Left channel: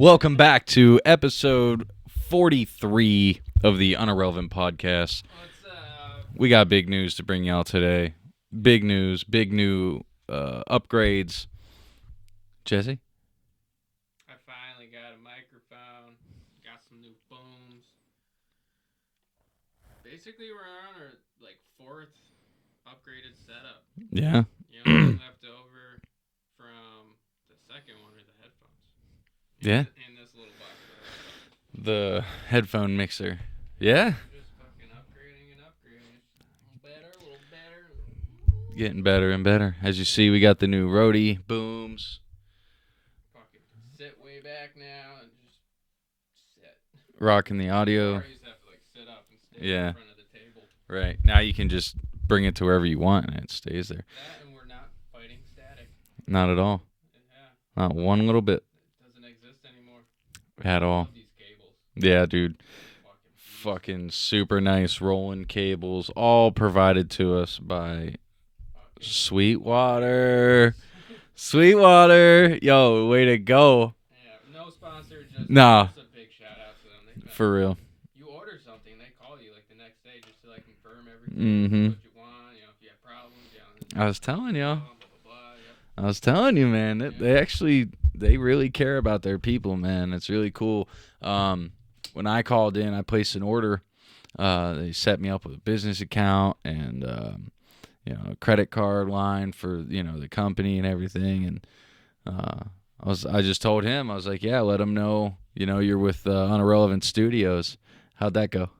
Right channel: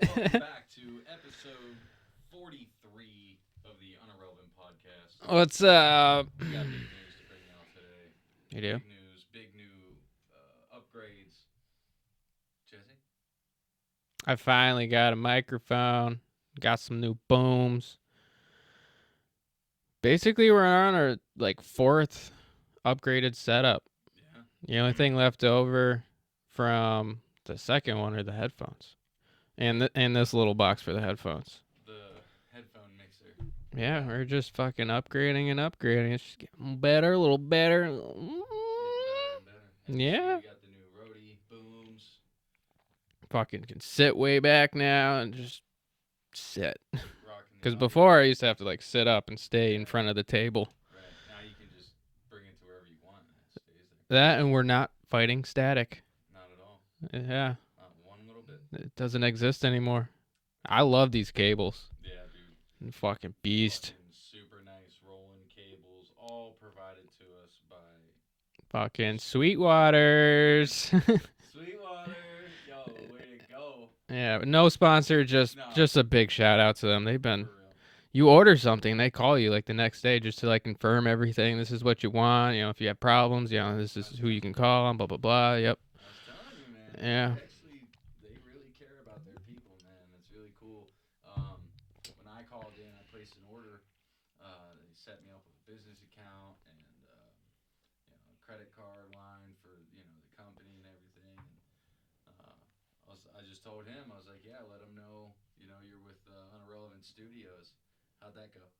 Welcome back to episode 43 of the Unirrelevant podcast. What's up? We got big news to bring y'all today. Big news, big new upgrades. Jesse? I finally got a microphone. Got some new booms. Basically, we're on our fourth upgraded setup. Yeah. The only thing left over from the second one are the headphones. And this little box for the headphones. The headphone mixer. Yeah. We're just fucking upgrading and upgrading. It's just getting better, a little better. Getting better and better. As you see, we got the new Rode booms. Fucking can sit way back now and just sit. Rocking the audio. Before I used to have to sit up and stay in front of the table. Right. Now you can just bring it to wherever you want and it stays there. That, and we're not fighting static. Not at all. Yeah. Not one little bit. It doesn't exist anymore. I love these cables. Yeah, dude. You fucking beast. Fucking super nice rolling cables, all provided to us by fucking Sweetwater. Sweetwater. Yo, way to go. Yeah, but no sponsor, just a big shout out to them. They've been for real. You order something, they call you the next day just to confirm everything. Mm-hmm. This is what you want. If you have problems, this is who you can call them, blah blah blah. Yep. I was telling you, man. They really care about their people, man. It's really cool. When I called in, I placed an order. They set me up with a business account and a credit card line for the company and everything. And I just told him, I was like, yeah, let him know you're with Unirrelevant Studios. How'd that go?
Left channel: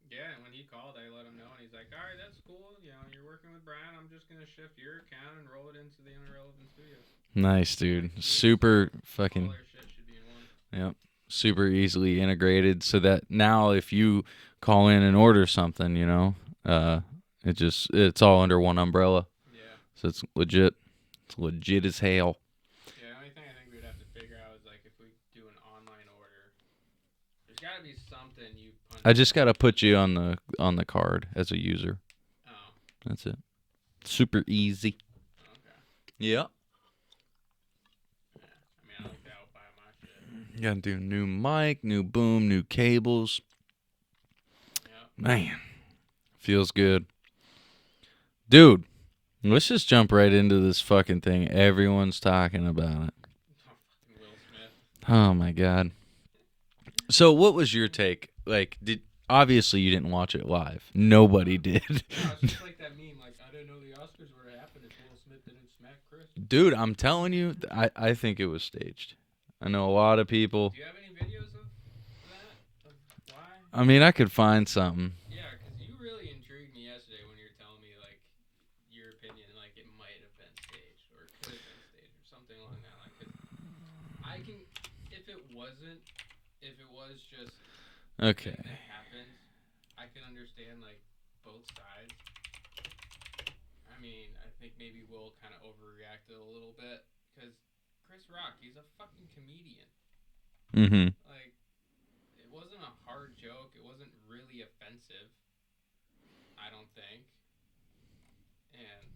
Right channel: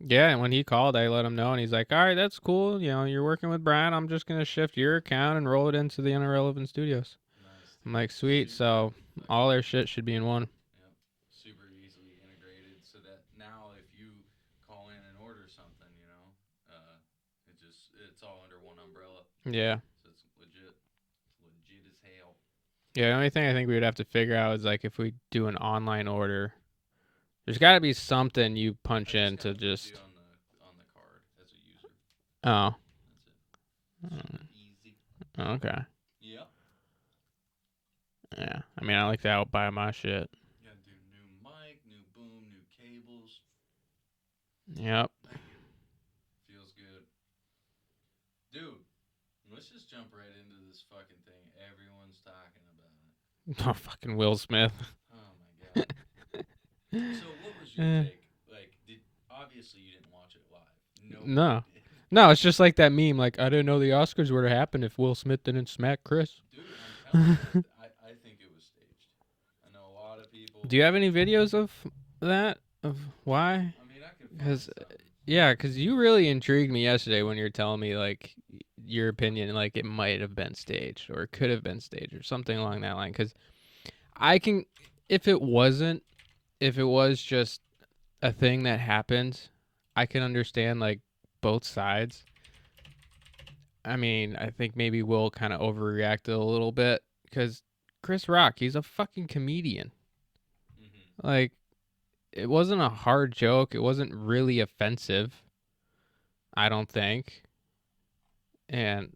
Yeah, and when he called, I let him know, and he's like, all right, that's cool. You're working with Brian. I'm just going to shift your account and roll it into the Unirrelevant Studios. Nice, dude. I'm like, sweet. Super fucking... all their shit should be in one. Yep. Super easily integrated so that now if you call in and order something, it's all under one umbrella. Yeah. So it's legit. It's legit as hell. Yeah, the only thing I think we would have to figure out is if we do an online order, there's got to be something you punch in. I just got to put you on the card as a user. Oh. That's it. Super easy. Okay. Yeah. Yeah. I mean, I like to outbuy my shit. You got to do new mic, new boom, new cables. Yep. Man. Feels good. Dude, let's just jump right into this fucking thing. Everyone's talking about it. Oh, fucking Will Smith. Oh, my God. So what was your take? Obviously you didn't watch it live. Nobody did. No, it's just that meme. I didn't know the Oscars would have happened if Will Smith didn't smack Chris. Dude, I'm telling you, I think it was staged. I know a lot of people. Do you have any videos of that? Of why? I mean, I could find something. Yeah, because you really intrigued me yesterday when you were telling me your opinion, it might have been staged or it could have been staged or something along that line. Because I can, if it was just a thing that happened, I can understand both sides. I mean, I think maybe Will kind of overreacted a little bit because Chris Rock, he's a fucking comedian. Mm-hmm. It wasn't a hard joke. It wasn't really offensive, I don't think. And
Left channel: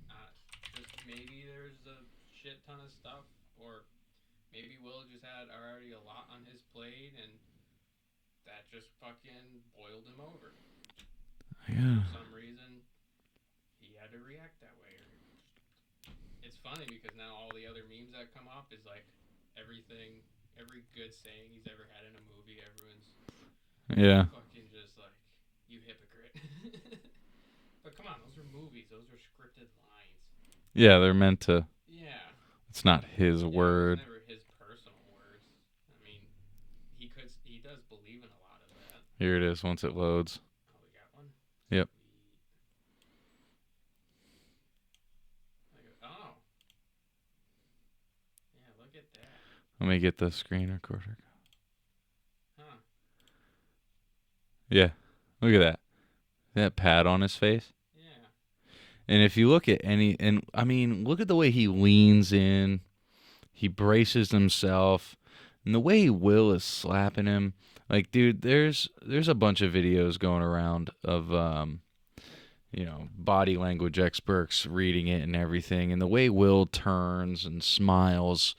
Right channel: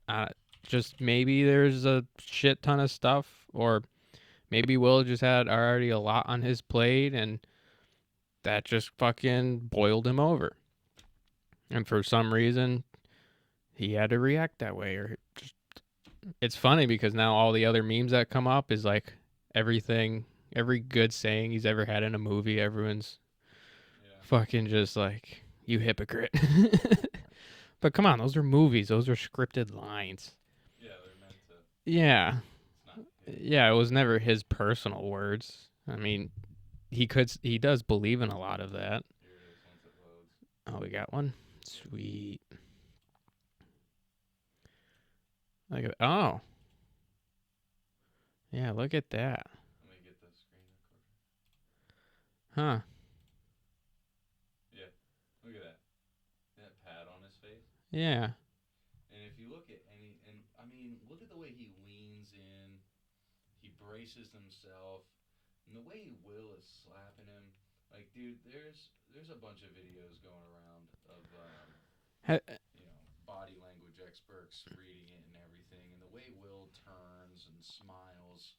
just maybe there's a shit ton of stuff, or maybe Will just had already a lot on his plate, and that just fucking boiled him over. Yeah. And for some reason, he had to react that way. It's funny because now all the other memes that come up is everything, every good saying he's ever had in a movie, everyone's fucking just you hypocrite. But come on, those are movies. Those are scripted lines. Yeah, they're meant to. Yeah. It's not his word. Yeah, it was never his personal words. I mean, he does believe in a lot of that. Here it is once it loads. Oh, we got one? Yep. Sweet. Oh. Yeah, look at that. Let me get the screen recorder. Huh. Yeah. Look at that. That pad on his face. Yeah. And if you look at look at the way he leans in. He braces himself. And the way Will is slapping him. Dude, there's a bunch of videos going around of, body language experts reading it and everything. And the way Will turns and smiles,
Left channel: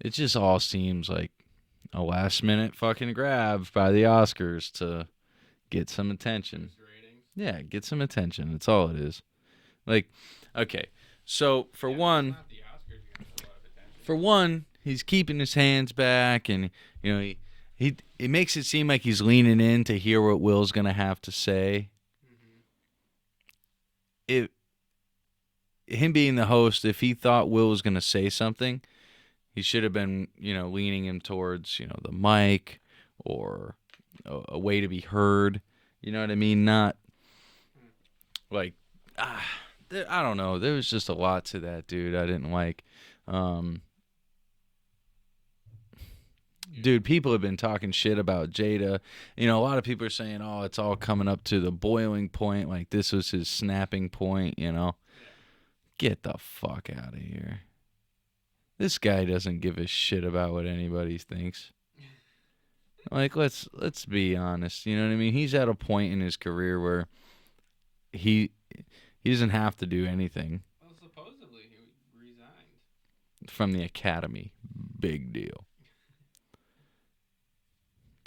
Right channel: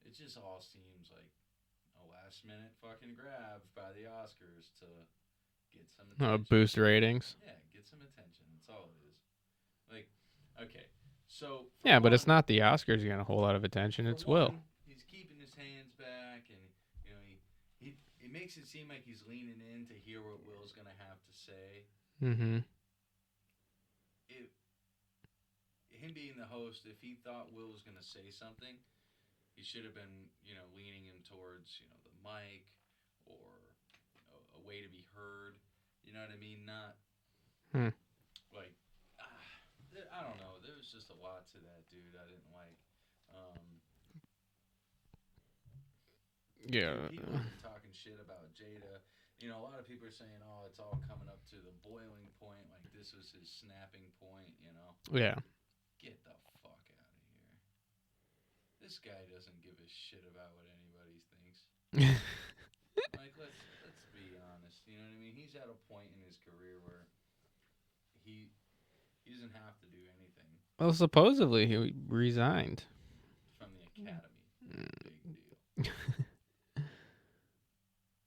it just all seems a last minute fucking grab by the Oscars to get some attention. Boost ratings. Yeah, get some attention. That's all it is. Like, okay, so for yeah, one, but it's not the Oscars getting a whole lot of attention. for it's one, Will. he's keeping his hands back, and he it makes it seem like he's leaning in to hear what Will's gonna have to say. Mm-hmm. Him being the host, if he thought Will was gonna say something, he should have been, leaning him towards, the mic or a way to be heard. You know what I mean? Not like, I don't know. There was just a lot to that, dude. I didn't like. Yeah. Dude, people have been talking shit about Jada. A lot of people are saying, oh, it's all coming up to the boiling point. Like, this was his snapping point, Yeah. Get the fuck out of here. This guy doesn't give a shit about what anybody thinks. Like, let's be honest. You know what I mean? He's at a point in his career where he doesn't have to do anything. Well, supposedly he resigned From the Academy. Big deal.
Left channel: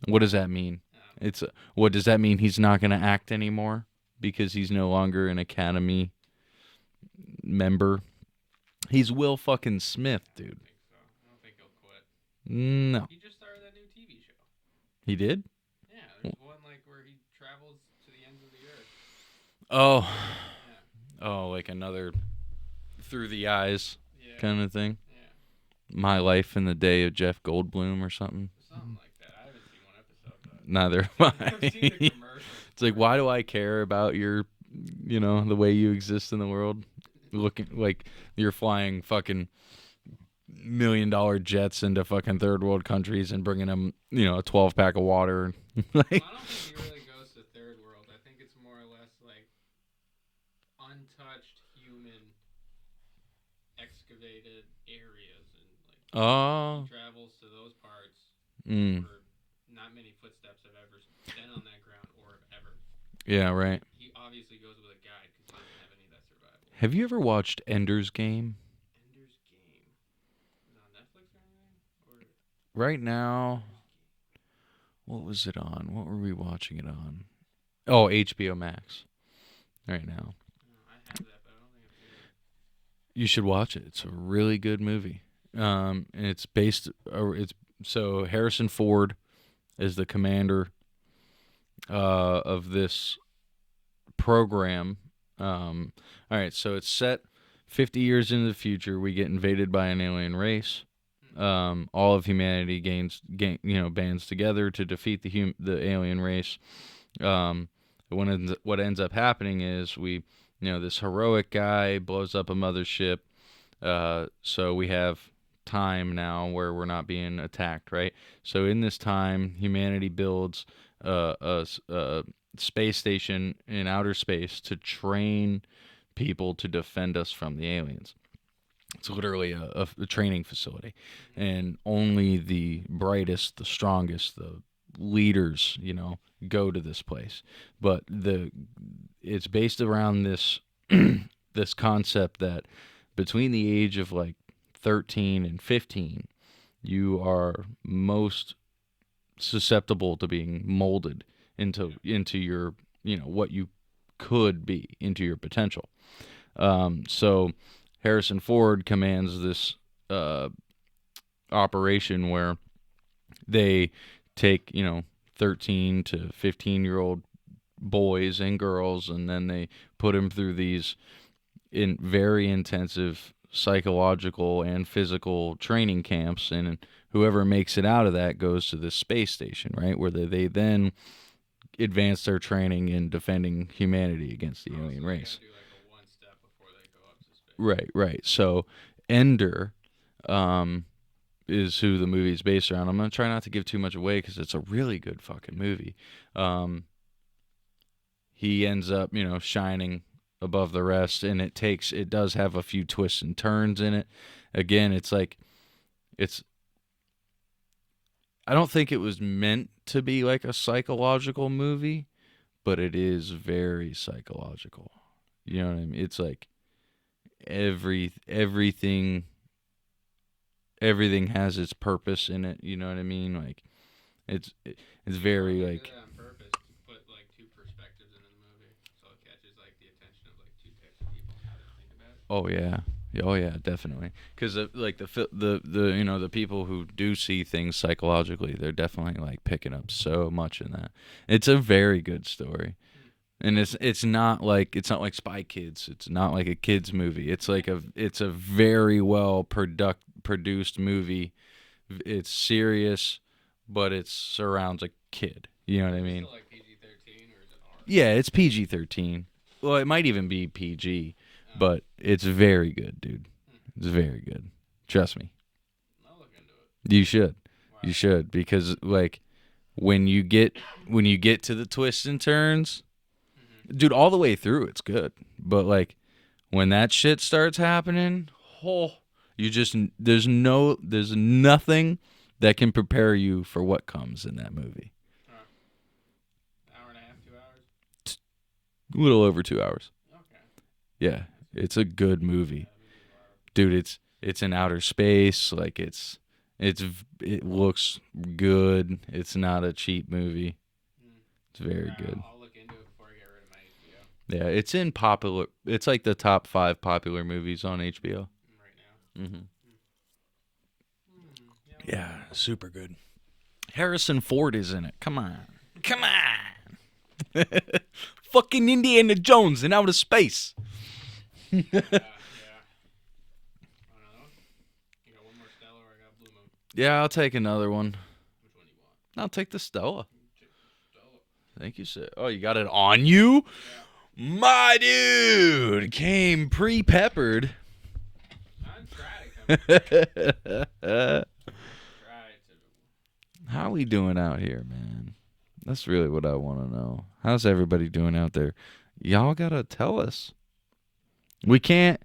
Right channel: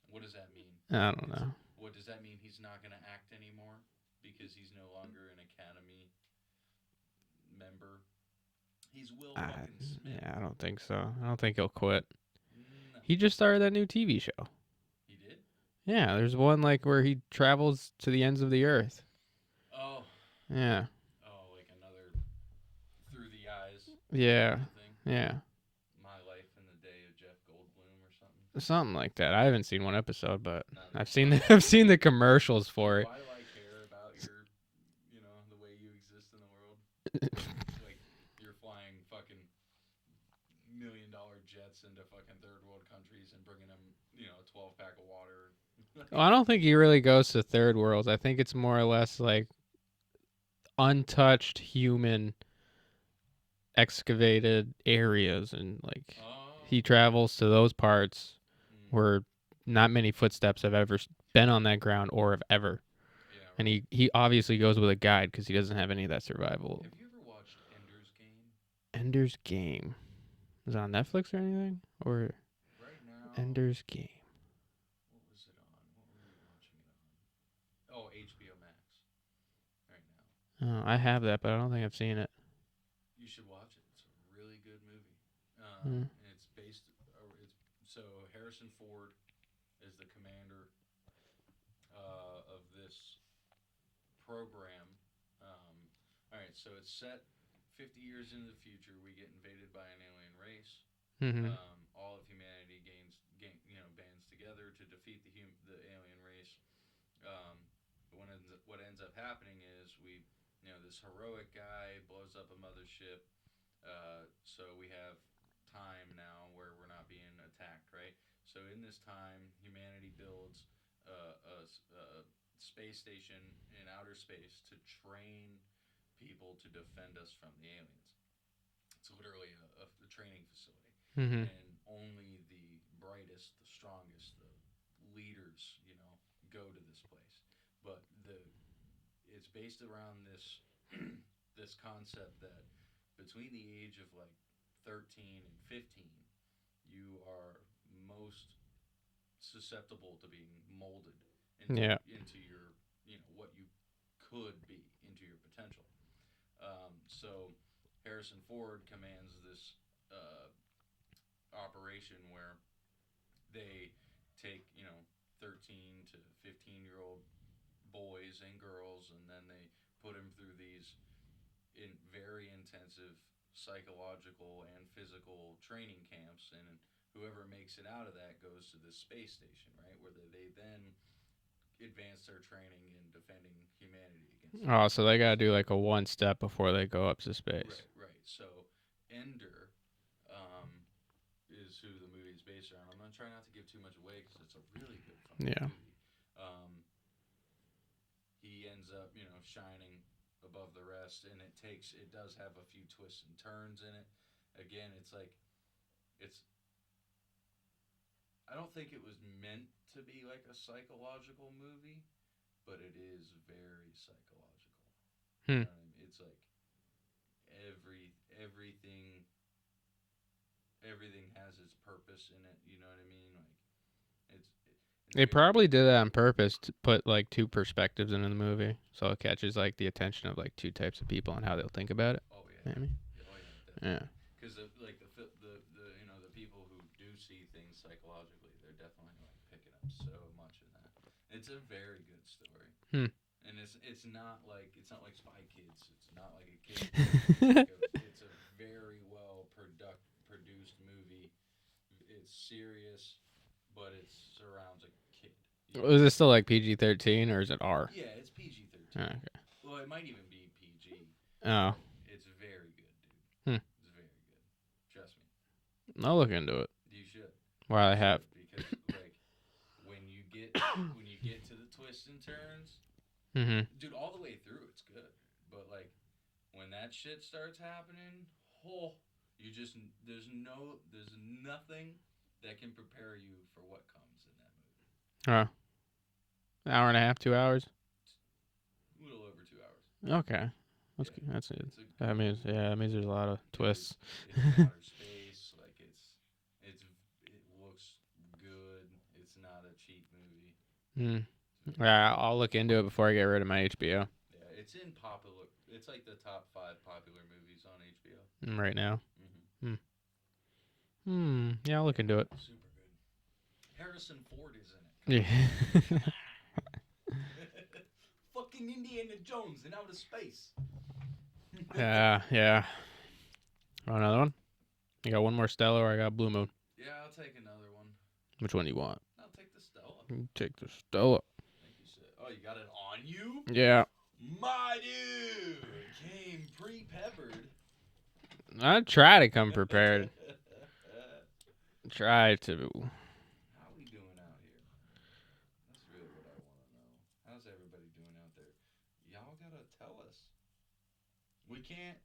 What does that mean? I don't know. What does that mean? He's not going to act anymore because he's no longer an Academy member. He's Will fucking Smith, dude. I don't think so. I don't think he'll quit. No. He just started that new TV show. He did? Yeah, there's one like where he travels to the ends of the earth. Oh. Yeah. Oh, like another Through the Eyes kind of thing? Yeah. My Life in the Day of Jeff Goldblum or something? Something like that. I haven't seen one episode, but Neither. I've seen the commercials for it's it. like, why do I care about your, the way you exist in the world? Looking like you're flying fucking $1 million jets into fucking third world countries and bringing them, a 12-pack of water. Well, I don't think he really goes to third worlds. I think it's more or less like untouched human excavated areas, and like he travels to those parts where not many footsteps have ever been on that ground or have ever. Yeah, right. And he obviously goes with a guide because he doesn't have any of that survival. Have you ever watched Ender's Game? Ender's Game. Is it on Netflix or anything? Or right now, Ender's Game. What was it on? What were we watching it on? Oh, HBO Max. Right now. Oh, I have that, but I don't think I've seen it. You should watch it. It's a really good movie. And it's based. So Harrison Ford is the commander of this program. All right, so it's set 50 years into the future. We get invaded by an alien race. All of humanity bands together to defeat the alien race. What ends up happening is this heroic guy blows up a mothership. So we have time now where we're not being attacked, right? So in this time, humanity builds a space station in outer space to train people to defend us from the aliens. It's literally a training facility, and only the brightest, the strongest, the leaders, go to this place. But it's based around this this concept that between the age of like 13 and 15, you are most susceptible to being molded into your, what you could be, into your potential. So Harrison Ford commands this operation where they take, 13 to 15-year-old boys and girls, and then they put them through these very intensive psychological and physical training camps, and whoever makes it out of that goes to this space station, right, where they then advance their training in defending humanity against the so they gotta do like a one step before they go up to space. Right. So Ender is who the movie is based around. I'm gonna try not to give too much away because it's a really good fucking movie. He ends up, shining above the rest, and it does have a few twists and turns in it. Again, I don't think it was meant to be like a psychological movie, but it is very psychological. You know what I mean? It's like everything everything has its purpose in it. You know what I mean? Like it's They very probably like, did that on purpose to put like two perspectives into the movie, so it catches like the attention of like two types of people and how they'll think about it. Oh yeah, oh yeah, definitely. Because like the you know, the people who do see things psychologically, they're definitely like picking up so much in that. It's a very good story, and it's not like Spy Kids. It's not like a kids movie. It's like it's a very well produced movie. It's serious, but it surrounds a kid. You know Is what I it mean? still like PG-13 or is it R? Yeah, it's PG-13. Okay. Well, it might even be PG, Oh. but it's very good, dude. Hmm. It's very good. Trust me. I'll look into it. You should. Well, You should, because like when you get to the twists and turns, dude, all the way through it's good. But like when that shit starts happening, you just there's nothing that can prepare you for what comes in that movie. An hour and a half, 2 hours? A little over 2 hours. Okay. Yeah, it's a good movie. Yeah, it means there's a lot of dude. twists. It's in outer space. Like it looks good. It's not a cheap movie. It's very. Yeah, good. I'll look into it before I get rid of my HBO. Yeah, it's in popular. It's like the top 5 popular movies on HBO Right now. Mm-hmm. Yeah, I'll look into it. Super good. Harrison Ford is in it. Come on, come on. Fucking Indiana Jones in outer space. Yeah. Want another one? You got one more Stella or I got Blue Moon? Yeah, I'll take another one. Which one do you want? I'll take the Stella. Take the Stella. Thank you, sir. Oh, you got it on you? Yeah. My dude came pre-peppered. I try to come prepared. Try to. How we doing out here, man? That's really what I want to know. How's everybody doing out there? Y'all gotta tell us. We can't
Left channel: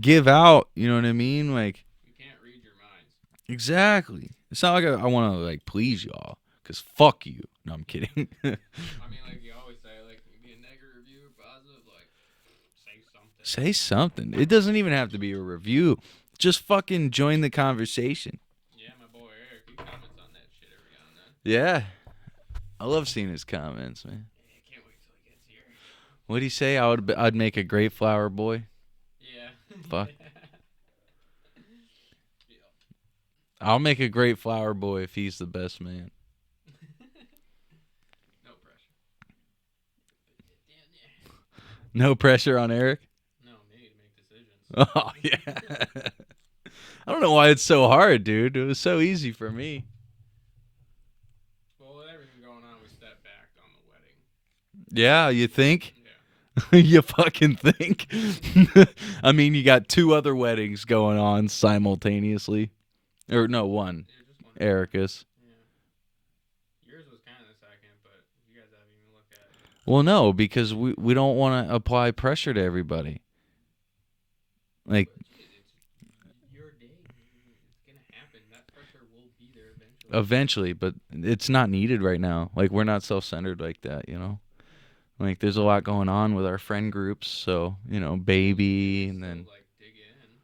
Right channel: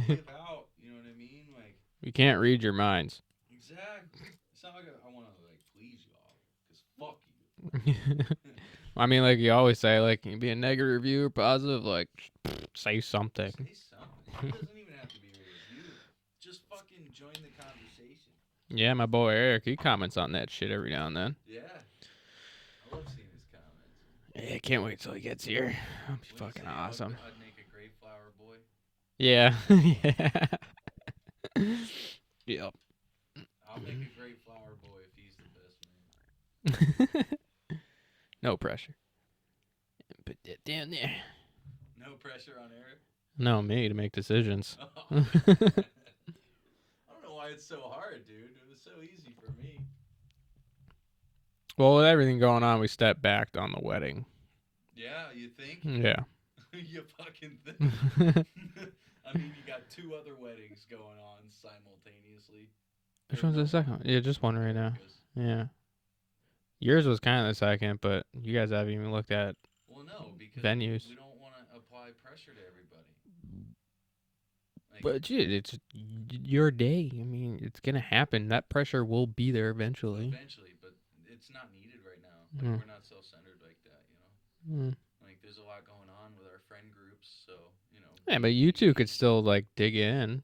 give out, you know what I mean? Like, we can't read your minds. Exactly. It's not like I want to like please y'all, cause fuck you. No, I'm kidding. I mean, like you always say, like you be a negative review or positive, like say something. Say something. It doesn't even have to be a review. Just fucking join the conversation. Yeah, my boy Eric, he comments on that shit every now and then. Yeah. I love seeing his comments, man. Yeah, I can't wait till he gets here. What'd he say? I'd make a great flower boy. Yeah. Yep. I'll make a great flower boy if he's the best man. No pressure. Put that down there. No pressure on Eric? No, me to make decisions. Oh, yeah. I don't know why it's so hard, dude. It was so easy for me. Well, with everything going on, we stepped back on the wedding. Yeah, you think? Yeah. You fucking think? I mean, you got 2 other weddings going on simultaneously. Or no, one. Yeah, just one. Erica's. Yeah. Yours was kind of the second, but you guys haven't even looked at. Well, no, because venues. we don't want to apply pressure to everybody. Like, But dude, it's your day. I mean, it's gonna happen. That pressure will be there eventually. eventually, but it's not needed right now. Like, we're not self-centered like that, you know? Mm. Like, there's a lot going on with our friend groups, so, you know, baby. Yeah, but you two could still, like, dig in.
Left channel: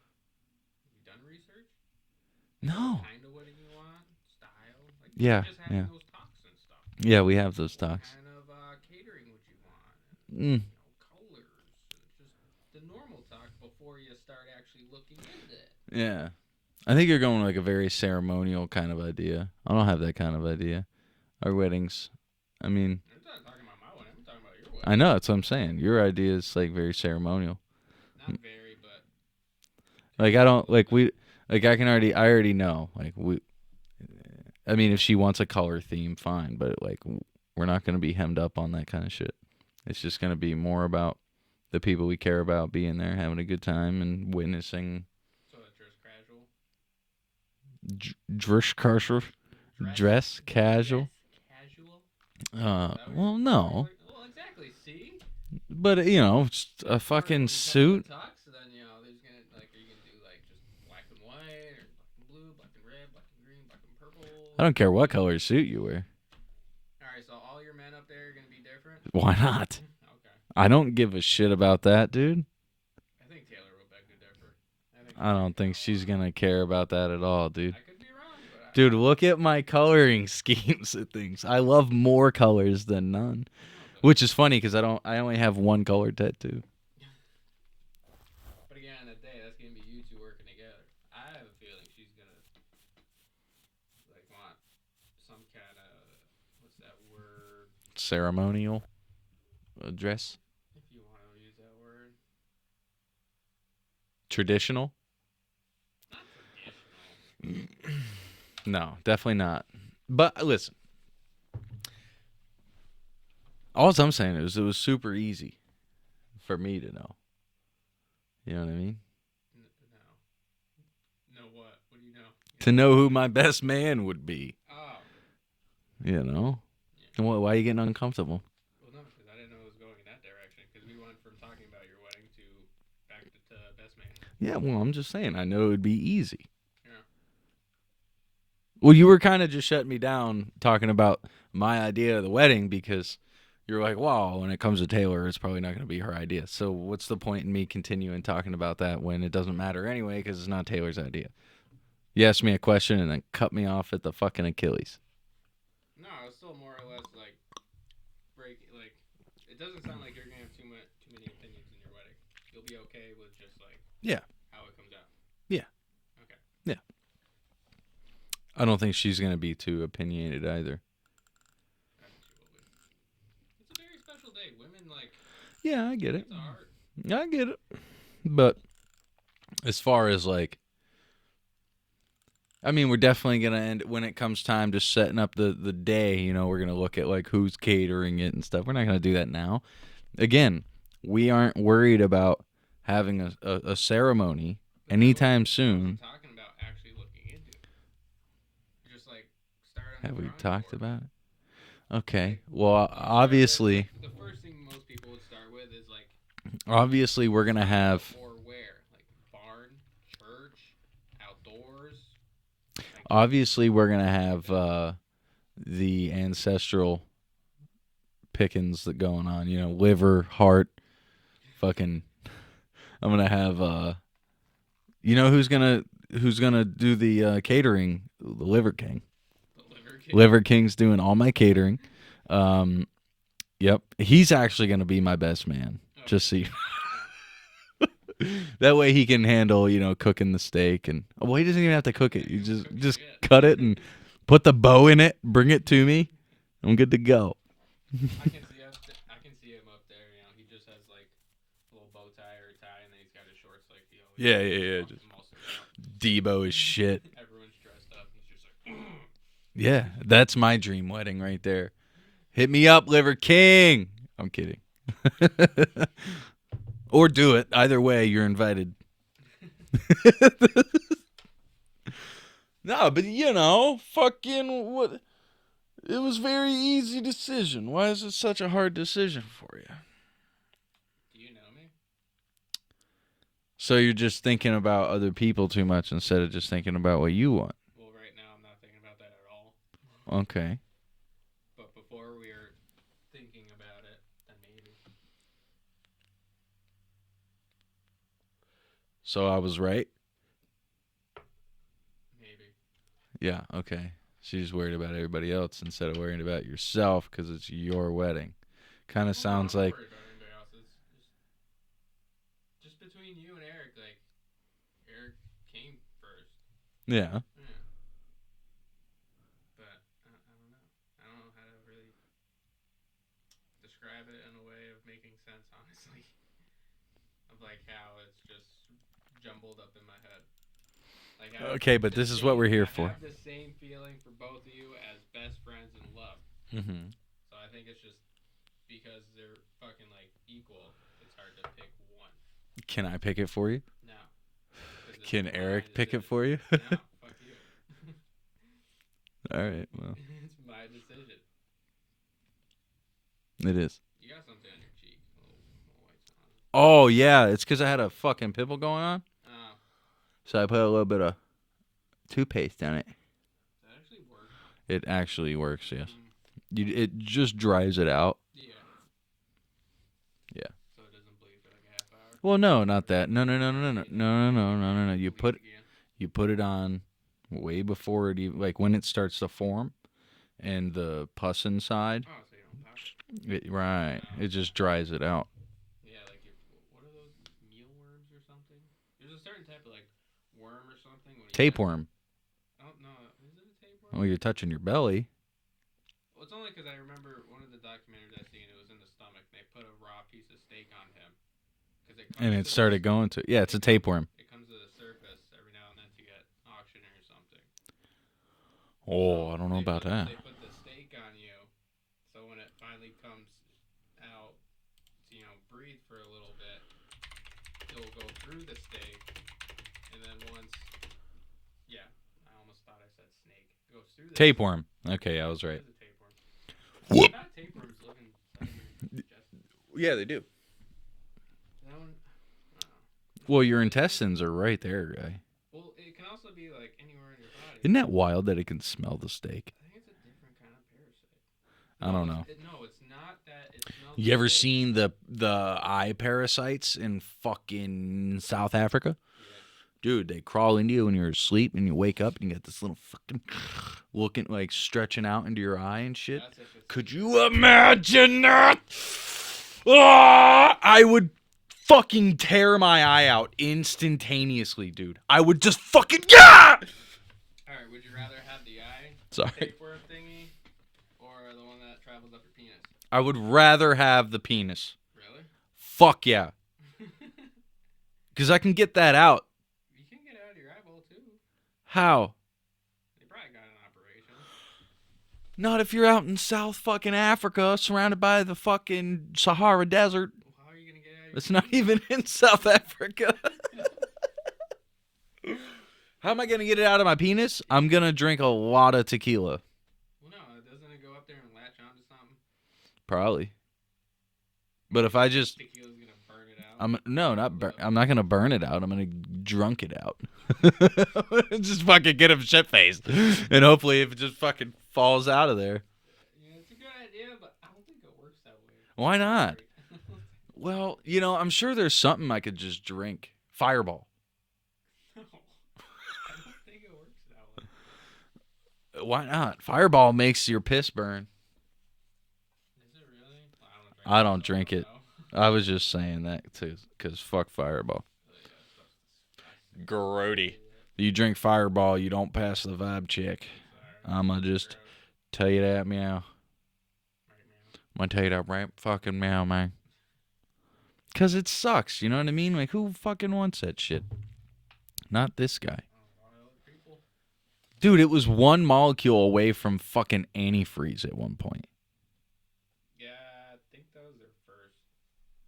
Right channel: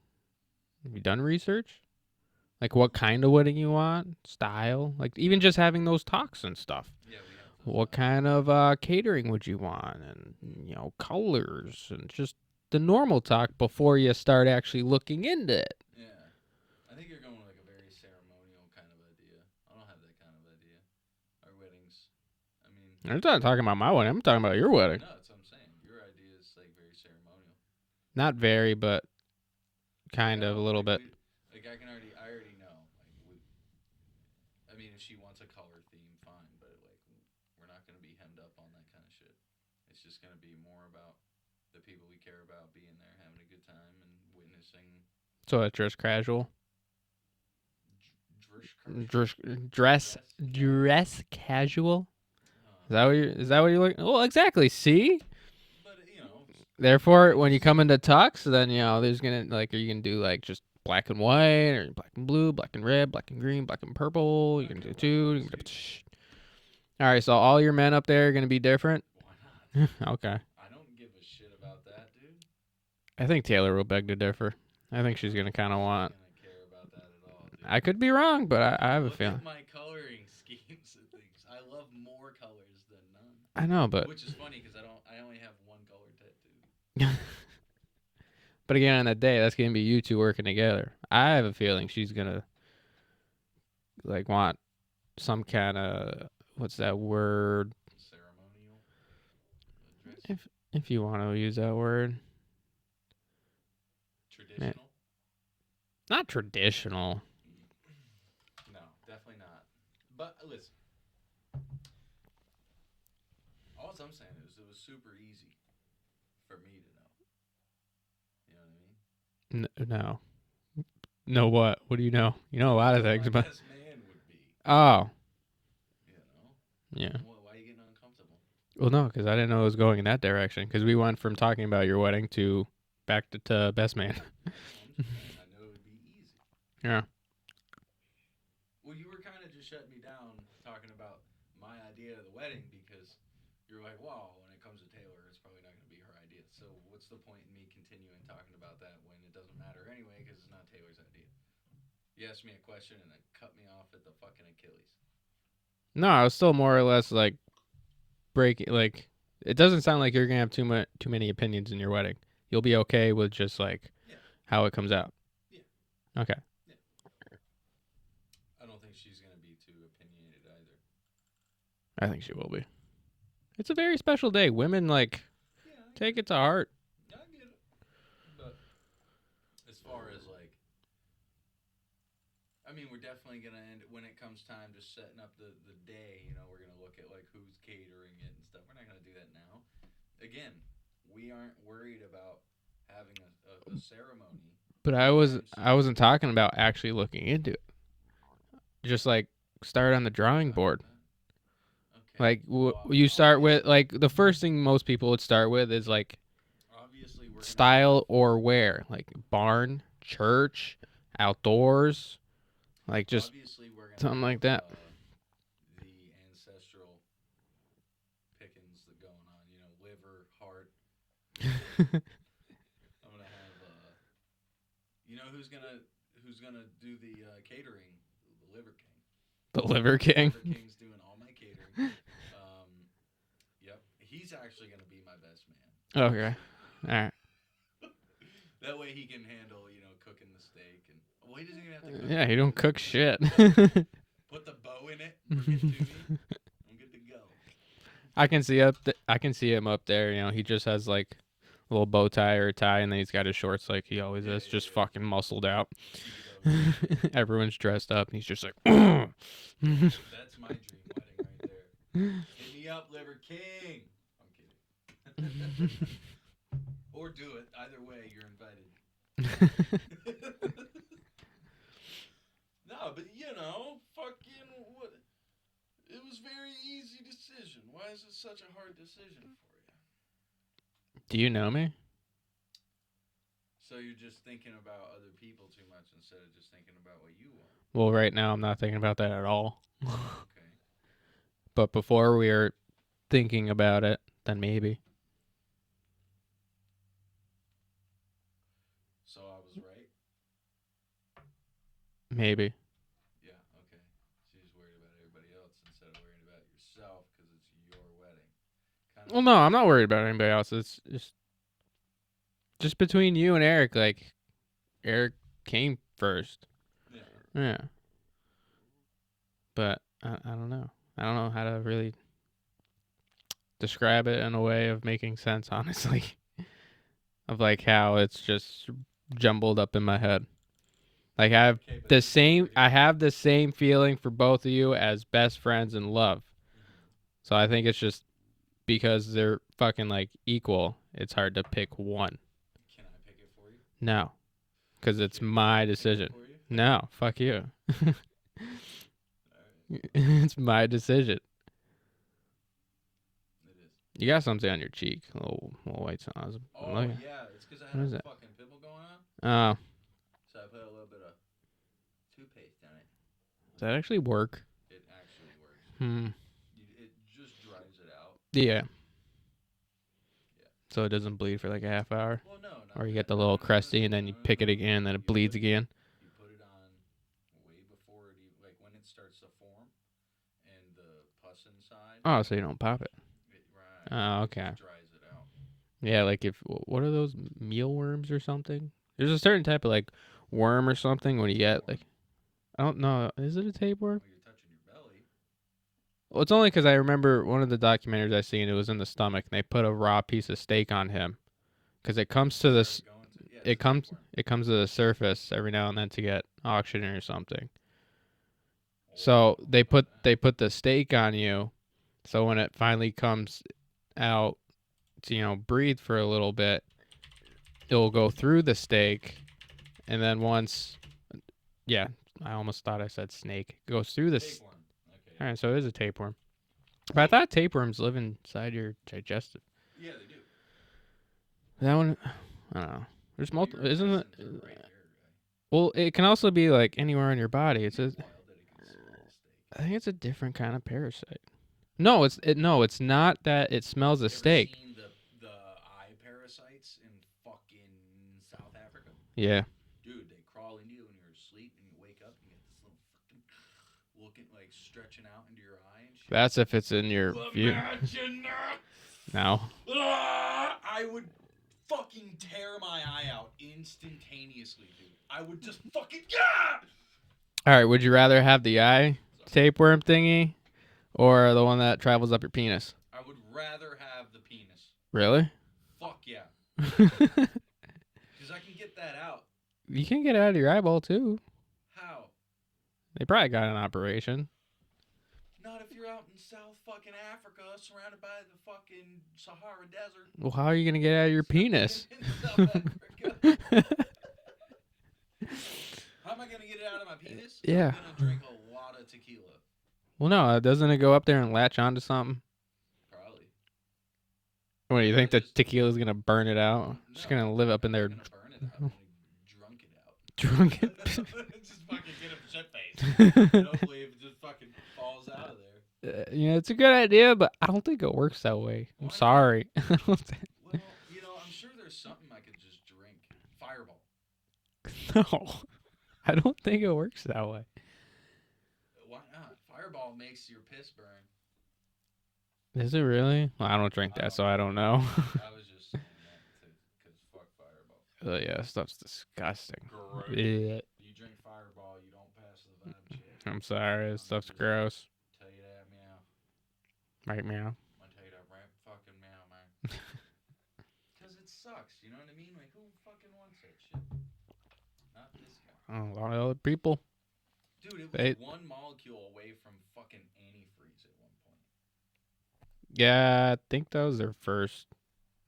Have you done research? Like, what kind of wedding you want? Style? Like, even just having those talks and stuff. Yeah, we have those What talks. kind of catering would you want? And, you know, colors and just the normal talk before you start actually looking into it. Yeah. I think you're going like a very ceremonial kind of idea. I don't have that kind of idea. Our weddings, I mean, I'm not talking about my wedding. I'm talking about your wedding. I know, that's what I'm saying. Your idea is like very ceremonial. Not very, but like I don't like bit. I already know. Like I mean, if she wants a color theme, fine, but like we're not going to be hemmed up on that kind of shit. It's just going to be more about the people we care about being there, having a good time and witnessing. So it's just casual. Dress casual. Dress casual. Is that what you're? Well, is that what you're looking? Well, exactly. See. But you know, therefore, when you come into tux, then you know there's gonna like, are you gonna do like just black and white, or black and blue, black and red, black and green, black and purple? I don't care what color suit you wear. All right, so all your men up there are gonna be different. Why not? Okay. I don't give a shit about that, dude. I think Taylor will beg to differ. I think she's I gonna don't kind think of she's want. gonna care about that at all, dude. I could be wrong, but I Dude, have a look at feeling. my coloring schemes of things. I love more colors than none. I know, but Which is funny because I only have one color tattoo. but again, on that day, that's gonna be you two working together. I have a feeling she's gonna like want some kind of what's that word? Ceremonial dress. If you want to use that word, Traditional? not traditional. No, definitely not. But listen, all I'm saying is it was super easy for me to know. You know what I mean? No. Know what? What do you know? You know To a know lot of who things my about- best man would be. Oh, You know? yeah. And why are you getting uncomfortable? Well, no, because I didn't know it was going in that direction. Because we went from talking about your wedding to back to best man. Yeah, well, I'm just saying. I know it would be easy. Yeah. Well, you were kind of just shutting me down talking about my idea of the wedding because you're like, wow, when it comes to Taylor, it's probably not going to be her idea. So what's the point in me continuing talking about that when it doesn't matter anyway because it's not Taylor's idea? You asked me a question and then cut me off at the fucking Achilles. No, I was still more or less like breaking. Like, it doesn't sound like you're gonna have too many opinions in your wedding. You'll be okay with just like how it comes out. Yeah. Okay. I don't think she's going to be too opinionated either. I think she will be. It's a very special day. Women like Yeah, I take it to heart. I get it. But as far as like, I mean, we're definitely going to end when it comes time to setting up the day, you know, we're going to look at like who's catering it and stuff. We're not going to do that now. Again, we aren't worried about having a ceremony But anytime soon. I wasn't talking about actually looking into it. Just like start on the Have we drawing talked board. about it? Okay. Like well, you start with obviously, like the first thing most people would start with is like obviously we're going to style have or where, like barn, church, outdoors. Like just obviously we're going to something have like that. the ancestral pickings that going on, you know, liver, heart, fucking I'm going to have you know who's going to do the catering? The Liver King. the liver king. Liver King's doing all my catering. Yep. He's actually going to be my best man. Okay. Just see. All right. That way he can handle, you know, cooking the steak and well, he doesn't even have to cook Yeah, it. he don't just, cook just shit. cut it and put the bow in it, bring it to me. I'm good to go. I can see I can see him up there. You know, he just has like a little bow tie or a tie, and then he's got his shorts like he always Yeah, is, yeah, just yeah. fucking muscled out. Debo is shit. Everyone's dressed up, and he's just like, Yeah, that's my dream wedding right there. Hit me up, Liver King. I'm kidding. Or do it. Either way, you're invited. No, but you know, fucking what? It was very easy decision. Why is it such a hard decision for you? do you know me? So you're just thinking about other people too much instead of just thinking about what you want. Well, right now I'm not thinking about that at all. Okay. But before we were thinking about it, then maybe. So I was right? Maybe. Yeah, okay. She's worried about everybody else instead of worrying about yourself because it's your wedding. Kind of. Well, no, I'm not worried about anybody else. It's just between you and Eric. Like, Eric came first. Yeah. Yeah. But I don't know. I don't know how to really describe it in a way of making sense, honestly. Of like how it's just jumbled up in my head. Like I have Okay, but the this same. is what we're here I for. have the same feeling for both of you as best friends in love. Mm-hmm. So I think it's just because they're fucking like equal. It's hard to pick one. Can I pick it for you? No, because it's Can my Eric decision. pick it for you? No, fuck you. All right. Well, It's my decision. it is. You got something on your cheek, a little white sauce. Oh, yeah. It's because I had What a is it? fucking pimple going on. Oh, So I put a little bit of toothpaste on it. does that actually work? It actually works, yes. Mm, It just dries it out. yeah. Yeah. So it doesn't bleed for like a half hour. Well, no, Or not you that. get the No, little no, no, crusty, no, and then no, you pick no, it no, again, no, and no. it bleeds again. You put it on way before it even, like when it starts to form, and the pus inside. Oh, so you don't pop it. Right. Oh, It just okay. dries it out. Yeah, like what are those, mealworms or something? There's a certain type of like worm or something when you get like, Tapeworm. I don't know. Is it a tapeworm? Well, you're touching your belly. Well, it's only because I remember one of the documentaries I seen. It was in the stomach. And they put a raw piece of steak on him because it comes And to it the started going to. Yeah, it's it a comes tapeworm. it comes to the surface every now and then to get oxygen or something. Oh, So I don't know they about that. put the steak on you, so when it finally comes out to breathe for a little bit, it will go through the steak, and then once, yeah, I almost thought I said snake. It goes through the Tapeworm. Okay, yeah. Alright, I was so right. it is a tapeworm. I thought tapeworms live inside your digestive. Yeah, they do. That one, I don't know. Well, your intestines are right there, guy. Well, it can also be like anywhere in your body. Isn't that wild that it can smell the steak? I think it's a different kind of parasite. I No, don't no, it's not that it smells the You ever steak. seen the eye parasites in fucking South Africa? Yeah. Dude, they crawl into you when you're asleep, and you wake up and you get this little fucking looking like stretching out into your eye and shit. That's if it's Could in your. you imagine that? No. Ah, I would fucking tear my eye out instantaneously, dude. I would just fucking All right. Would you rather have the eye Sorry. tapeworm thingy, or the one that travels up your penis? I would rather have the penis. Really? Fuck yeah. Because I can get that out. You can get it out of your eyeball too. How? They probably got an operation. Not if you're out in South fucking Africa, surrounded by the fucking Sahara Desert. Well, how are you gonna get it out of your It's penis? not even in South Africa. How am I gonna get it out of my penis? Yeah. I'm gonna drink a lot of tequila. Well, no, doesn't it go up there and latch onto something? Probably. What, But you if think I the just tequila's gonna burn it out? I'm It's no, gonna not live bur- up in I'm there. not gonna burn it out. I'm gonna drunk it out. Drunk Just fucking get him shit faced, and hopefully it just fucking falls out of there. It's a good idea, but I don't think it works that way. Why I'm not? sorry. Well, I'm sure there's something I could just drink. Fireball. No, I don't think it works that way. Why not? Fireball makes your piss burn. Is it really? Well, I don't drink. I that, don't so drink I don't it. know. I was just saying that too, because fuck Fireball. Yeah, stuff's disgusting. Grody. Yeah, You drink Fireball, you don't pass the vibe check. I'm sorry. I'ma Stuff's just- gross. Tell you that, meow. Right, meow. I'm gonna tell you that right fucking meow, man. Because it sucks, you know what I mean? Like, who fucking wants that shit? Not this guy. A lot of other people. Dude, it was Hey. one molecule away from fucking antifreeze at one point. Yeah, I think that was their first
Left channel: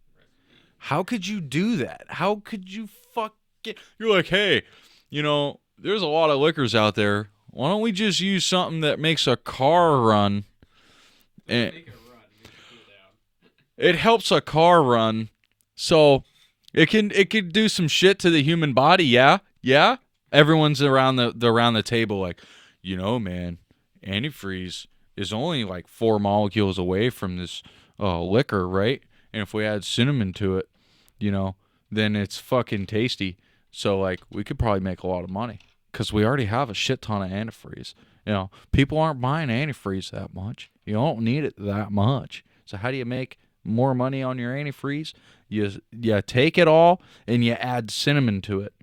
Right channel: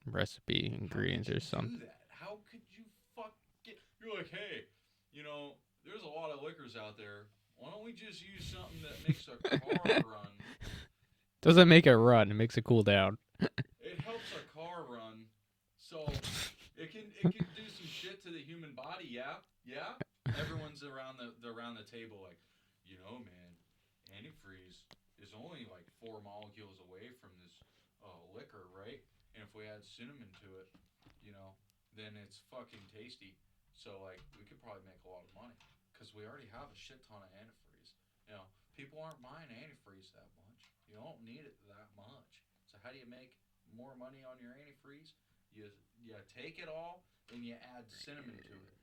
recipe. How could you ingredients or something. do that? How could you fucking... You're like, hey, there's a lot of liquors out there. Why don't we just use something that makes a car run? Doesn't And make it run. It makes it cool down. it helps a car run, so it can do some shit to the human body. Yeah. Everyone's around the table like, man, antifreeze is only like 4 molecules away from this liquor, right? And if we add cinnamon to it, then it's fucking tasty. So like we could probably make a lot of money because we already have a shit ton of antifreeze. People aren't buying antifreeze that much. You don't need it that much. So how do you make more money on your antifreeze? You take it all and you add cinnamon to it.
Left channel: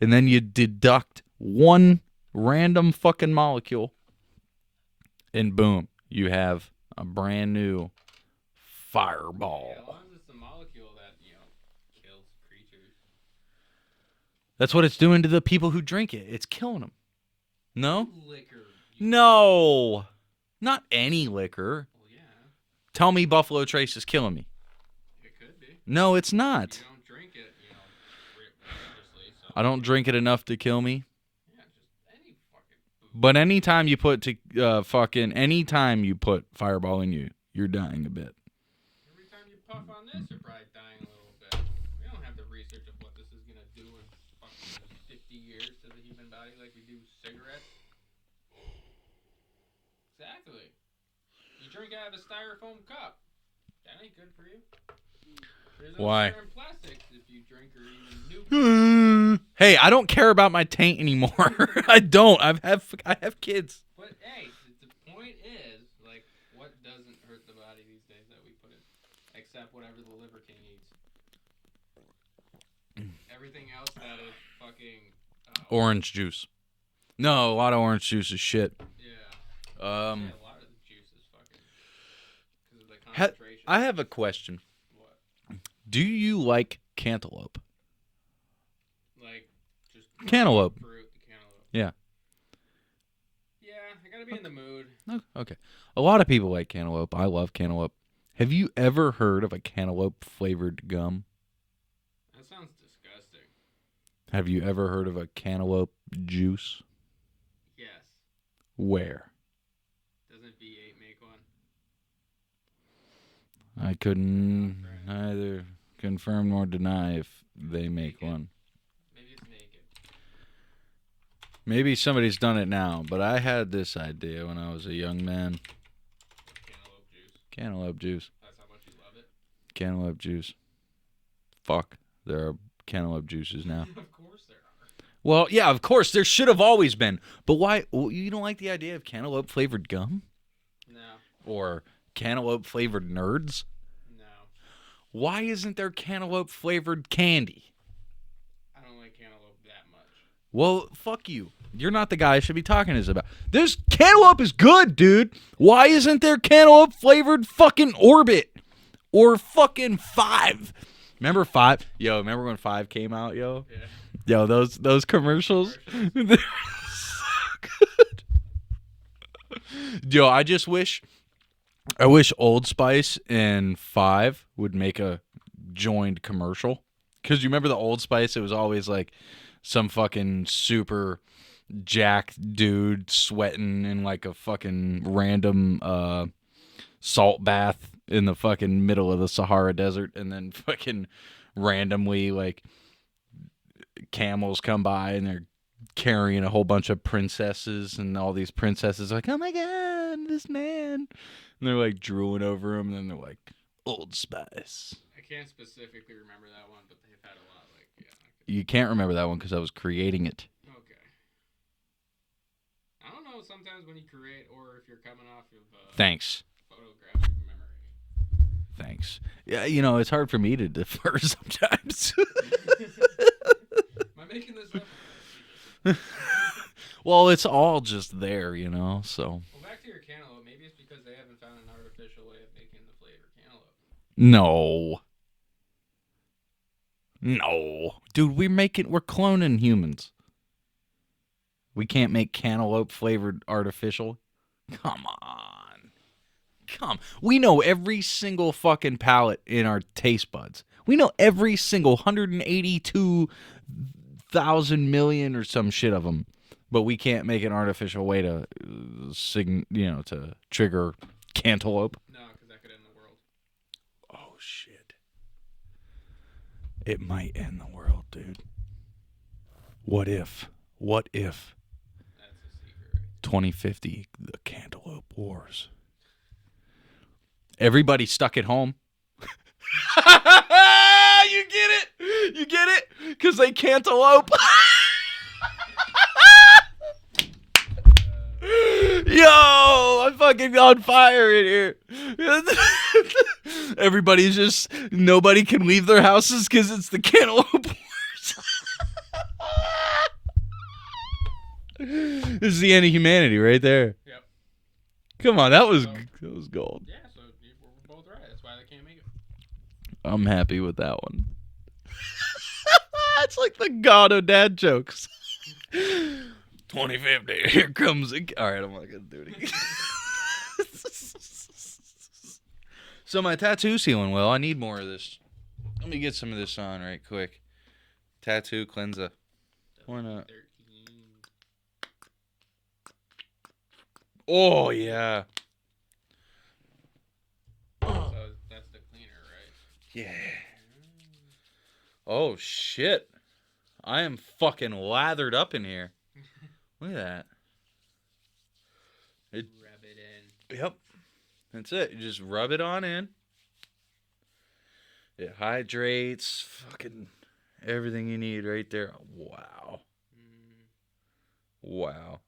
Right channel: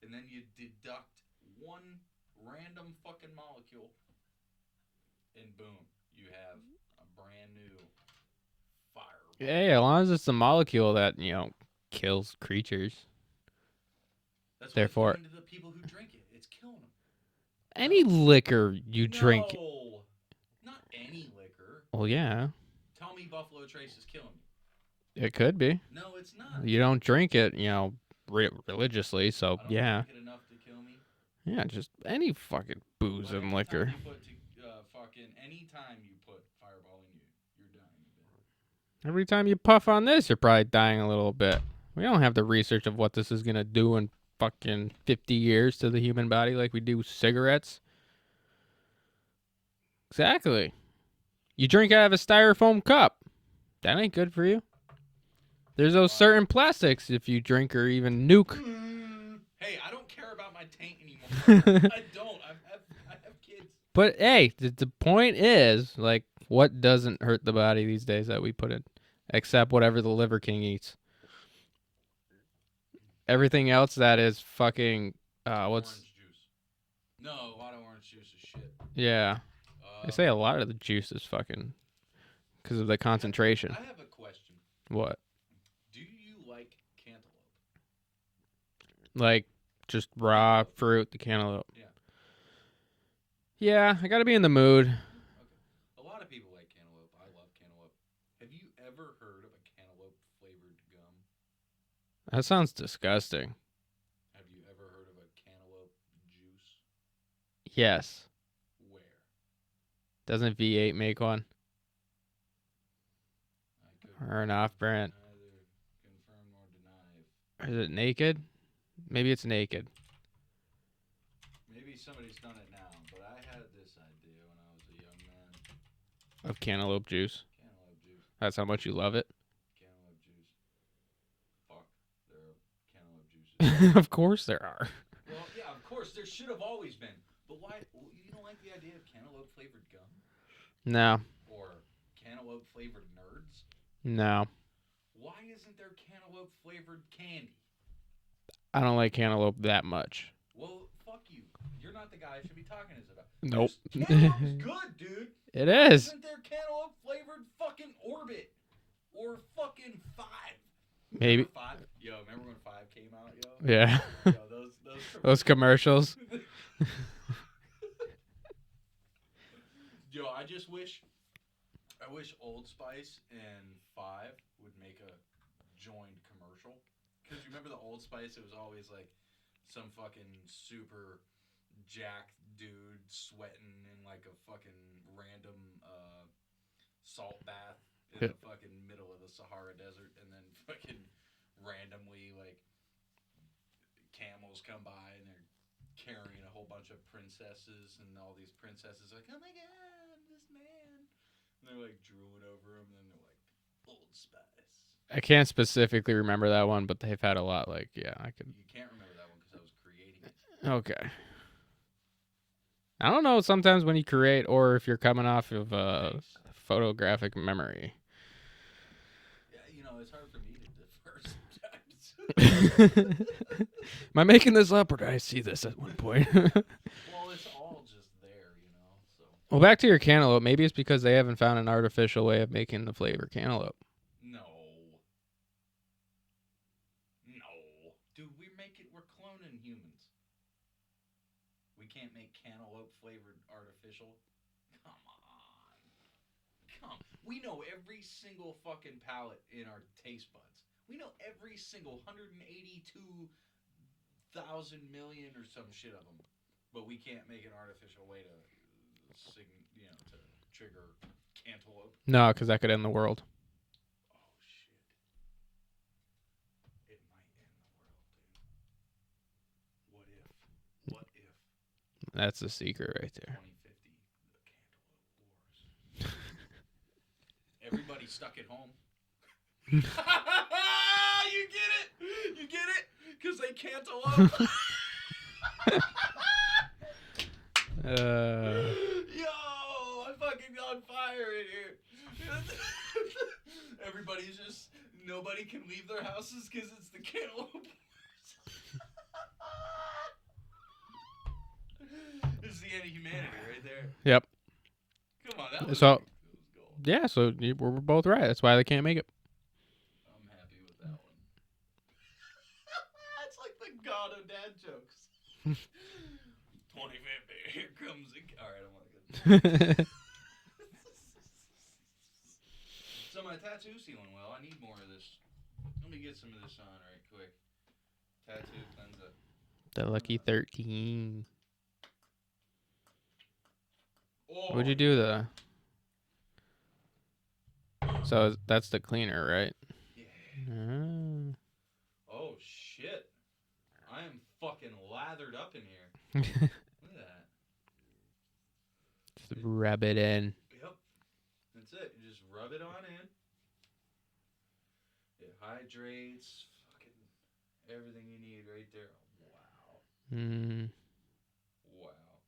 And then you deduct one random fucking molecule. And boom, you have a brand new Fireball. Hey, as long as it's a molecule that, kills creatures. That's what it's Therefore- doing to the people who drink it. It's killing them. Any liquor you drink. No. Not any liquor. Well, yeah, Tell me Buffalo Trace is killing me. it could be. No, it's not. You don't drink it, religiously, so I don't yeah. drink it enough to kill me. Yeah, just any fucking booze. But and anytime liquor. anytime you put Fireball in you, you're dying a bit. Every time you puff on this, you're probably dying a little bit. We don't have the research of what this is gonna do in fucking 50 years to the human body like we do cigarettes. Exactly. You drink out of a styrofoam cup. That ain't good for you. There's those Why? certain plastics if you drink or even nuke. Hey, I don't care about my taint anymore. I don't. I have kids. But hey, the point is, like, what doesn't hurt the body these days that we put in, except whatever the Liver King eats. Everything else that is fucking Orange juice. No, a lot of orange juice is shit. Yeah, I say a lot of the juice is fucking because of the concentration. I have a question. What? Do you like cantaloupe? Like just raw Cantaloupe. fruit, the cantaloupe. Yeah. Yeah, I gotta be in the mood. Okay. A lot of people like cantaloupe. I love cantaloupe. Have you ever heard of a cantaloupe flavored gum? That sounds disgusting. Have you ever heard of a cantaloupe juice? Yes. Where? Doesn't V8 make one? I couldn't Or an off-brand. either confirm nor deny if Is they it make naked? one. Maybe it's naked. Maybe somebody's done it now, but I had this idea when I was a young man. Of cantaloupe juice. Cantaloupe juice. That's how much you love it. Cantaloupe juice. Fuck. There are cantaloupe juices. Of course there are. Well, yeah, of course. There should have always been. But why? You don't like the idea of cantaloupe flavored gum? No. Or cantaloupe flavored nerds? No. Why isn't there cantaloupe flavored candy? I don't like cantaloupe that much. Well, fuck you. You're not the guy I should be talking to this about. Nope. This cantaloupe is good, dude. It Why is. isn't there cantaloupe flavored fucking Orbit? Or fucking 5? Remember 5? Yo, remember when 5 came out, yo? Yeah. Yo, those commercials. Those commercials. They're so good. Yo, I wish Old Spice and 5 would make a joined commercial. Because you remember the Old Spice? It was always like some fucking super jacked dude sweating in like a fucking random salt bath in the fucking middle of the Sahara Desert, and then fucking randomly like camels come by and they're carrying a whole bunch of princesses, and all these princesses are like, oh my god, this man, and they're like drooling over him, and then they're like, Old Spice. I can't specifically remember that one, but they've had a lot. Like, yeah, I could. You can't remember that one because I was creating it. Okay. I don't know. Sometimes when you create, or if you're coming off of Thanks. photographic memory. Thanks. Yeah, you know, it's hard for me to defer sometimes. Am I making this up, or did I see this at one point? Well, it's all just there, you know, so. Well, back to your cantaloupe. Maybe it's because they haven't found an artificial way of making the flavor cantaloupe. No. Dude, we're cloning humans. We can't make cantaloupe flavored artificial. Come on. We know every single fucking palate in our taste buds. We know every single 182,000 million or some shit of them. But we can't make an artificial way to to trigger cantaloupe. No, because that could end the world. Oh shit. It might end the world, dude. What if? That's the secret right there. 2050, the Cantaloupe Wars. Everybody stuck at home. You get it? Because they cantaloupe. Yo, I'm fucking on fire in here. Nobody can leave their houses because it's the Cantaloupe Wars. This is the end of humanity right there. Yep. Come on, that was gold. Yeah, so we're both right. That's why they can't make it. I'm happy with that one. It's like the god of dad jokes. 2050, here comes the... All right, I'm not going to do it. So my tattoo's healing well. I need more of this. Let me get some of this on right quick. Tattoo cleanser. The Lucky 13. Oh, What'd you do yeah. there? So that's the cleaner, right? Yeah. Oh, shit. I am fucking lathered up in here. Look at that. Rub it in. Yep. That's it. You just rub it on in. It hydrates. Fucking everything you need right there. Wow. Mm. Wow.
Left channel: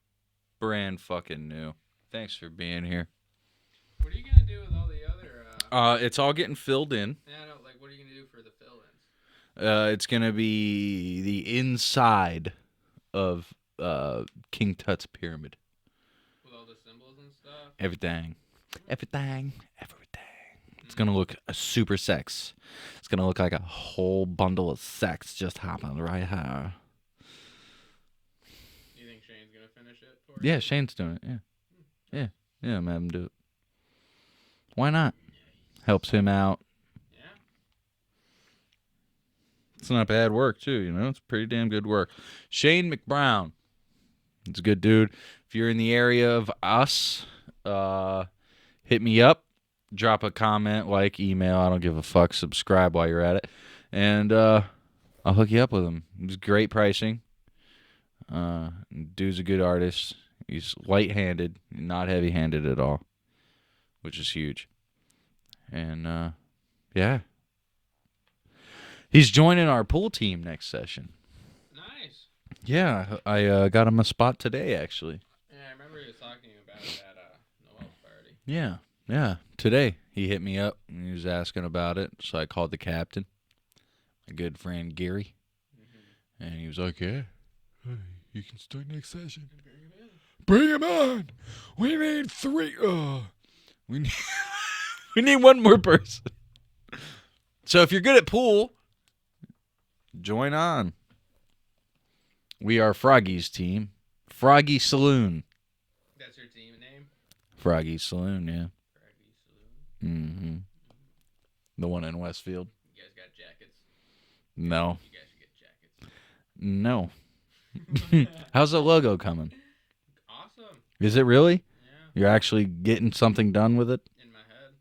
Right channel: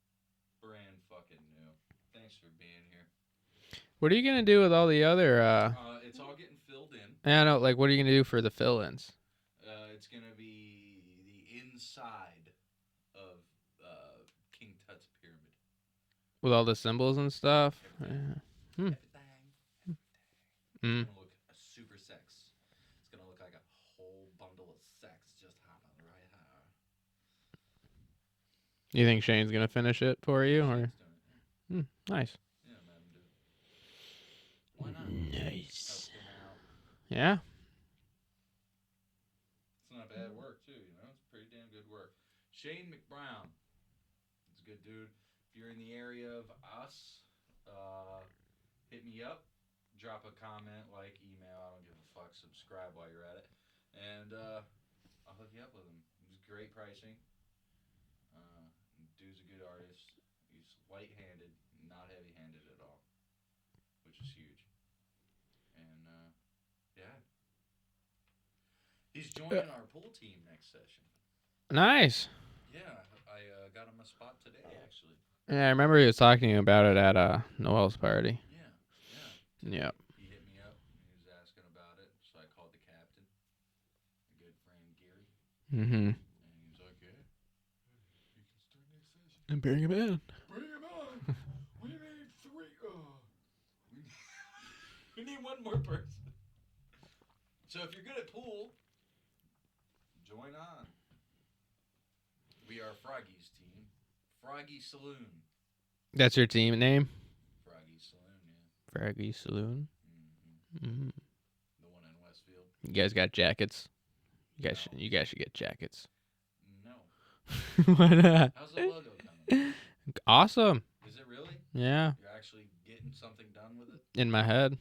Brand fucking new. Thanks for being here. What are you gonna do with all the other? It's all getting filled in. I know. Like, what are you gonna do for the fill-ins? It's gonna be the inside of King Tut's pyramid. With all the symbols and stuff. Everything. Hmm. Everything. It's gonna look super sex. It's gonna look like a whole bundle of sex just happened right here. You think Shane's gonna finish it for you? Yeah, Shane's doing it. Yeah. Nice. Yeah, I'm having him do it. Why not? Nice. Helps him out. Yeah. It's not bad work too, you know. It's pretty damn good work. Shane McBrown. He's a good dude. If you're in the area of us, hit me up. Drop a comment, like, email. I don't give a fuck. Subscribe while you're at it. And I'll hook you up with him. He's great pricing. Dude's a good artist. He's light-handed, not heavy-handed at all, which is huge. And, yeah. He's joining our pool team next session. Nice. Yeah, I got him a spot today, actually. Yeah, I remember he was talking about it at Noel's party. Yeah. Today he hit me up and he was asking about it, so I called the captain, my good friend Gary, Mm-hmm. and he was like, "Yeah, you can start next session And bring him in. Bring him on. We need 3. We need we need one more person. So if you're good at pool, join on. We are Froggy's team, Froggy Saloon. That's your team name? Froggy Saloon, yeah. Froggy Saloon. Mm-hmm. Mm-hmm. The one in Westfield. You guys got jackets? No. You guys should get jackets. No. How's the logo coming? Awesome. Is it really? Yeah. You're actually getting something done with it? In my head.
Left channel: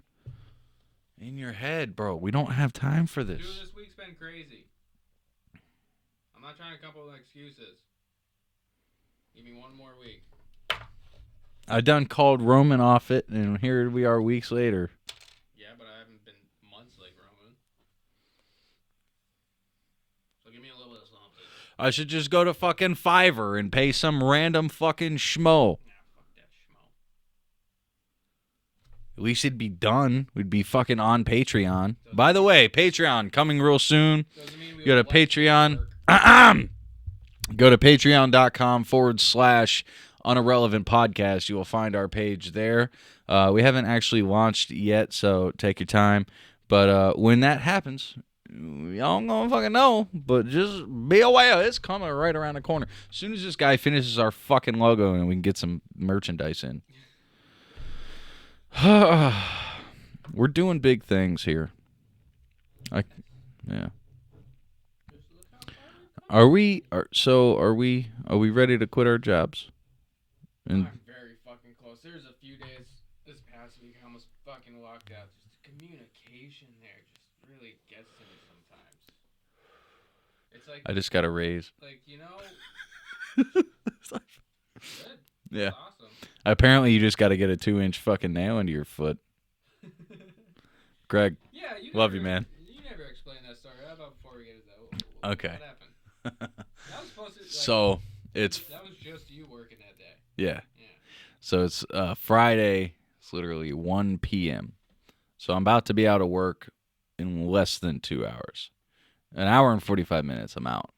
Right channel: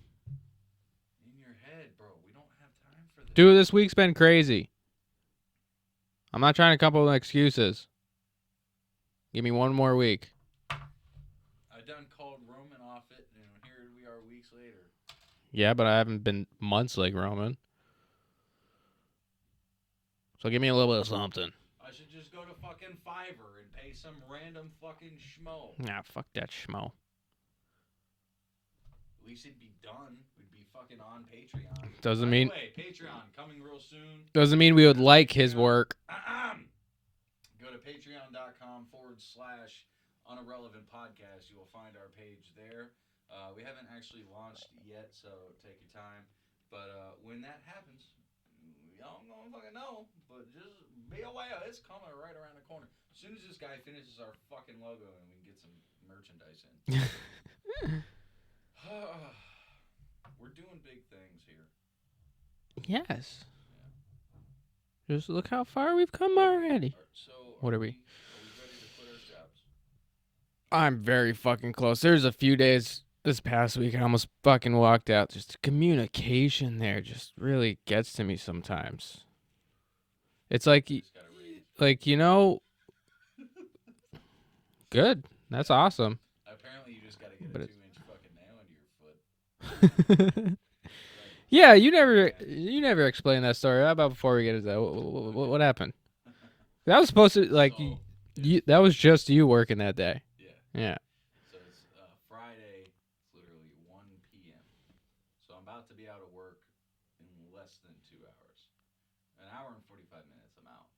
In your head, bro. We don't have time for this. Dude, this week's been crazy. I'm not trying to come up with excuses. Give me one more week. I done called Roman off it, and here we are weeks later. Yeah, but I haven't been months like Roman. So give me a little bit of something. I should just go to fucking Fiverr and pay some random fucking schmo. Nah, fuck that schmo. At least it'd be done. We'd be fucking on Patreon. Doesn't By the mean- way, Patreon coming real soon. Doesn't mean we Go would to like Patreon. his work. Go to patreon.com/unirrelevant podcast. You will find our page there. We haven't actually launched yet, so take your time. But when that happens, y'all don't gonna fucking know. But just be aware, it's coming right around the corner. As soon as this guy finishes our fucking logo and we can get some merchandise in. We're doing big things here. Yes. Yeah. Just look how far we've come Are already. we ready to quit our jobs? I'm very fucking close. There's a few days this past week I almost fucking walked out. Just the communication there just really gets to me sometimes. It's like I just got a raise. like, you know, good. That's Yeah. awesome. Apparently, you just got to get a 2-inch fucking nail into your foot. Greg, Yeah, you Love you, never man. you never explained that story. How about before we get into that? Okay. What happened? That was supposed to like so it's that was just you working that day. yeah. Yeah. So it's Friday. It's literally 1 p.m. So I'm about to be out of work in less than 2 hours. An hour and 45 minutes. I'm out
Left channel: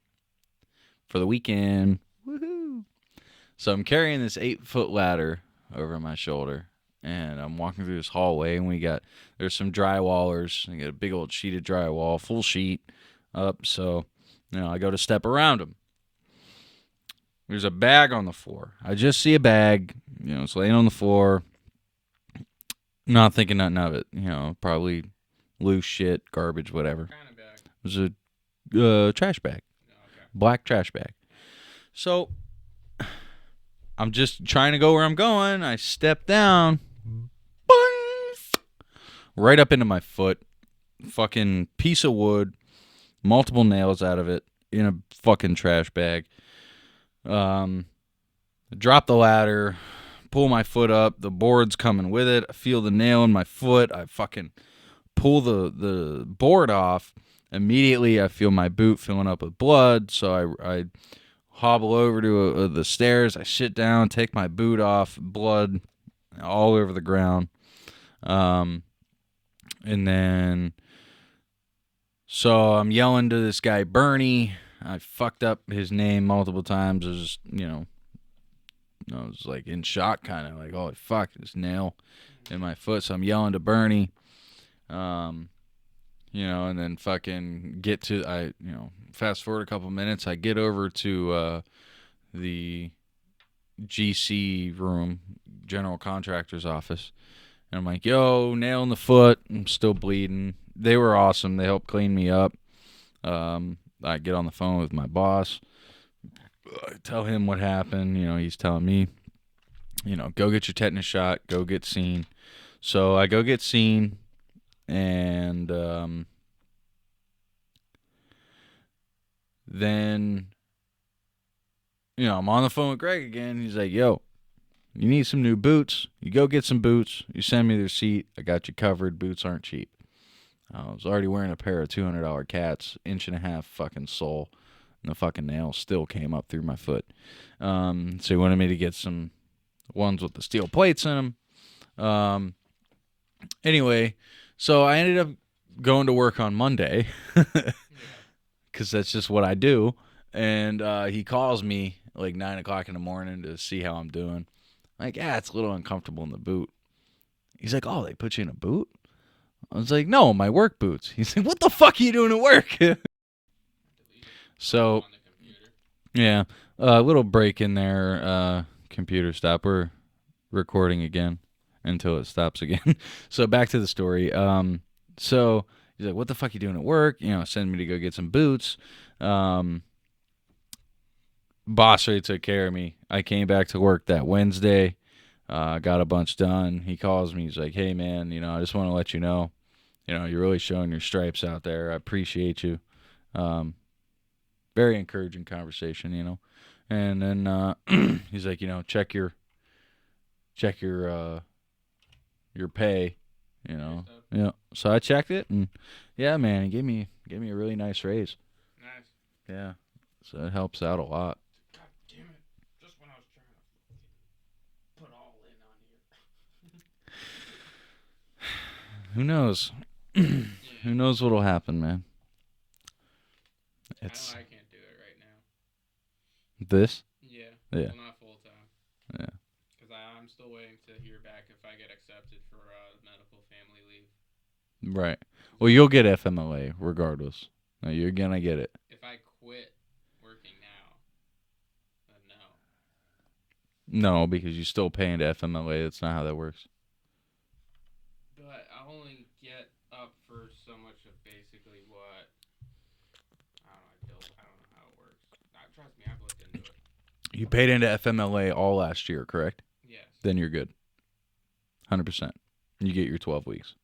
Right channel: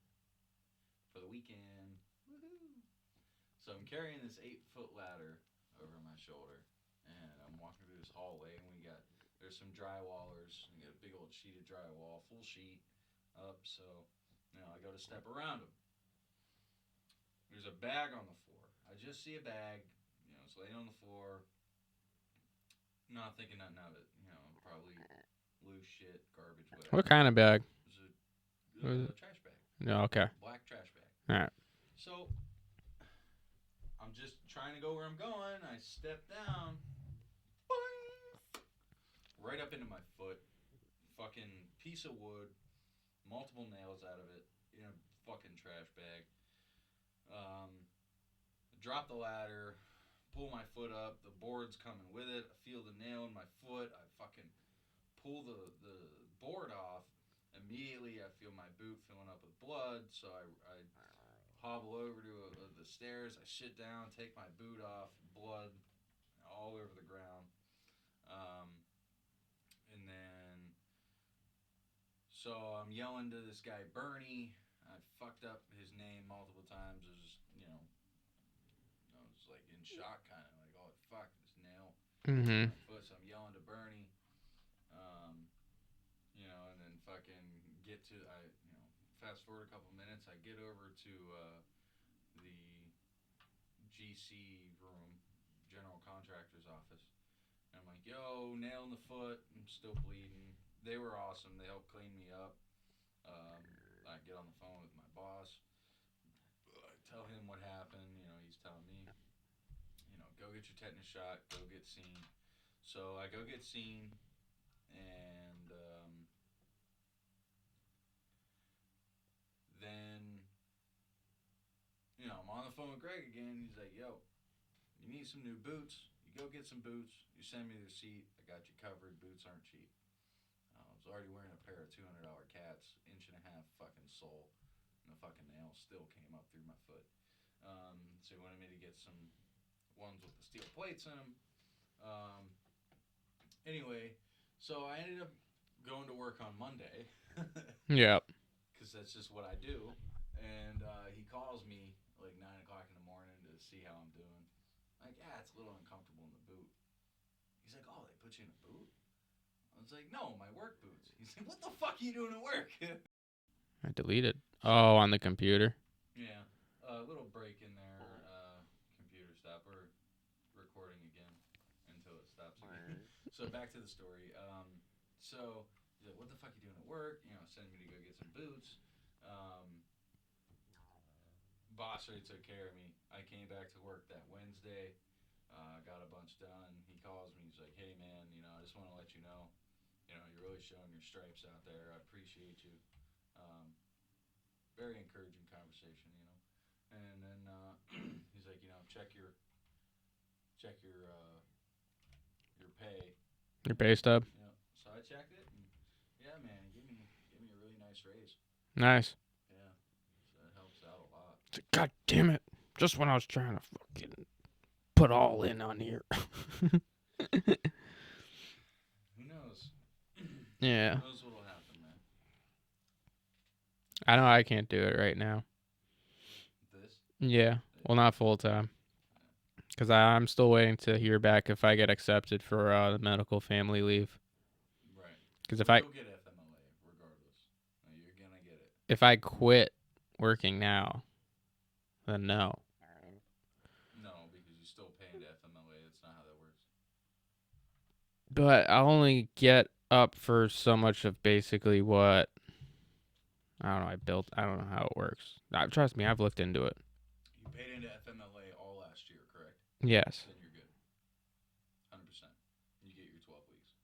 for the weekend. Woohoo! So I'm carrying this 8-foot ladder over my shoulder, and I'm walking through this hallway, and there's some drywallers. I got a big old sheet of drywall, full sheet up. So, I go to step around them. There's a bag on the floor. I just see a bag, it's laying on the floor. Not thinking nothing of it, probably loose shit, garbage, whatever. What kind of bag? It was a trash bag, No, okay. black trash bag. All right. So I'm just trying to go where I'm going. I step down, boing, right up into my foot. Fucking piece of wood, multiple nails out of it in a fucking trash bag. Drop the ladder, pull my foot up. The board's coming with it. I feel the nail in my foot. I fucking pull the board off. Immediately, I feel my boot filling up with blood, so I hobble over to the stairs. I sit down, take my boot off, blood all over the ground. And then, so I'm yelling to this guy, Bernie. I fucked up his name multiple times. I was, I was like in shock, kind of like, holy fuck, this nail in my foot. So I'm yelling to Bernie. And then fucking get to, fast forward a couple minutes, I get over to the GC room, general contractor's office, and I'm like, yo, nail in the foot, I'm still bleeding. They were awesome. They helped clean me up. I get on the phone with my boss. I tell him what happened. He's telling me, go get your tetanus shot, go get seen. So I go get seen, and then, I'm on the phone with Greg again. He's like, yo, you need some new boots. You go get some boots. You send me the receipt. I got you covered. Boots aren't cheap. I was already wearing a pair of $200 cats, 1.5 inch fucking sole, and the fucking nail still came up through my foot. So he wanted me to get some ones with the steel plates in them. Anyway, so I ended up going to work on Monday. Yeah. Because that's just what I do. And he calls me like 9 o'clock in the morning to see how I'm doing. I'm like, yeah, it's a little uncomfortable in the boot. He's like, oh, they put you in a boot? I was like, no, my work boots. He's like, what the fuck are you doing at work? I deleted. So on the computer. Yeah, a little break in there. Computer stop. We're recording again until it stops again. So back to the story. So he's like, what the fuck are you doing at work? Send me to go get some boots. Boss already took care of me. I came back to work that Wednesday. Got a bunch done. He calls me. He's like, hey, man, I just want to let you know, you're really showing your stripes out there. I appreciate you. Very encouraging conversation, And then he's like, check your pay. Your pay stub? Yeah. So I checked it, and yeah, man, he gave me a really nice raise. Nice. Yeah. So it helps out a lot. God damn it. Just when I was trying to fucking put all in on here. Who knows? Yeah. Who knows what'll happen, man? I know I can't do it right now. This? Yeah. Well, not full time. Yeah. Because I'm still waiting to hear back if I get accepted for the medical family leave. Right. Well, you'll get FMLA regardless. No, you're going to get it. If I quit working now, then no. No, because you still pay into FMLA. That's not how that works. But I'll only get up for so much of basically what I don't know. I don't know how it works. Trust me, I've looked into it. You paid into FMLA all last year, correct? Yes. Then you're good. 100%. You get your 12 weeks.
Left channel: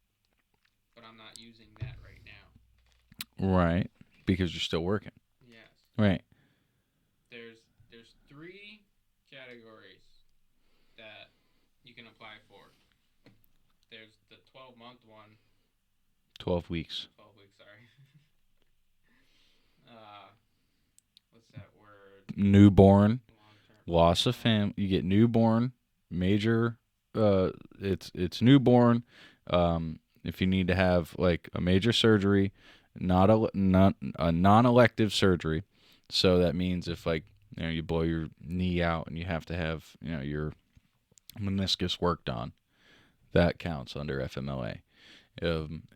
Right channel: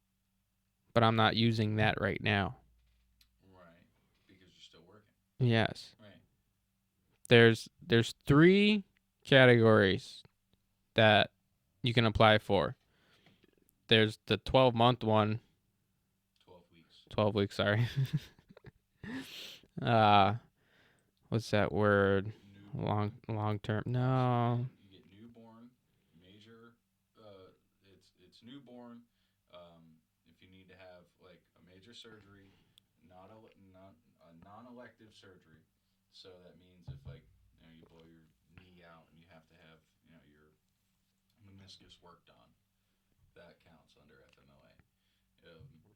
But I'm not using that right now. Right. Because you're still working. Yes. Right. There's 3 categories that you can apply for. There's the 12-month one. 12 weeks. 12 weeks, sorry. What's that word? Newborn. Long term. Loss of family. You get newborn, major. It's newborn. If you need to have like a major surgery, not a non-elective surgery. So that means if like you blow your knee out and you have to have your meniscus worked on, that counts under FMLA.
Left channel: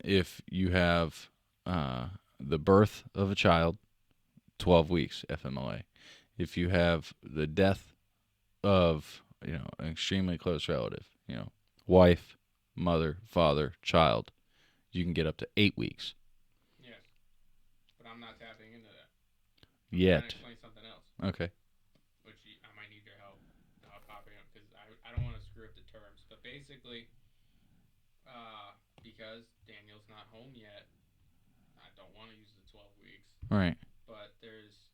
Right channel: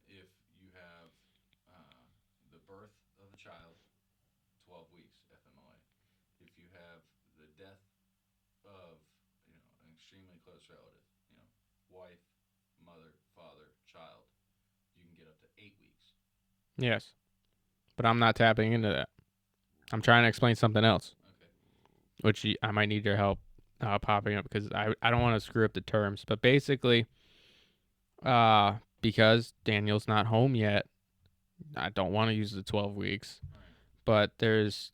If you have the birth of a child, 12 weeks FMLA. If you have the death of an extremely close relative, wife, mother, father, child, you can get up to 8 weeks. Yes, but I'm not tapping into that. I'm trying to explain something else. Okay. Which I might need your help popping up because I don't want to screw up the terms. But basically, because Daniel's not home yet, I don't want to use the 12 weeks. Right. But there's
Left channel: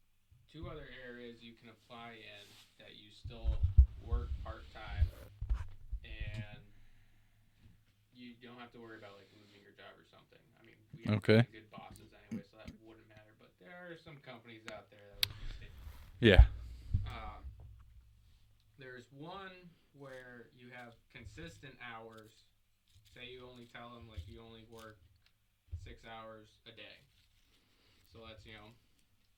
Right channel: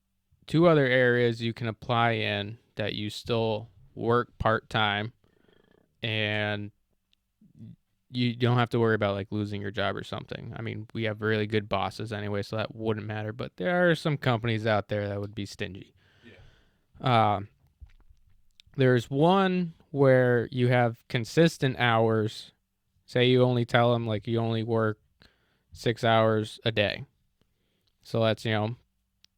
2 other areas you can apply in that you still work part-time and you don't have to worry about like losing your job or something. I mean, we have Okay. really good bosses anyway, so that wouldn't matter. But there are some companies out there that would be stingy. Yeah. There's one where you have consistent hours. Say you only tell them like you only work 6 hours a day. So that's,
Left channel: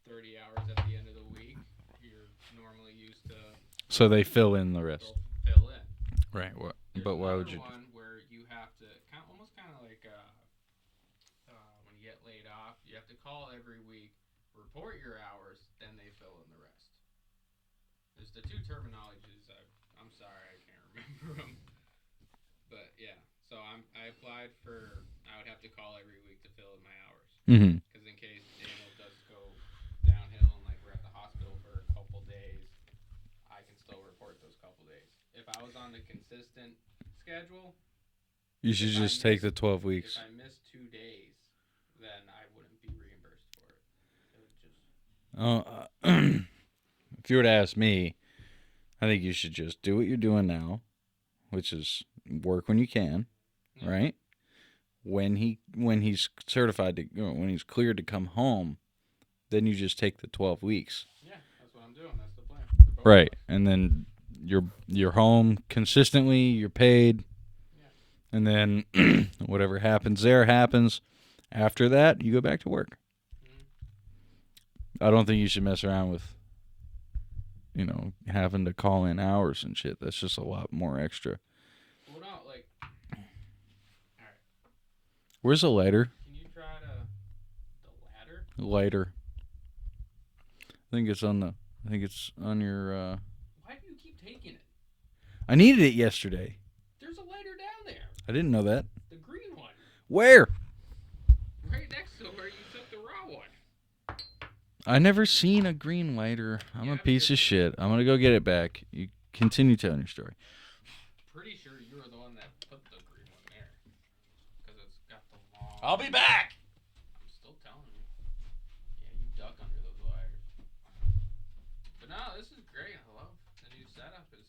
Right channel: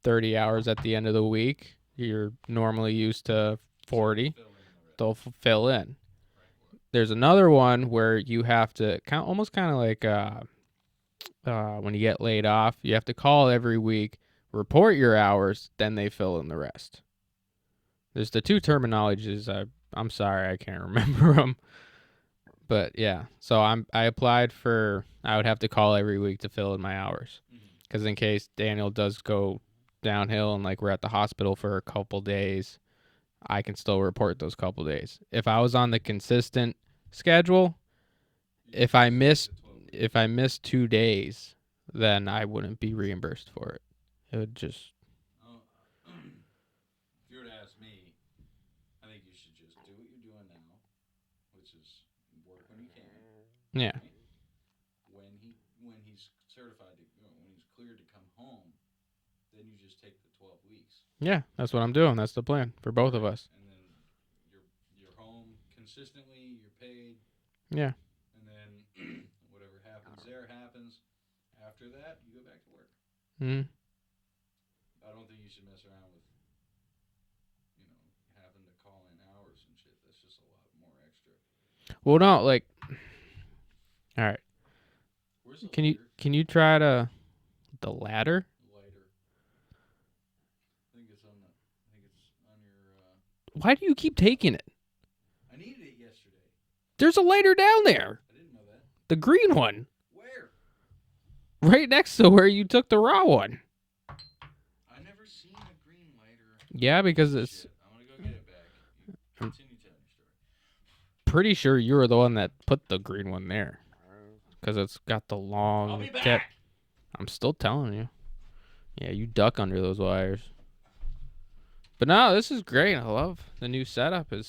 30 hours at the end of the week. You're normally used to 40. So they fill in the rest. They'll fill in. Right. What? There's another one where you have to almost kind of like when you get laid off, you have to call every week, report your hours, then they fill in the rest. There's the two terminologies. I'm sorry, I can't remember them. But yeah, so I applied for. I would have to call every week to fill in my hours, because in case Daniel does go downhill and like we're at the hospital for a couple days, I can still report those couple days. If I was on the consistent schedule, if I missed the 12 weeks, if I missed 2 days, then I wouldn't be reimbursed for it. It would just. If you were to ask me, I think you should just do what you're doing now, which is work when you can. Yeah. Right. When he's certified to, when he's cleared to come home, then you just take the 12 weeks. Yeah, that's what I'm doing. That's the plan for both of us. And then you're home consistently. You're paid. Yeah. And then whatever happens there happens. After that, you go back to work. Mm-hmm. I don't think you should mess around with, having to call in hours and shit. That's just a lot more extra. Well, no, like, all right. Where's the lighter? Can you try the ladder? Lighter. I think it's on your. Why do you keep taking it? I needed it yesterday. There's a lighter down there. I didn't know that. The green one. Where? Right next to where you took the raw one. I never seen a green lighter. Because piece of shit. I'm gonna go get it back. You continue telling your story. Pretty sure you were the one that put the green one there, because it's got the long. I'll be back. I'm still telling you. Yeah, you duck under those wires. But no, this is great. I love the new setup. Of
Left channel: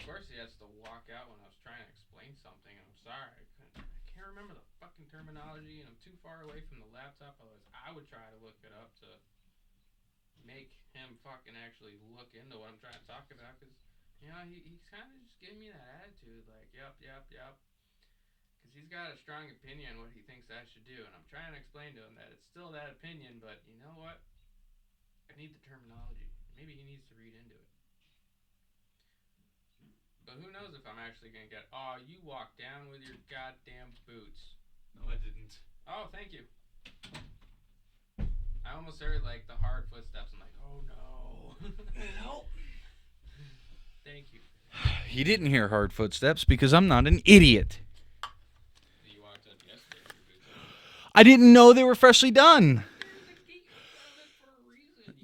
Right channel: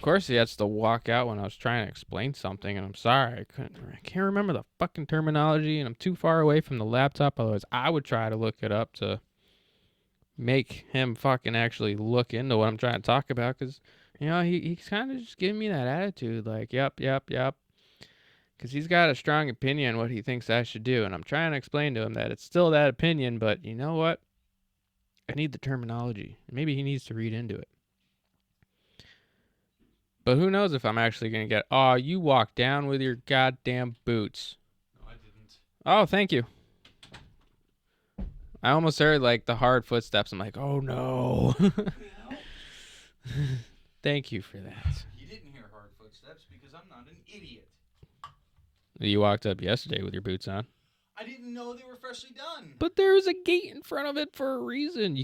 course, he has to walk out when I was trying to explain something, and I'm sorry, I can't remember the fucking terminology, and I'm too far away from the laptop. Otherwise, I would try to look it up to make him fucking actually look into what I'm trying to talk about, because he's kind of just giving me that attitude, like yep, because he's got a strong opinion what he thinks I should do, and I'm trying to explain to him that it's still that opinion, but you know what, I need the terminology. Maybe he needs to read into it. But who knows if I'm actually gonna get. Oh, you walked down with your goddamn boots. No, I didn't. Oh, thank you. I almost heard like the hard footsteps. I'm like, oh no. Thank you for that. He didn't hear hard footsteps because I'm not an idiot. You walked up yesterday with your boots on. I didn't know they were freshly done. But there was a gate in front of it for a reason.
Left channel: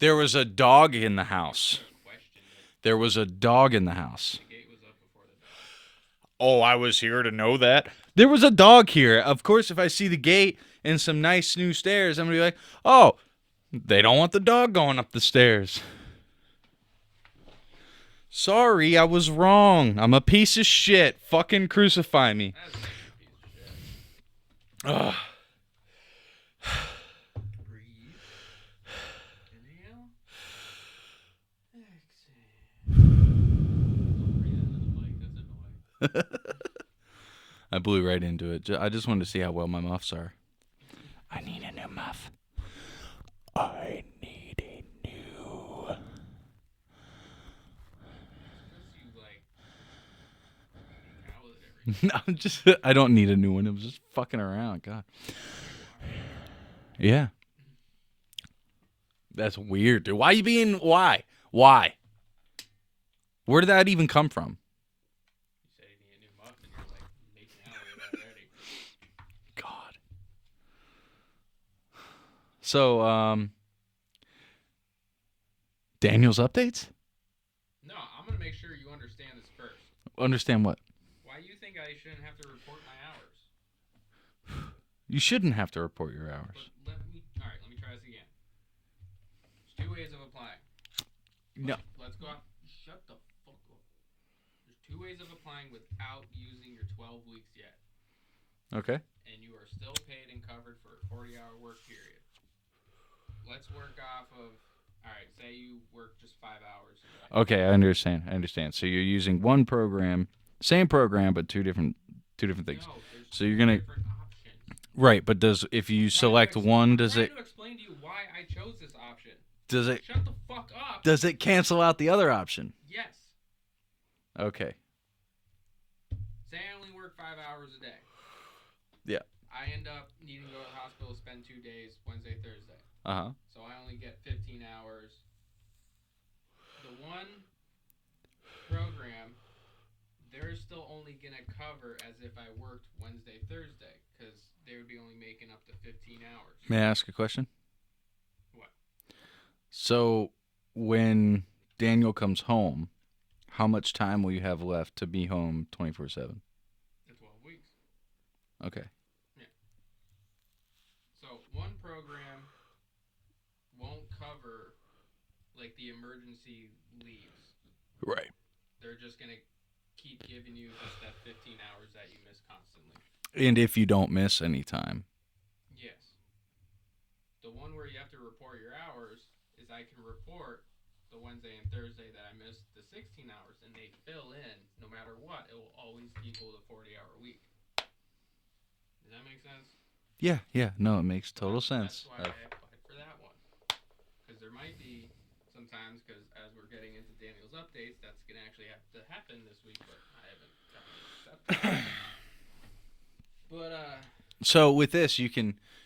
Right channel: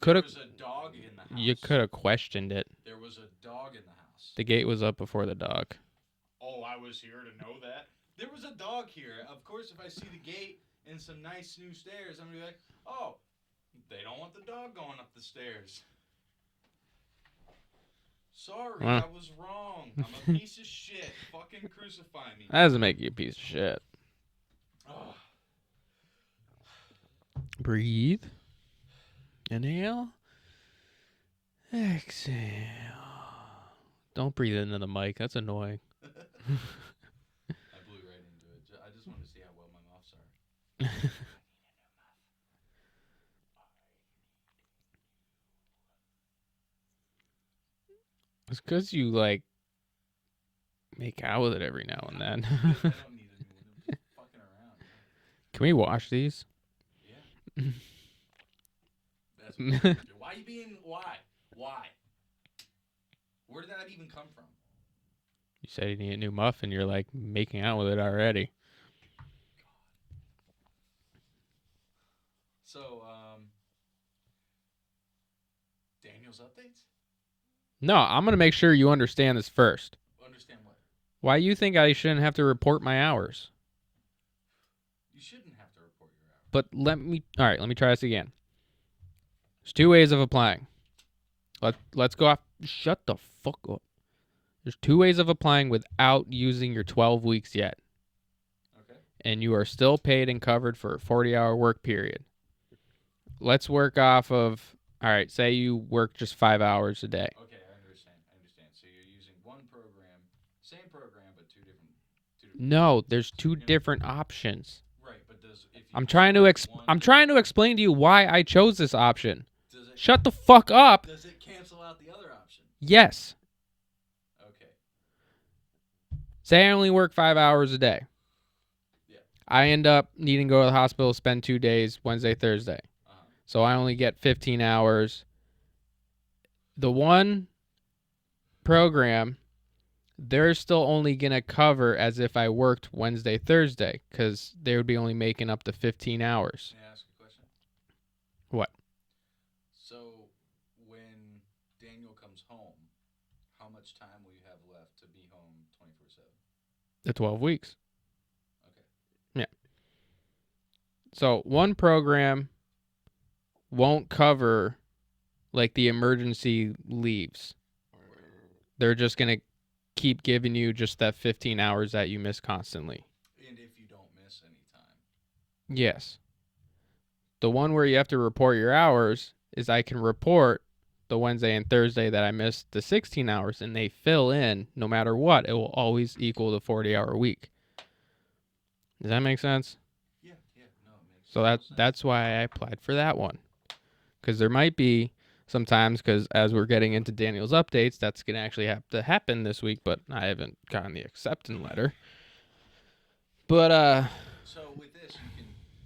There was a dog in the house. You could have questioned it. There was a dog in the house. The gate was up before the dog. Oh, I was here to know that. There was a dog here. Of course, if I see the gate and some nice new stairs, I'm going to be like, oh, they don't want the dog going up the stairs. Sorry, I was wrong. I'm a piece of shit. Fucking crucify me. That doesn't make you a piece of shit. Ugh. Breathe. Inhale. Exhale. Don't breathe into the mic. That's annoying. I blew right into it. I just wanted to see how well my muffs are. I need a new muff. I need a new. It's because you, like, make out with it every now and then. I don't need a new one. It was just fucking around. God. Can we wash these? Yeah. That's weird, dude. Why? Why? Where did that even come from? You said you need a new muff, and you're, like, making out with it already. God. So, Daniles Updates? No, I'm going to make sure you understand this first. Understand what? Why you think I shouldn't have to report my hours? You shouldn't have to report your hours. But let me try this again. There's two ways of applying. Let's go off. Shut the fuck up. There's 2 ways of applying without using your 12 weeks yet. Okay. And you are still paid and covered for a 40-hour work period. Let's work off of, all right, say you work just 5 hours a day. Okay, I understand. So you're using one program, same program, but two different things. No, there's So two different options. Right, but if you I'm trying to explain to you why I chose this option. Does it Shut the fuck up. Does it cancel out the other option? Yes. Okay. Say I only work 5 hours a day. Yeah. I end up needing to go to the hospital, spend 2 days, Wednesday, Thursday. Uh-huh. So I only get 15 hours. The one program, they're still only going to cover as if I worked Wednesday, Thursday, because they would be only making up to 15 hours. May I ask a question? What? So when Daniel comes home, how much time will you have left to be home 24/7? The 12 weeks. Okay. Yeah. So one program won't cover like the emergency leaves. Right. They're just going to keep giving you just that 15 hours that you miss constantly. And if you don't miss any time. Yes. The one where you have to report your hours is I can report the Wednesday and Thursday that I missed the 16 hours, and they fill in no matter what. It will always equal the 40-hour week. Does that make sense? Yeah. No, it makes total sense. That's why I applied for that one. Because there might be sometimes, because as we're getting into Daniles Updates, that's going to actually have to happen this week, but I haven't gotten the acceptance letter. But, so with this,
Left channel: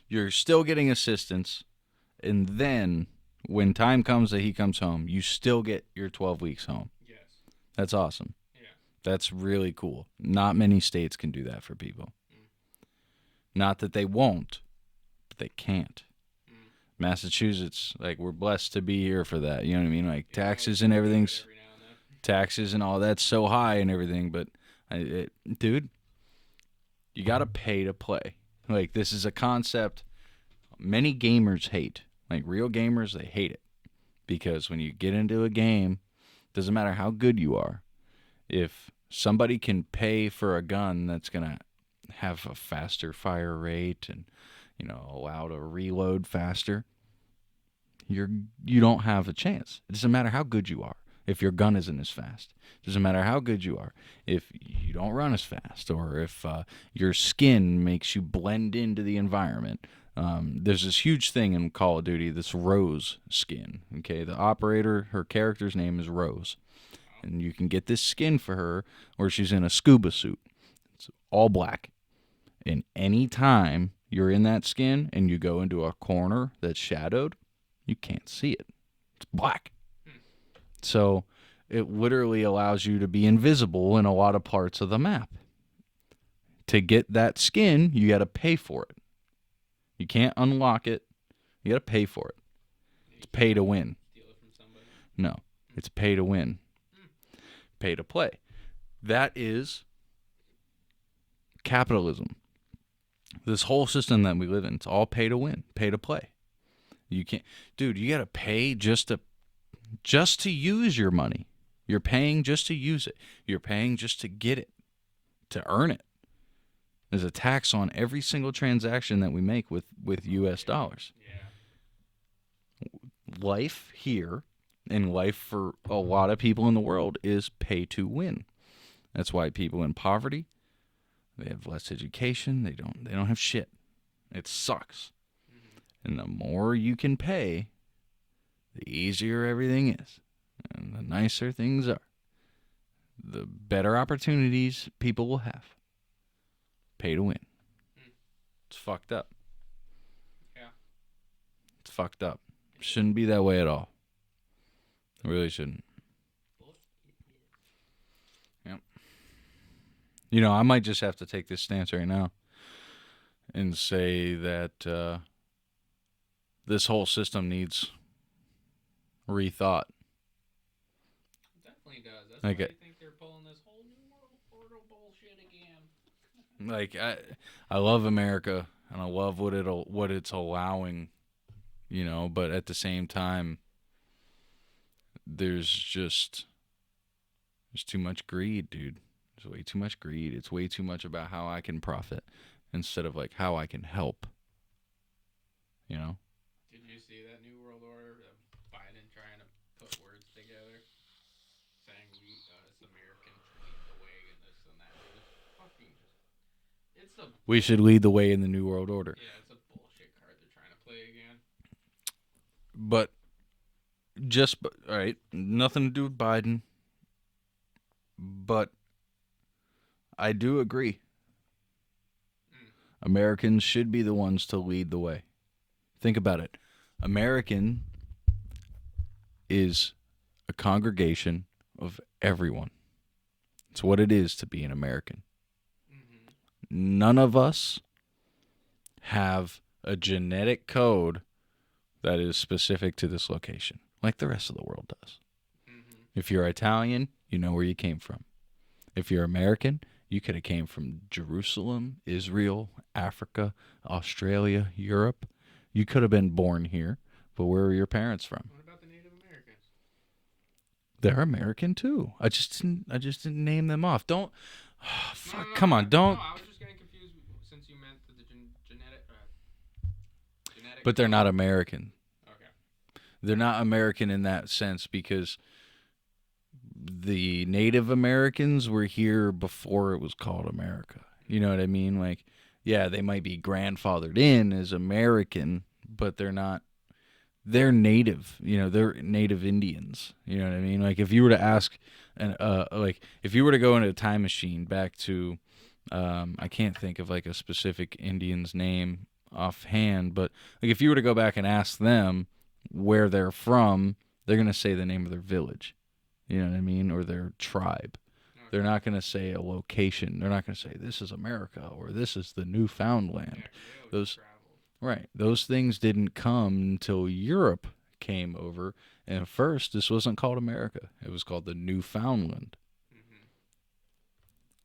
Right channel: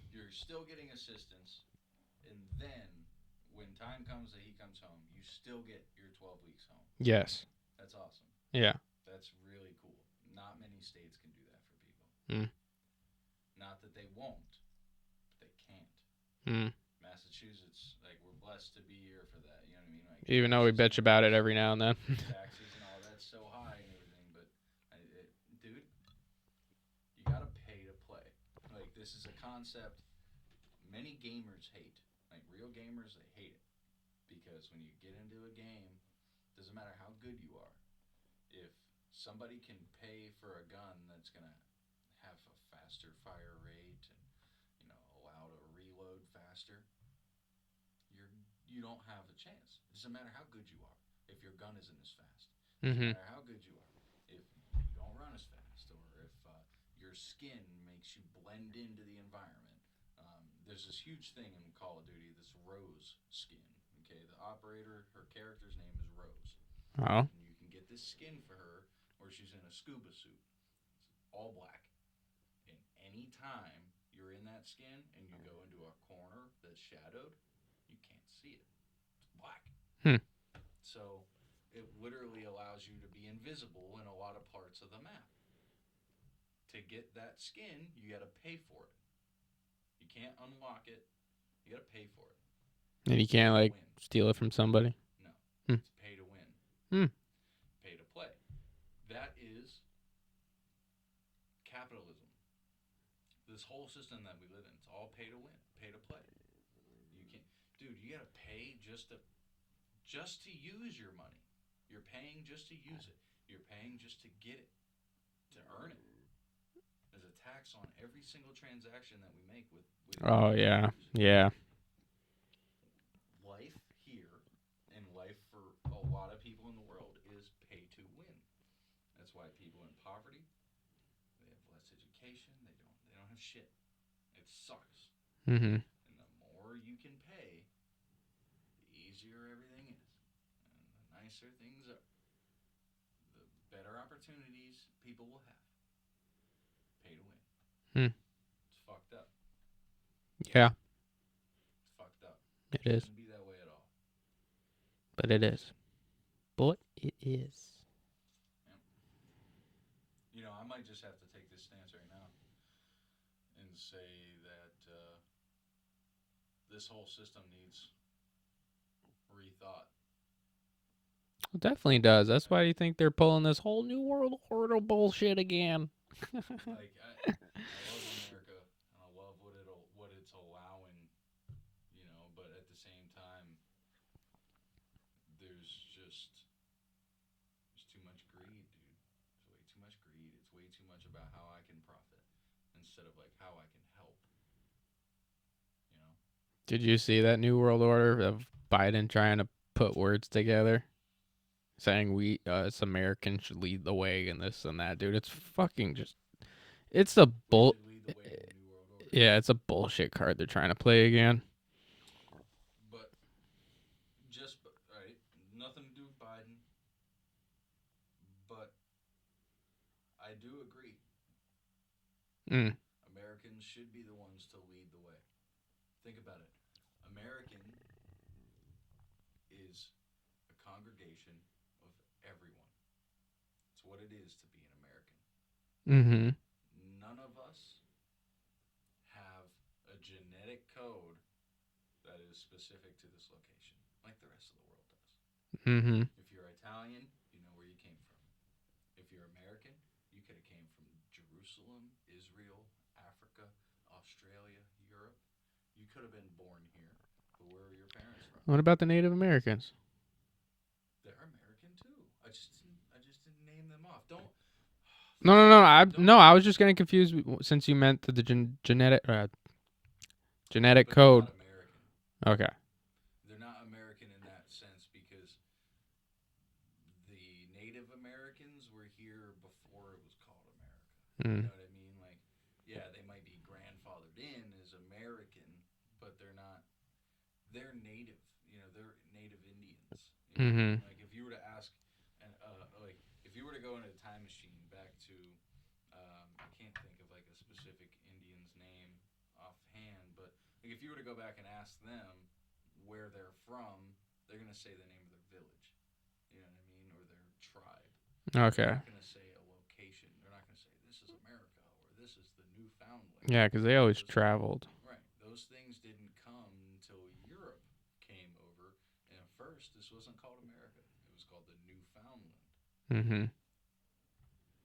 you're still getting assistance, and then when time comes that he comes home, you still get your 12 weeks home. yes. That's awesome. Yeah. That's really cool. Not many states can do that for people. Mm. Not that they won't, but they can't. Mm. Massachusetts, like, we're blessed to be here for that. You know what I mean? Like, Even taxes though we and bitch about it everything. every now and then. Taxes and all that's so high and everything, but dude, you got to pay to play. Like, this is a concept many gamers hate. Like, real gamers, they hate it. Because when you get into a game, doesn't matter how good you are, if somebody can pay for a gun that's going to have a faster fire rate and, allow to reload faster, you don't have a chance. It doesn't matter how good you are if your gun isn't as fast. It doesn't matter how good you are if you don't run as fast, or if your skin makes you blend into the environment. There's this huge thing in Call of Duty, this Rose skin. Okay, the operator, her character's name is Rose. Oh. And you can get this skin for her where she's in a scuba suit. It's all black. And any time you're in that skin and you go into a corner that's shadowed, you can't see it. It's black. So it literally allows you to be invisible in a lot of parts of the map. To get that skin, you got to pay for it. You can't unlock it. You got to pay for it. And you can't pay to win. Steal it from somebody? No. It's pay to win. Pay to play. That is capitalism. This whole system that we live in, it's all pay to win, pay to play. You can't, dude, you got to pay just to use your money. You're paying just to use it. You're paying just to get it, to earn it. There's a tax on every single transaction that we make with U.S. dollars. Yeah. Life here and life for a lot of people in the world is pay to win. That's why people in poverty, they have less education. They don't have shit. It sucks. Mm-hmm. And the more you can pay, the easier everything is. And the nicer things are. The better opportunities people will have. Pay to win. It's fucked up. Yeah. It's fucked up. It shouldn't be that way at all. But really it is. shouldn't. But it is. Yep. I might just have to take this stance right now and say that this whole system needs rethought. It definitely does. That's why Okay. you think they're pulling this whole new world order bullshit again. Like, I love America and I love what it's allowing, but at the same time, there's There's too much greed, dude. There's way too much greed. It's way too much about how I can profit instead of like how I can help. You know? Did you see that New World Order of Biden trying to put words together? Saying we, us Americans should lead the way and this and that, dude. It's fucking just, it's a We should lead the way in the New World Order. Yeah, it's a bullshit card they're trying to play again. But all right, nothing to do with Biden. But I do agree. Americans should be the ones to lead the way. Think about it. American is a congregation of everyone. It's what it is to be an American. Mm-hmm. None of us have a genetic code that is specific to this location, like the rest of the world does. Mm-hmm. If you're Italian, you know where you came from. If you're American, you could have came from Jerusalem, Israel, Africa, Australia, Europe. You could have been born here, but where were your parents from? What about the Native Americans? They're American too. I just didn't name them off. Don't. No. Come on, don't. No, I was just getting confused since you meant the genetic But code. they're not American. Okay. They're not American in that sense because the Native Americans were here before it was called America. You know what I mean? Like, yeah, they might be grandfathered in as American, but they're not. They're native. You know, they're native Indians. You know what I mean? Like, if you were to ask, like, if you were to go into a time machine back to, I can't think of like a specific Indian's name offhand, but like if you were to go back and ask them where they're from, they're gonna say the name of their village. You know what I mean? Or their tribe. Okay. They're not going to say a location. They're not going to say this is America or this is the Newfoundland. Yeah, because they always traveled. Right. Those things didn't come until Europe came over. And first, this wasn't called America. It was called the Newfoundland. Mm-hmm.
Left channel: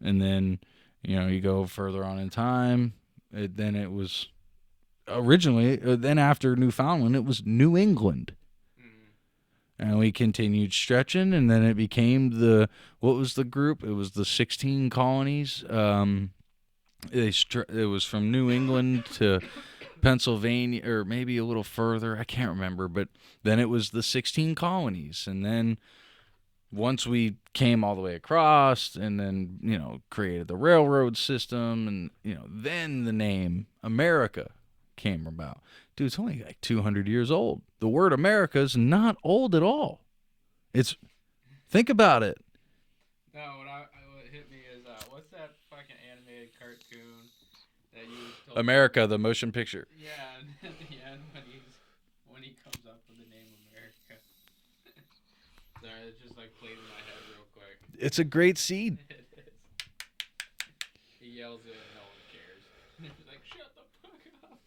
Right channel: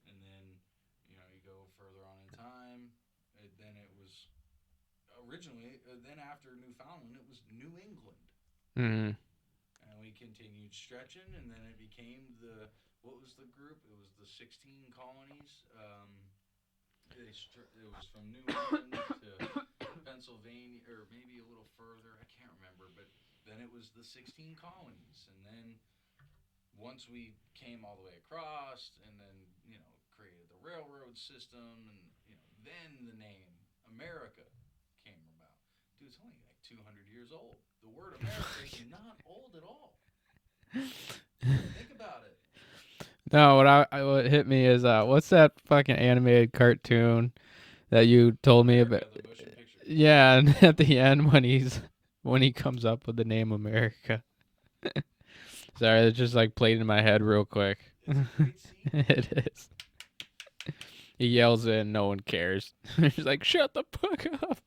And then, you know, you go further on in time. Then it was originally, then after Newfoundland, it was New England. Mm-hmm. And we continued stretching, and then it became what was the group? It was the 16 colonies. It was from New England to Pennsylvania, or maybe a little further. I can't remember, but then it was the 16 colonies. And then once we came all the way across and then, you know, created the railroad system and, you know, then the name America came about. Dude, it's only like 200 years old. The word America is not old at all. Think about it. No, what hit me is what's that fucking animated cartoon that you told me America, about? the motion picture. Yeah, and at the end when he comes up with the name America. Sorry, it just like played in my head real quick. It's a great scene. It is. He yells it and no one cares. He's like, shut the fuck up.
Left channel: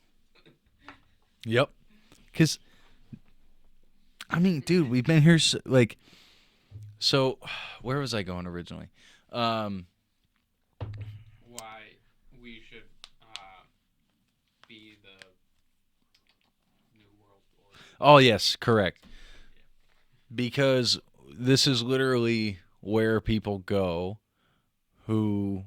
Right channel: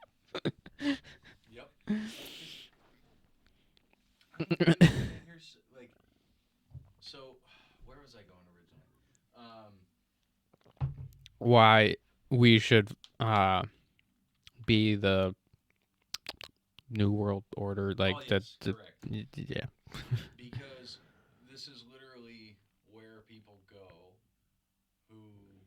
Yep. Because, I mean, dude, we've been here, so where was I going originally? Why we should be the New World Order. Like oh, yes, correct. Yeah. Because this is literally where people go who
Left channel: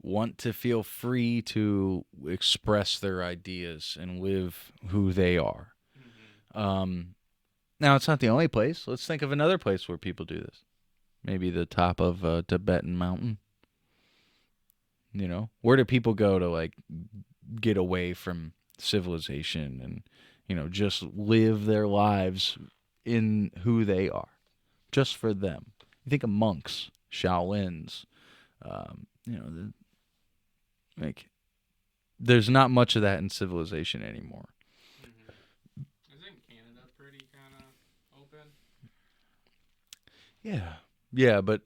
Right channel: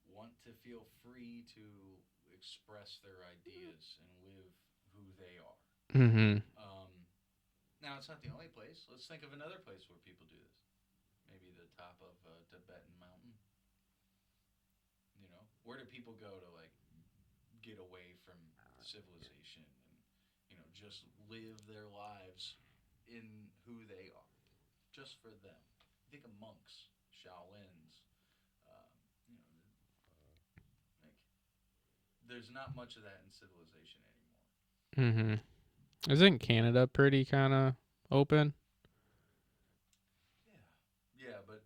want to feel free to express their ideas and live who they are. Mm-hmm. Now, it's not the only place. Let's think of another place where people do this. Maybe the top of a Tibetan mountain. You know, where do people go to, like, get away from civilization and, you know, just live their lives in who they are, just for them? You think of monks, Shaolins, you know, like, there's not much of that in civilization anymore. Mm-hmm. Isn't Canada pretty kind of open? Yeah, but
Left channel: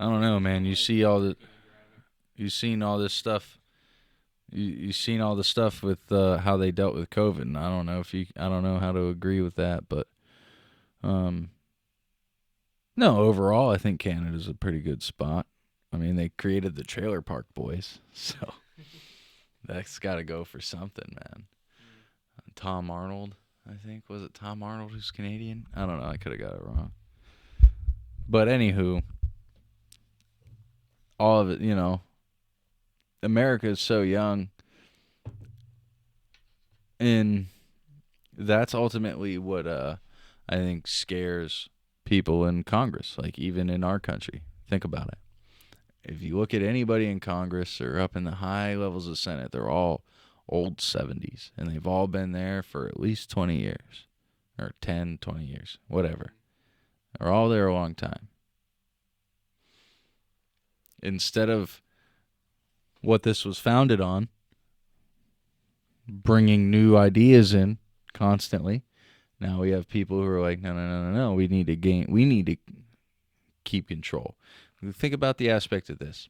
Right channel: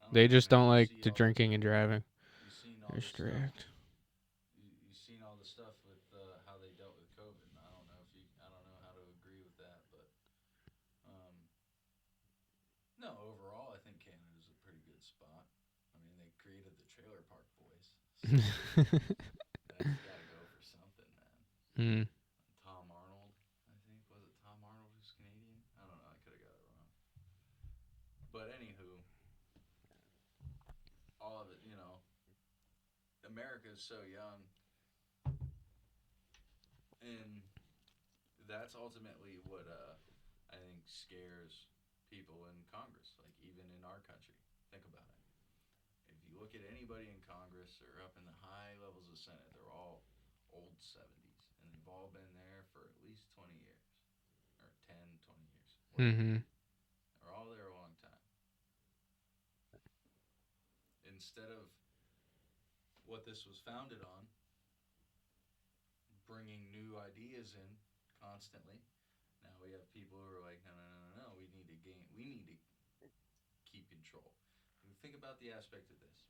I don't know, man. They just don't you like see the all drinking and driving. You've seen all this stuff. Correct. You've seen all the stuff with how they dealt with COVID. And I don't know how to agree with that, but no, overall, I think Canada's a pretty good spot. I mean, they created the Trailer Park Boys, so that's got to go for something, man. Mm. Tom Arnold, I think. Was it Tom Arnold who's Canadian? I don't know. I could have got it wrong. But anywho, all of it, America is so young, and that's ultimately what I think scares people in Congress, like even in our country. Think about it. If you look at anybody in Congress or up in the high levels of Senate, they're all old 70s, and they've all been there for at least 20 years or 10, 20 years, whatever. Mm-hmm. They're all there a long time. Instead of what this was founded on, bringing new ideas in constantly, now we have people who are like, no, we need to keep control. Think about the aspect of this.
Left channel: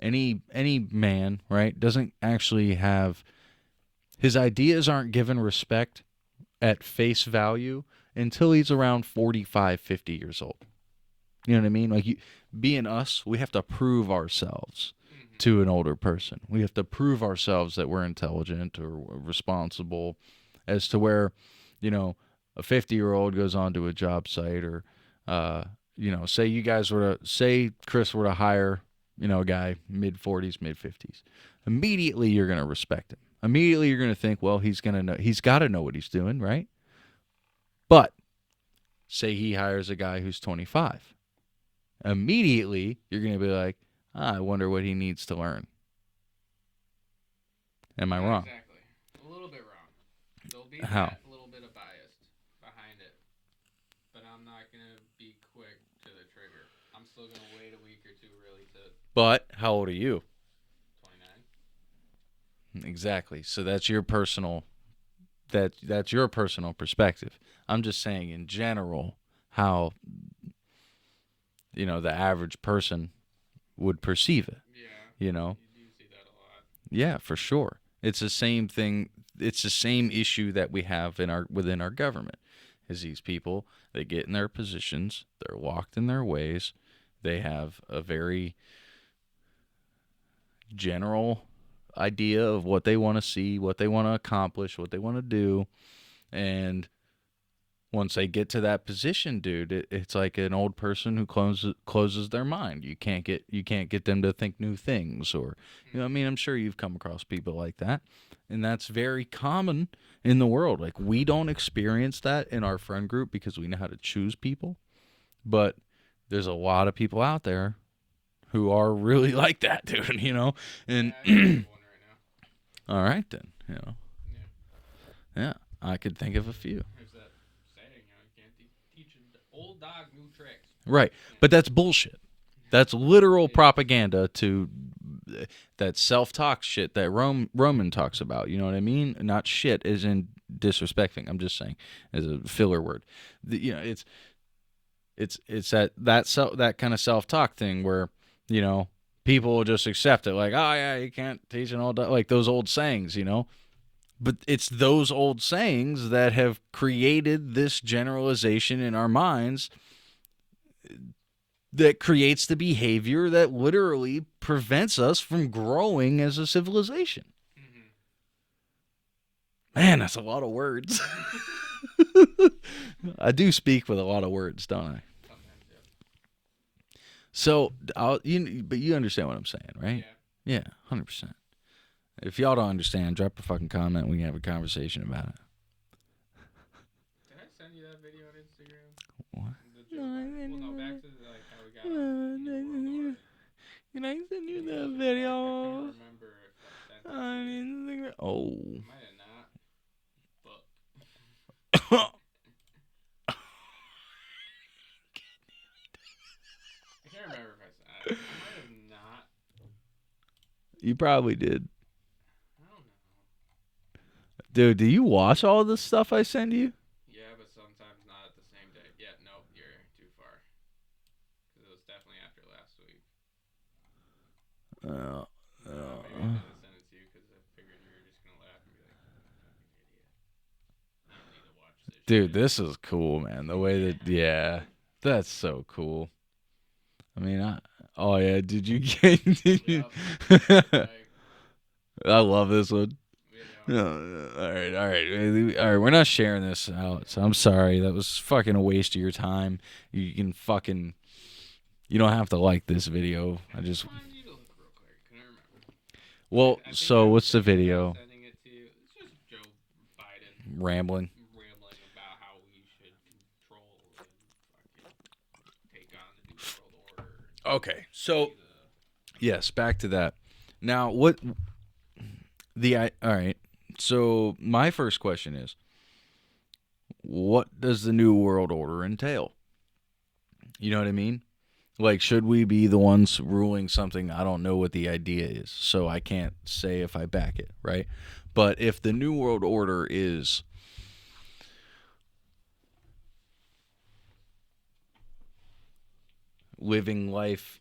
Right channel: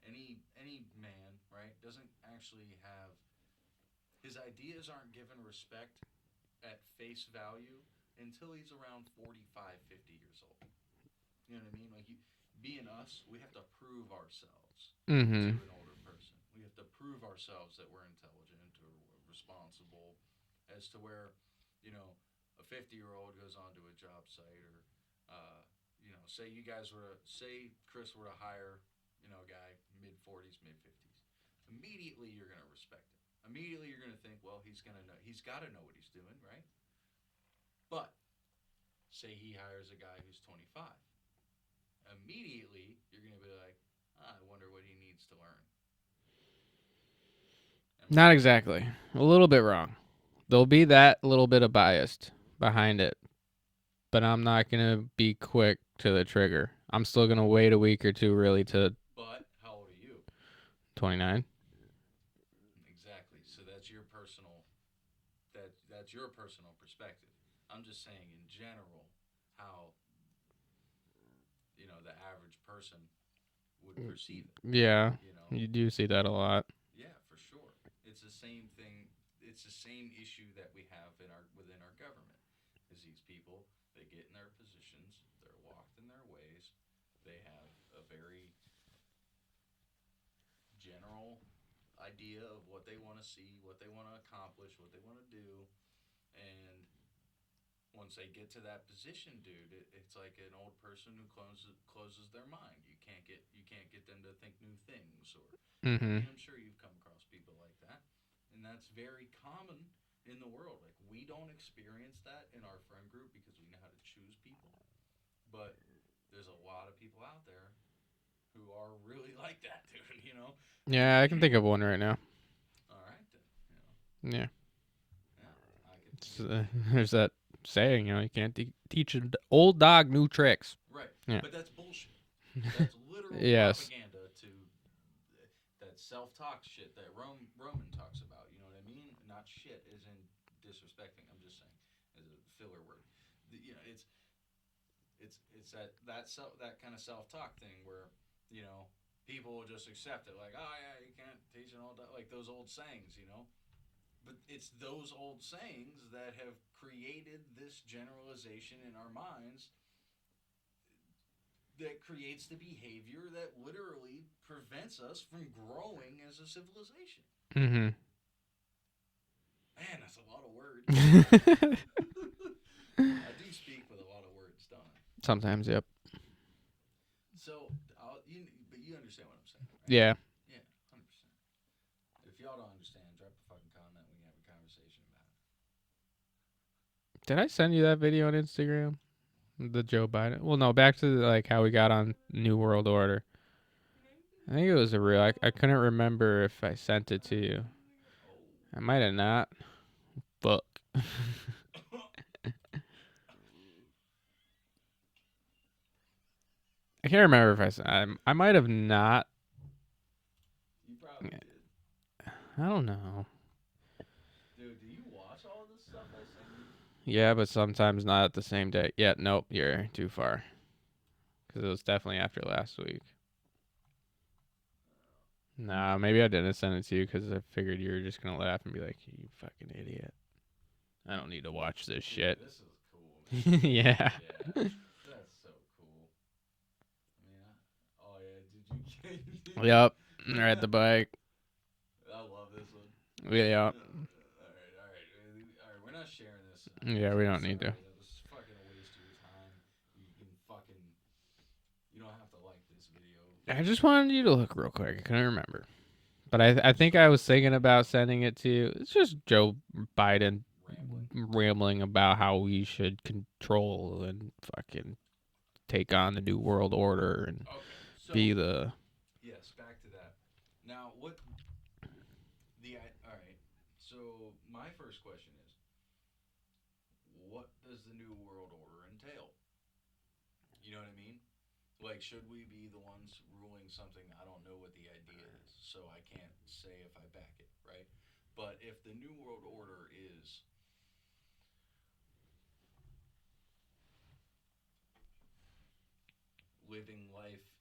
Any man, right, doesn't actually have, his ideas aren't given respect at face value until he's around 45, 50 years old. You know what I mean? Like, being us, we have to prove ourselves to an older person. We have to prove ourselves that we're intelligent or responsible, as to where, a 50-year-old goes onto a job site, or, say Chris were to hire, a guy mid-40s, mid-50s. Immediately you're going to respect him. Immediately you're going to think, well, he's got to know what he's doing, right? But say he hires a guy who's 25. Immediately you're going to be like, I wonder what he needs to learn. Am I Not wrong? exactly. A little bit wrong. There'll be that little bit of bias behind it, but I'm not going to be quick to the trigger. I'm still going to wait a week or two really to... But how old are you? 29. Exactly. So that's your personal that's your personal perspective. I'm just saying in general how the average person would perceive it. Yeah. You do see that a lot. Yeah, for sure. It's the same thing. It's the same issue that we have within our government. Is these people, they get in their positions, they're locked in their ways, they have a very general idea of what they want to see, what they want to accomplish, what they want to do, and once they get to that position, dude, it's like an old person who closes their mind. You can't get them to think new things, or I mean, I'm sure you've come across people like that, and that's very common in the world. Like, we don't experience that in our friend group because we know how to choose people, but there's a lot of people out there who are really like that, dude. And, yeah, I can think of one right now. All right, then. Yeah, I could think of a few. There's that saying, you can't teach an old dog new tricks. Right. Yeah. But that's bullshit. That's literal propaganda to that self-talk shit that Roman talks about. You know what I mean? Not shit as in disrespecting. I'm just saying as a filler word. It's that kind of self-talk thing where, people will just accept it, like, oh yeah, you can't teach an old dog, like those old sayings, But it's those old sayings that have created this generalization in our minds that creates the behavior that literally prevents us from growing as a civilization. Mm-hmm. Man, that's a lot of words. I do speak with a lot of words, don't I? Sometimes, yep. So, but you understand what I'm saying, right? Yeah. Yeah, 100%. If y'all don't understand, drop a fucking comment. We can have a conversation about it. Did I send you that video on Instagram? What? The Joe Biden? Well, no, back to how we got on New World Order. I think it was a real... I couldn't remember if I sent it to you. Oh. I might have not. Fuck. I can't remember if I sent... I might have not. You probably did. I don't know. Dude, do you watch all this stuff I send you? Yeah, but sometimes not at the same day. Yeah, nope, you're too far. Because it was definitely after last week. Nah, maybe I didn't send it to you because I figured you were just going to laugh and be like, you fucking idiot. I don't need to watch this shit. Dude, this is cool, man. The way yeah. That's so cool. I mean, oh, yeah, did you get... Yep, you're at the bike. I love this one. Yeah. All right. We're not sharing this out. Yeah, so I'm sorry. That was fucking a waste of your time. You can fucking You don't have to like this video. I just wanted you to look real quick. I couldn't remember. But Well, I think so I was what's the thinking about video? sending it to you. It's just Joe Biden Rambling. about how we should control and fucking take on the new world order and Okay, so be the yes, back to that. Now, all right. So my first question is, what does the new world order entail? You know what I mean? Like, should we be the ones ruling something? I don't know what the idea is, so I can't say if I back it, right? But if the new world order is living life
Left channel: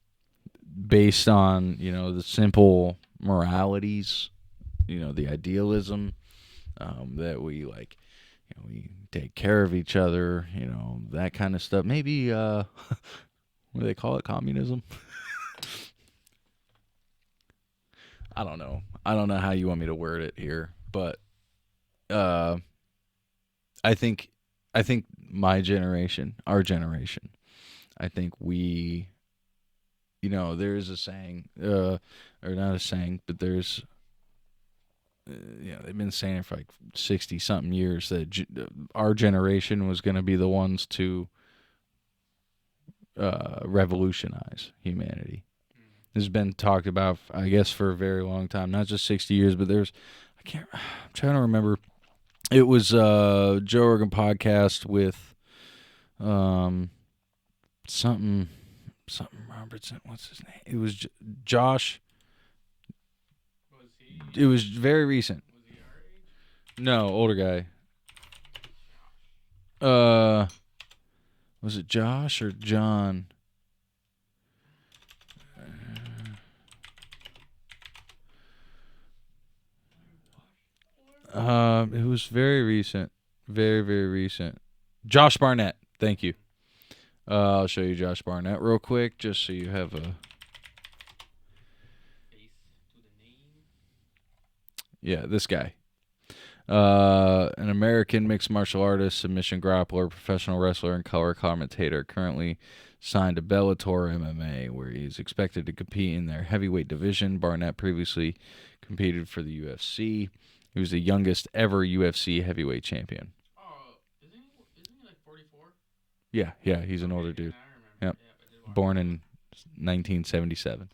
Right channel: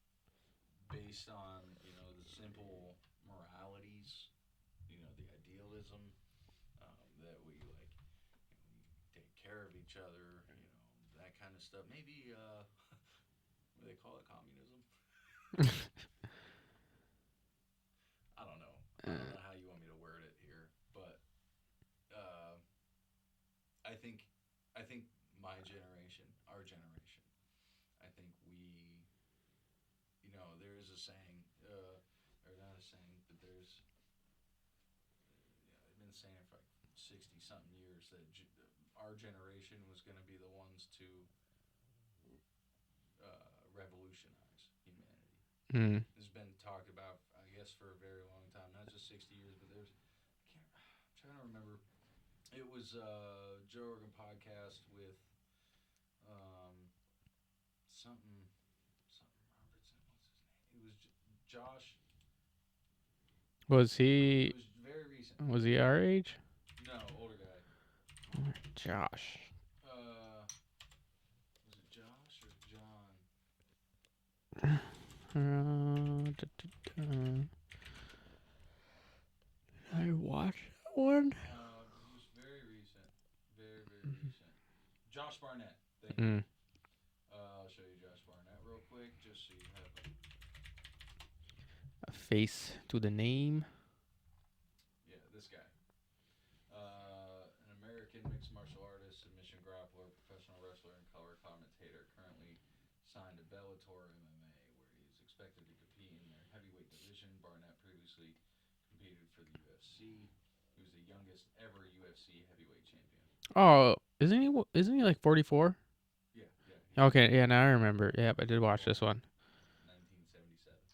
based on, the simple moralities, the idealism, that we like, we take care of each other, that kind of stuff. Maybe, what do they call it? Communism? I don't know. I don't know how you want me to word it here, but uh, I think my generation, our generation, I think we, there's a saying, or not a saying, but there's, they've been saying it for like 60 something years that our generation was going to be the ones to revolutionize humanity. This has been talked about, I guess, for a very long time, not just 60 years, but I'm trying to remember. It was Joe Rogan podcast with something Robertson. What's his name? It was Josh. Was he? It was very recent. Was he our age? No, older guy. Josh. Was it Josh or John? I watched one. It was very recent. Very, very recent. Josh Barnett. Thank you. I'll show you Josh Barnett real quick, just so you have a face to the name. Yeah, this guy. An American mixed martial artist, submission grappler, professional wrestler, and color commentator. Currently signed to Bellator MMA, where he's expected to compete in their heavyweight division. Barnett previously competed for the UFC. He was the youngest ever UFC heavyweight champion. Oh, isn't he like 44? Yeah, he's okay. Yeah, now I remember. Yep. Yeah, I did watch Born this in one. 1977.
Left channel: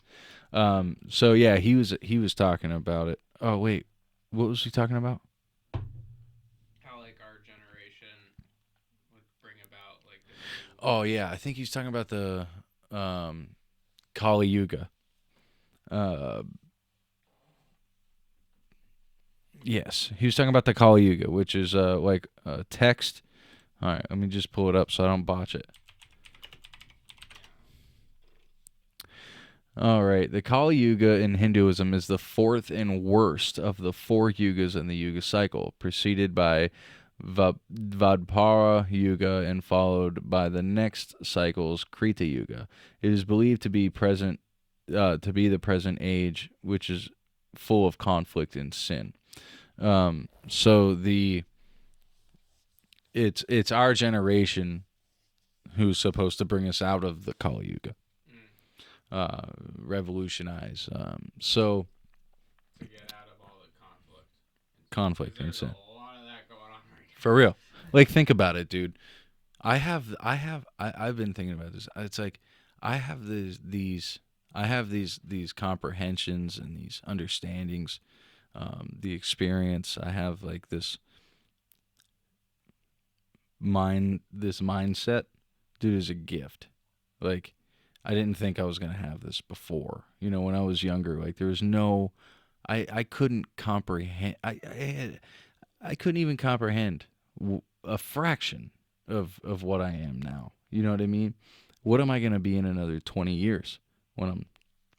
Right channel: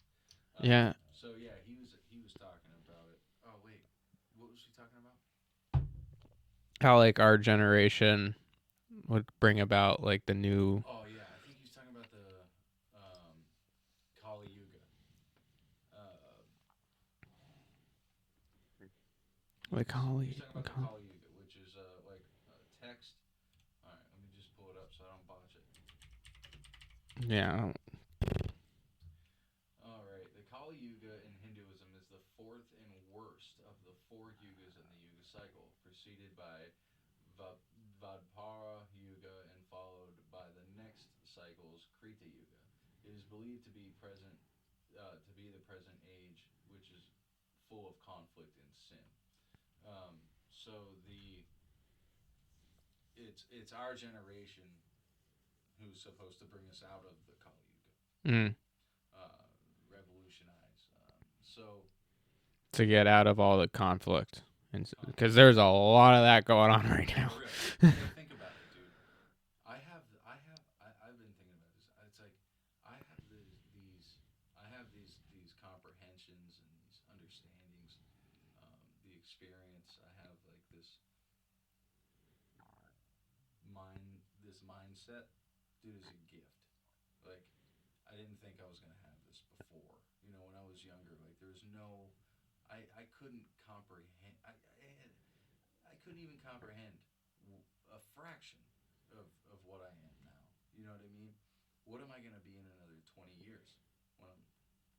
Yeah. So yeah, he was talking about it. Oh wait, what was he talking about? How like our generation would bring about like the new. Oh yeah, I think he's talking about the Kali Yuga. Yes, he was talking about the Kali Yuga, which is like a text. All right, let me just pull it up so I don't botch it. Yeah. All right, the Kali Yuga in Hinduism is the fourth and worst of the four yugas in the Yuga cycle, preceded by Dvapara Yuga and followed by the next cycle's Krita Yuga. It is believed to be the present age, which is full of conflict and sin. So it's our generation who's supposed to bring us out of the Kali Yuga. Revolutionize. So to get out of all the conflict, because there's a lot of that going on right now. For real. Like, think about it, dude. I've been thinking about this. It's like I have these comprehensions and these understandings, the experience. I have like this mindset, dude, is a gift. Like, I didn't think I was going to have this before. When I was younger, like there was no, I couldn't comprehend. I couldn't even comprehend a fraction of what I am now. You know what I mean? What am I going to be in another 20 years when I'm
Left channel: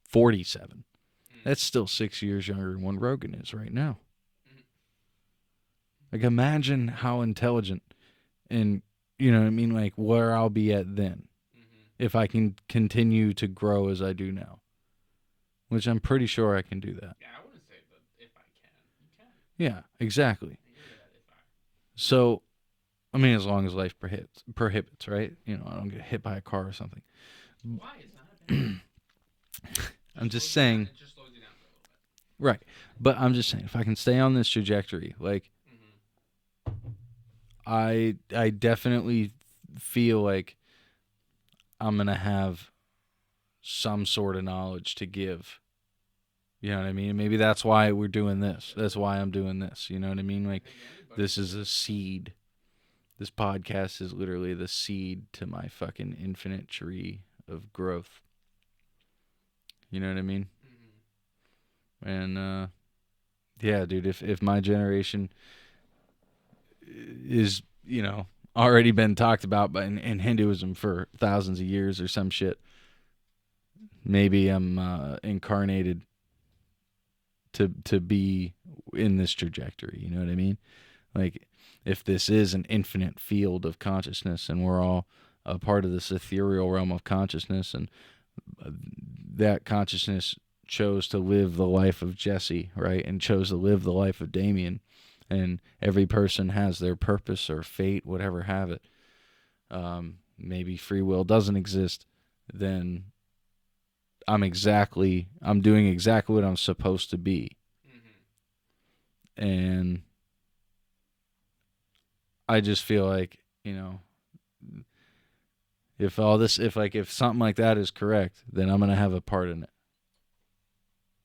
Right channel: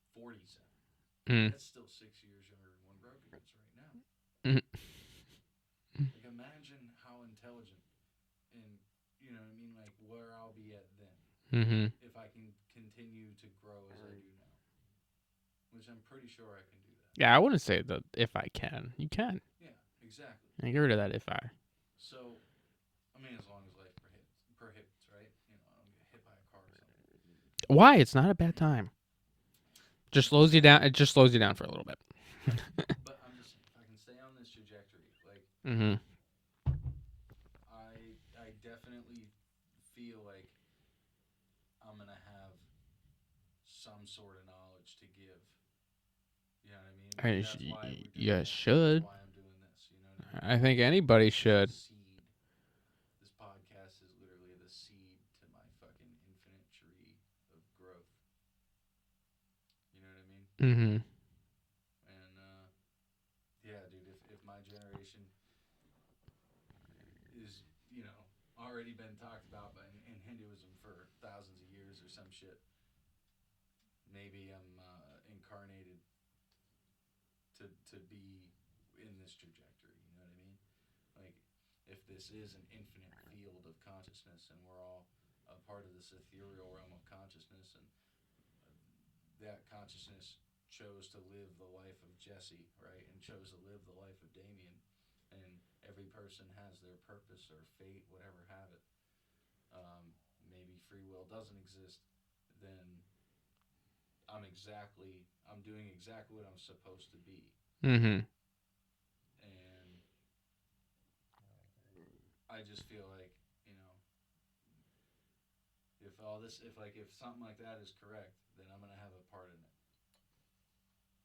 47? That's still 6 years younger than what Rogan is right now. Like, imagine how intelligent and, you know what I mean, like where I'll be at then. If I can continue to grow as I do now, which I'm pretty sure I can do that. Yeah, I wouldn't say that if I can. You can. Yeah, exactly. Get rid of that if I. So, I mean, as long as life prohibits, right? I don't get hit by a car or something. Why? It's not a bad time. Just slows you down. It just slows you down for a little bit. Right. But I'm just saying, if I can stay on this trajectory, like, I definitely feel like I'm going to have some sort of knowledge to give. You know what I mean? Maybe that's why we're doing this. That's why I'm doing this. You know what I mean? Like, I think anybody should. This is a seed. This podcast is literally the seed to my fucking infinite tree of growth. You know what I mean? Mm-hmm. And, yeah, dude, if my generation is, already been talked about in Hinduism for thousands of years or some shit, maybe I'm incarnated to be in this trajectory. You know what I mean? Like, if this is an infinite field of consciousness and we're all a part of this ethereal realm of consciousness, and that consciousness chose to live the life of Jesse, right? And chose to live the life of Damien. And every person has their purpose or fate, whatever have it. Maybe free will doesn't exist, then I'm doing exactly what I'm supposed to be. Mm-hmm. And I just feel like, if something like that is correct, then I'm going to have a part in it.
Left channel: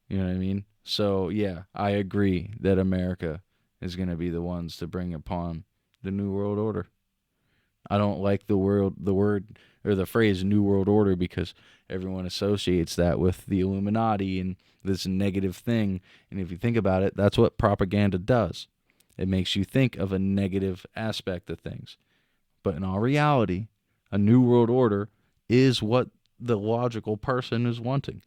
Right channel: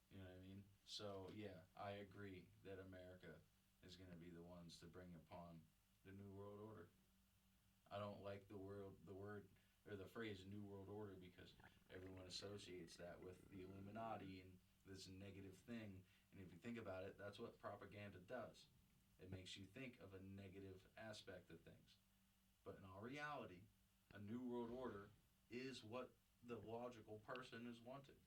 You know what I mean? So, yeah, I agree that America is going to be the ones to bring upon the New World Order. I don't like the word or the phrase New World Order because everyone associates that with the Illuminati and this negative thing. And if you think about it, that's what propaganda does. It makes you think of a negative aspect of things. But in all reality, a New World Order is what the logical person is wanting.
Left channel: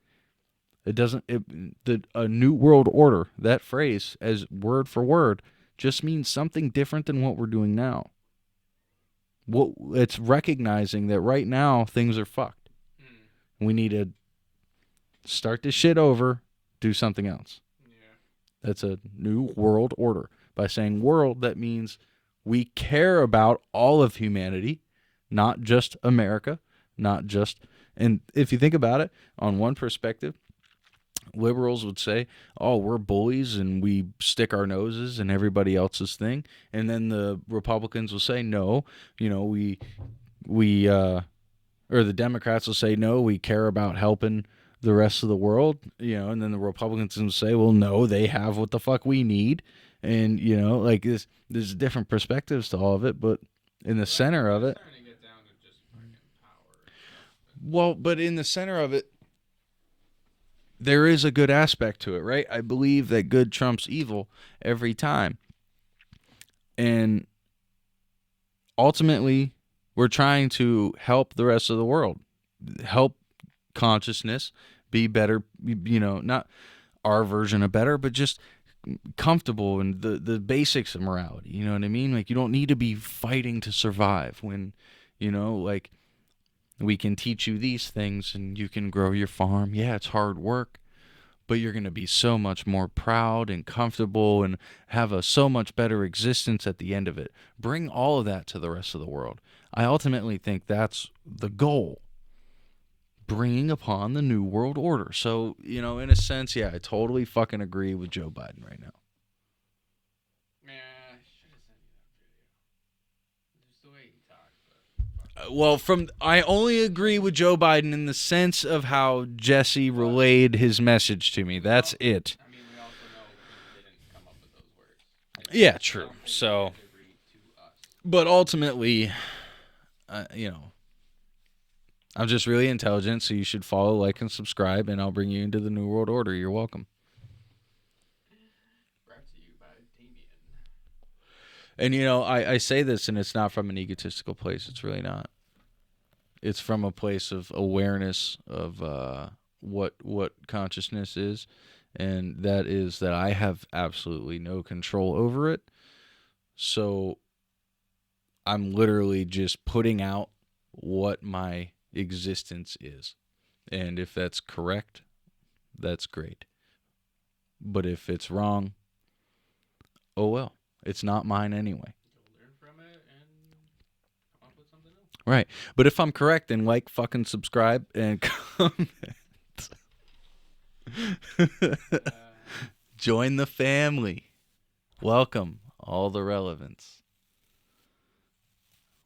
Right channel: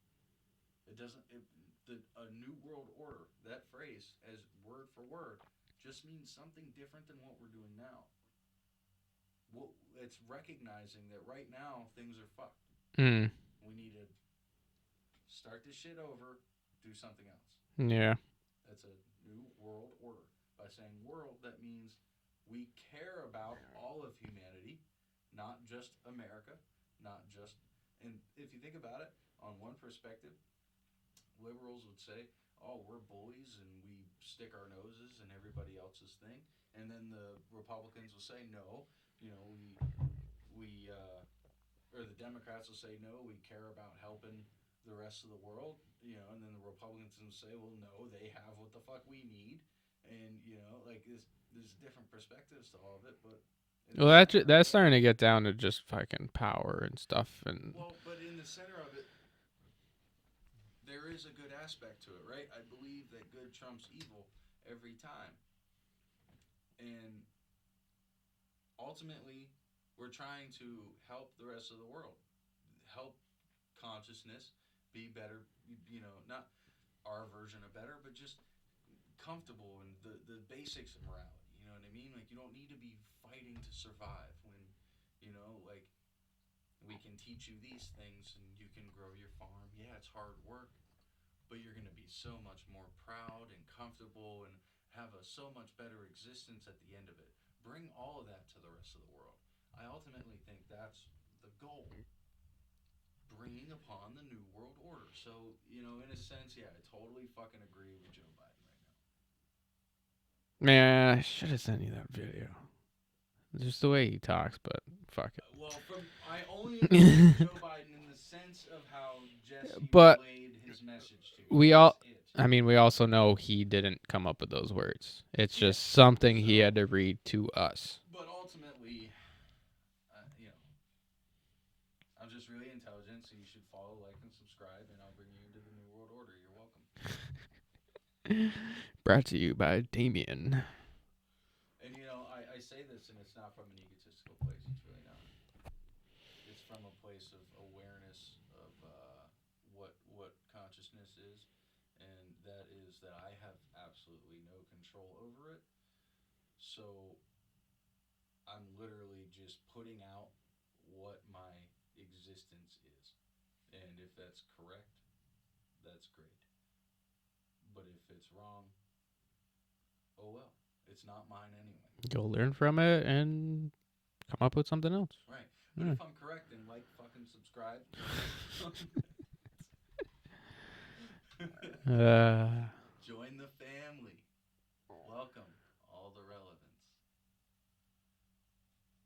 A New World Order, that phrase, as word for word, just means something different than what we're doing now. It's recognizing that right now things are fucked. Mm. We need to start this shit over, do something else. Yeah. That's a New World Order. By saying world, that means we care about all of humanity, not just America, and if you think about it, on one perspective, liberals would say, oh, we're bullies and we stick our noses in everybody else's thing. And then the Republicans will say, no, or the Democrats will say, no, we care about helping the rest of the world, and then the Republicans will say, well, no, they have what the fuck we need. And, like there's different perspectives to all of it, but in the center of it. That's starting to get down to just fucking power and stuff. But in the center of it, there is a good aspect to it, right? I believe that good trumps evil every time. And ultimately, we're trying to help the rest of the world, help consciousness be better, not our version of better, but just comfortable and the basics of morality. You know what I mean? Like, you don't need to be fighting to survive when, like, we can teach you these things and you can grow your farm. Yeah, it's hard work, but you're going to be so much more proud and comfortable and have a so much better existence at the end of it. Bring all of that to the rest of the world. I ultimately think that's the goal. Bringing upon the New World Order. So, in a sense, yeah, I totally fucking agree with Joe Biden right now. Man, I should have sent you that video. Just the way he talks, but fuck. I only agree with Joe Biden in the sense of how Jesse relayed his message to me. That's it. I mean, we also know he didn't come up with those words. It's just something he had to read to us. But ultimately, I'm just really intelligent, so you should follow, like, and subscribe, and I'll bring you into the New World Order. You're welcome. Brought to you by Damien. And, I say this, and it's not from an egotistical place. It's really not. It's from a place of awareness of what consciousness is, and that is that I have absolutely no control over it. So I'm literally just putting out what my existence is. And if that's correct, that's great. But if it's wrong, oh well. It's not mine anyway. You'll learn from it and come up with something else. Right. But if I'm correct, then like, fucking subscribe, and comment. Join the family. Welcome, all the relevance.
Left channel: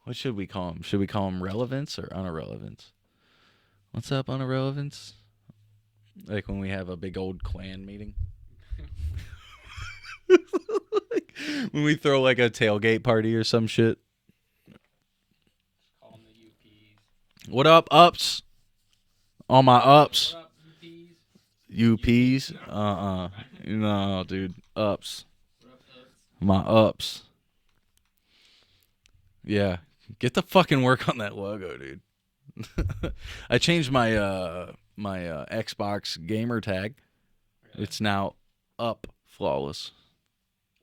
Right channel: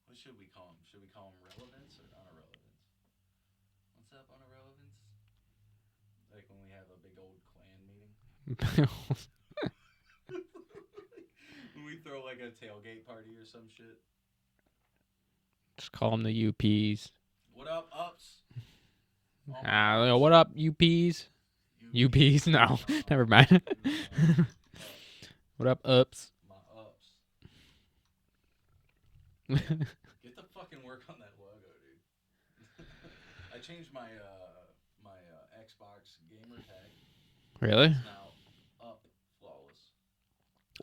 What should we call them? Should we call them relevance or unirrelevance? What's up, unirrelevance? Like when we have a big old clan meeting. When we throw like a tailgate party or some shit. Just call them the UPs. What up, ups? All my ups. What up, UPs? UPs? No, never mind. No, dude. Ups. What up, ups? My ups. Yeah. Get the fucking work on that logo, dude. I changed my Xbox gamer tag. Really? It's now up flawless.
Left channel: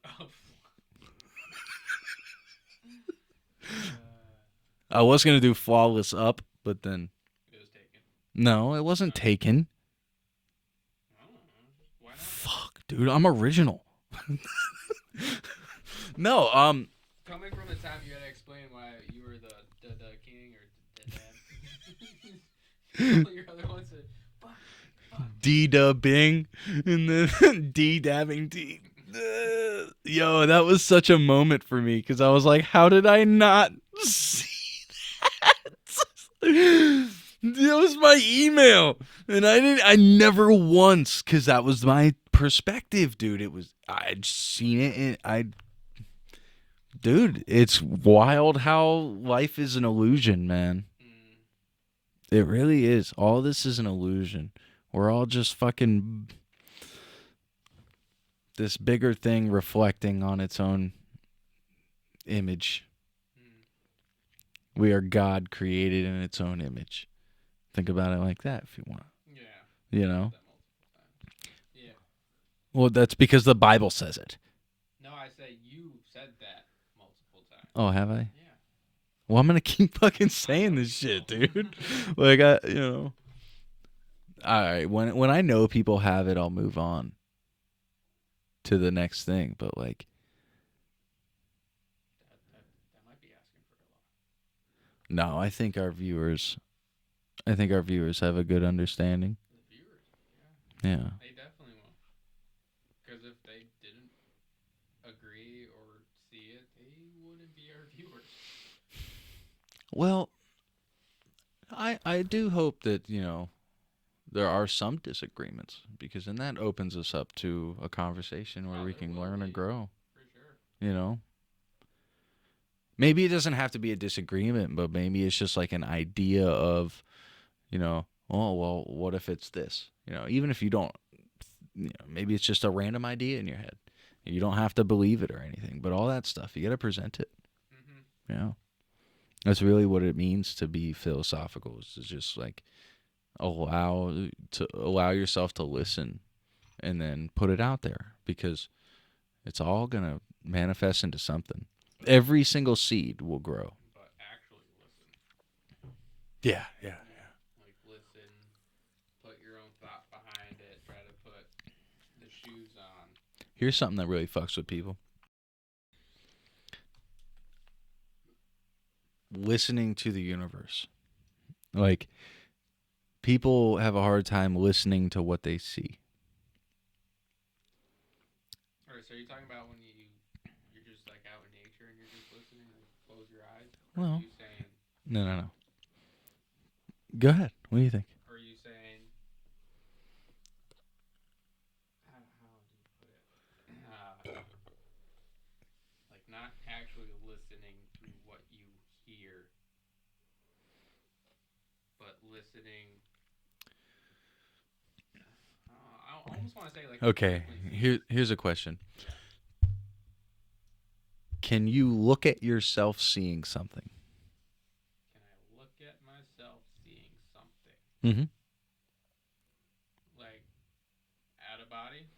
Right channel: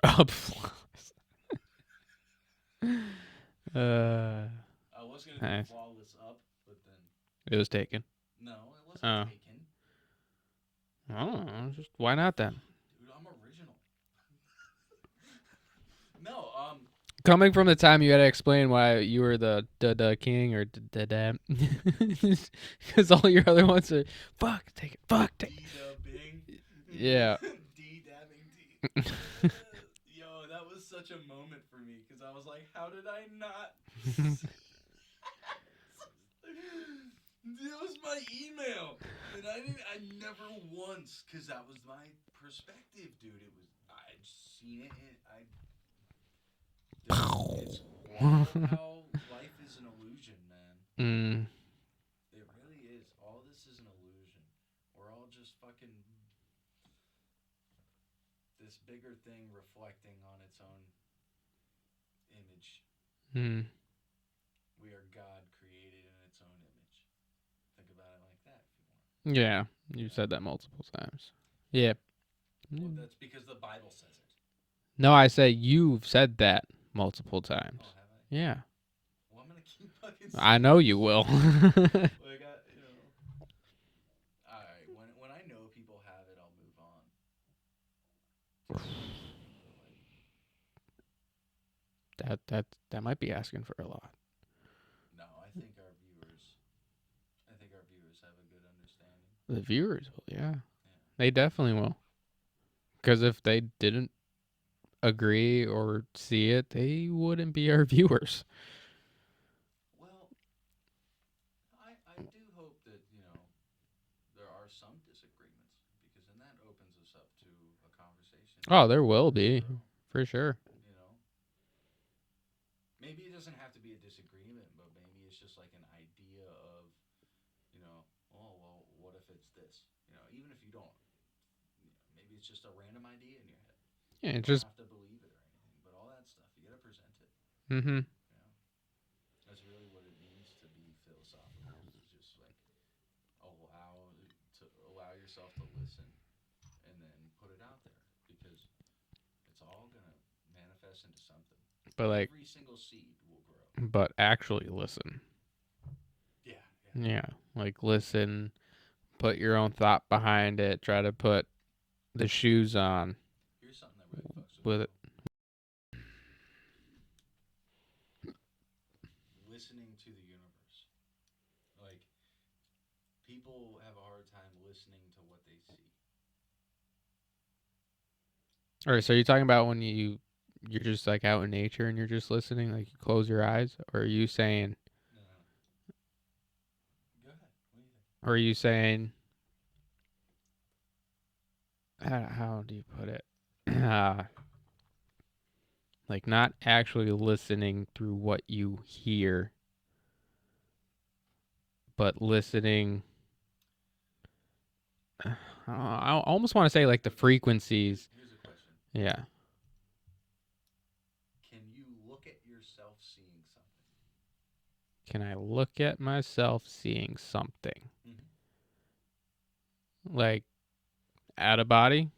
Up flawless. I was gonna do Okay. flawless up, but then It was taken. no, it wasn't Oh. taken. Oh, just why not then? Fuck, dude, I'm original. No, Coming from the time you had to explain why you were the king or because all your other ones are fuck take it fuck D dubbing and Yeah. then D dabbing D. Yo, that was such a moment for me because I was like, how did I not see that? That was my email, and I never once, because that was my perspective, dude. I'd seen it, and dude, it's wild how life is an illusion, man. Mm. It really is. All this is an illusion. We're all just fucking this bigger thing reflecting on its own image. Mm. We are God created in its own image. Think about it like that if you want. Yeah, You know? said that multiple times. Yeah. Well, that's because the Bible says it. No, I say you've said that multiple times. Oh, have I? Yeah. Well, I'm gonna keep fucking saying I know this you shit, will. dude. Like All right. When I know people have it, I'll move on to the next thing. But like, that might be asking for a lot. no, I think our viewers have a good understanding. The viewers will, yeah. Yeah. They definitely will. Because if they didn't agree or see it, they wouldn't be our viewers. Well, I do hope that, there are some disagreements, because then that opens us up to a conversation. Oh, where we there can will learn and be. grow, For sure. Maybe it doesn't have to be a disagreement, but maybe it's just like an idea of, oh, well, what if it's this? Even if you don't, maybe it's just a random idea in your head. Yeah, You don't have to believe it or anything, but all that stuff, you got to present it. Mm-hmm. That's really what it means to be philosophical, is to just like allow yourself to listen and then put it out there, because it's all going to manifest into something. But Every single seed will grow. but actually listen. Yeah. Yeah. Like listen, put your own thought behind it, try to put the shoes on. Here's something that really fucks with people. Listening to the universe. Like, people have a hard time listening to what they see. All right, so you're talking about when you're just like out in nature and you're just listening, like you close your eyes, or are you saying? No. Go ahead. What do you think? Or are you saying? How do you put it? Like not actually listening through what you hear, but listening. I almost want to say like the frequencies. Here's a question. Yeah. Can you look at yourself seeing something? Can I look at myself seeing something? Mm-hmm. Like out of body?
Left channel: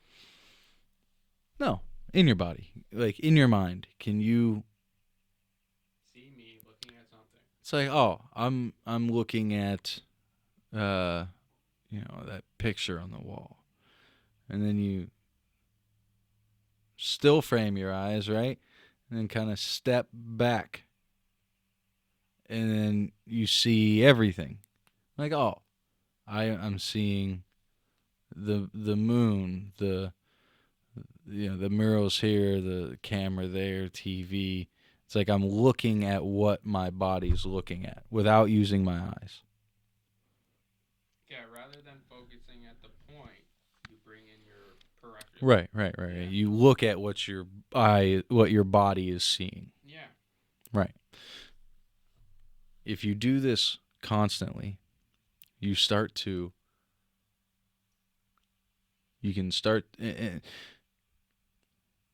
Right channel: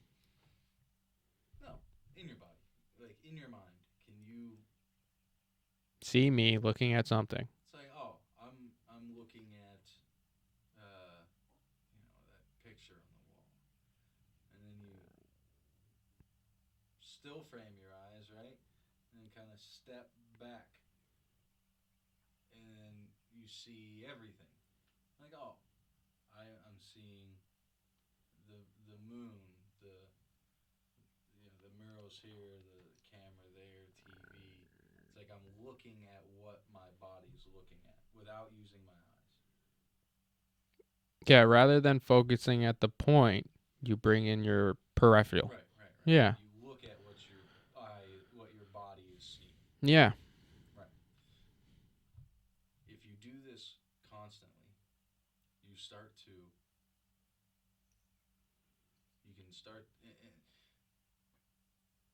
No, in your body, like in your mind. Can you See me looking at something? It's like, oh, I'm looking at, that picture on the wall, and then you still frame your eyes, right, and then kind of step back, and then you see everything. Like, oh, I'm seeing the moon, the murals here, the camera there, TV. It's like I'm looking at what my body's looking at without using my eyes. Yeah, rather than focusing at the point, you bring in your peripheral. Right. Yeah. You look at what your body is seeing. Yeah. Right. If you do this constantly, you can start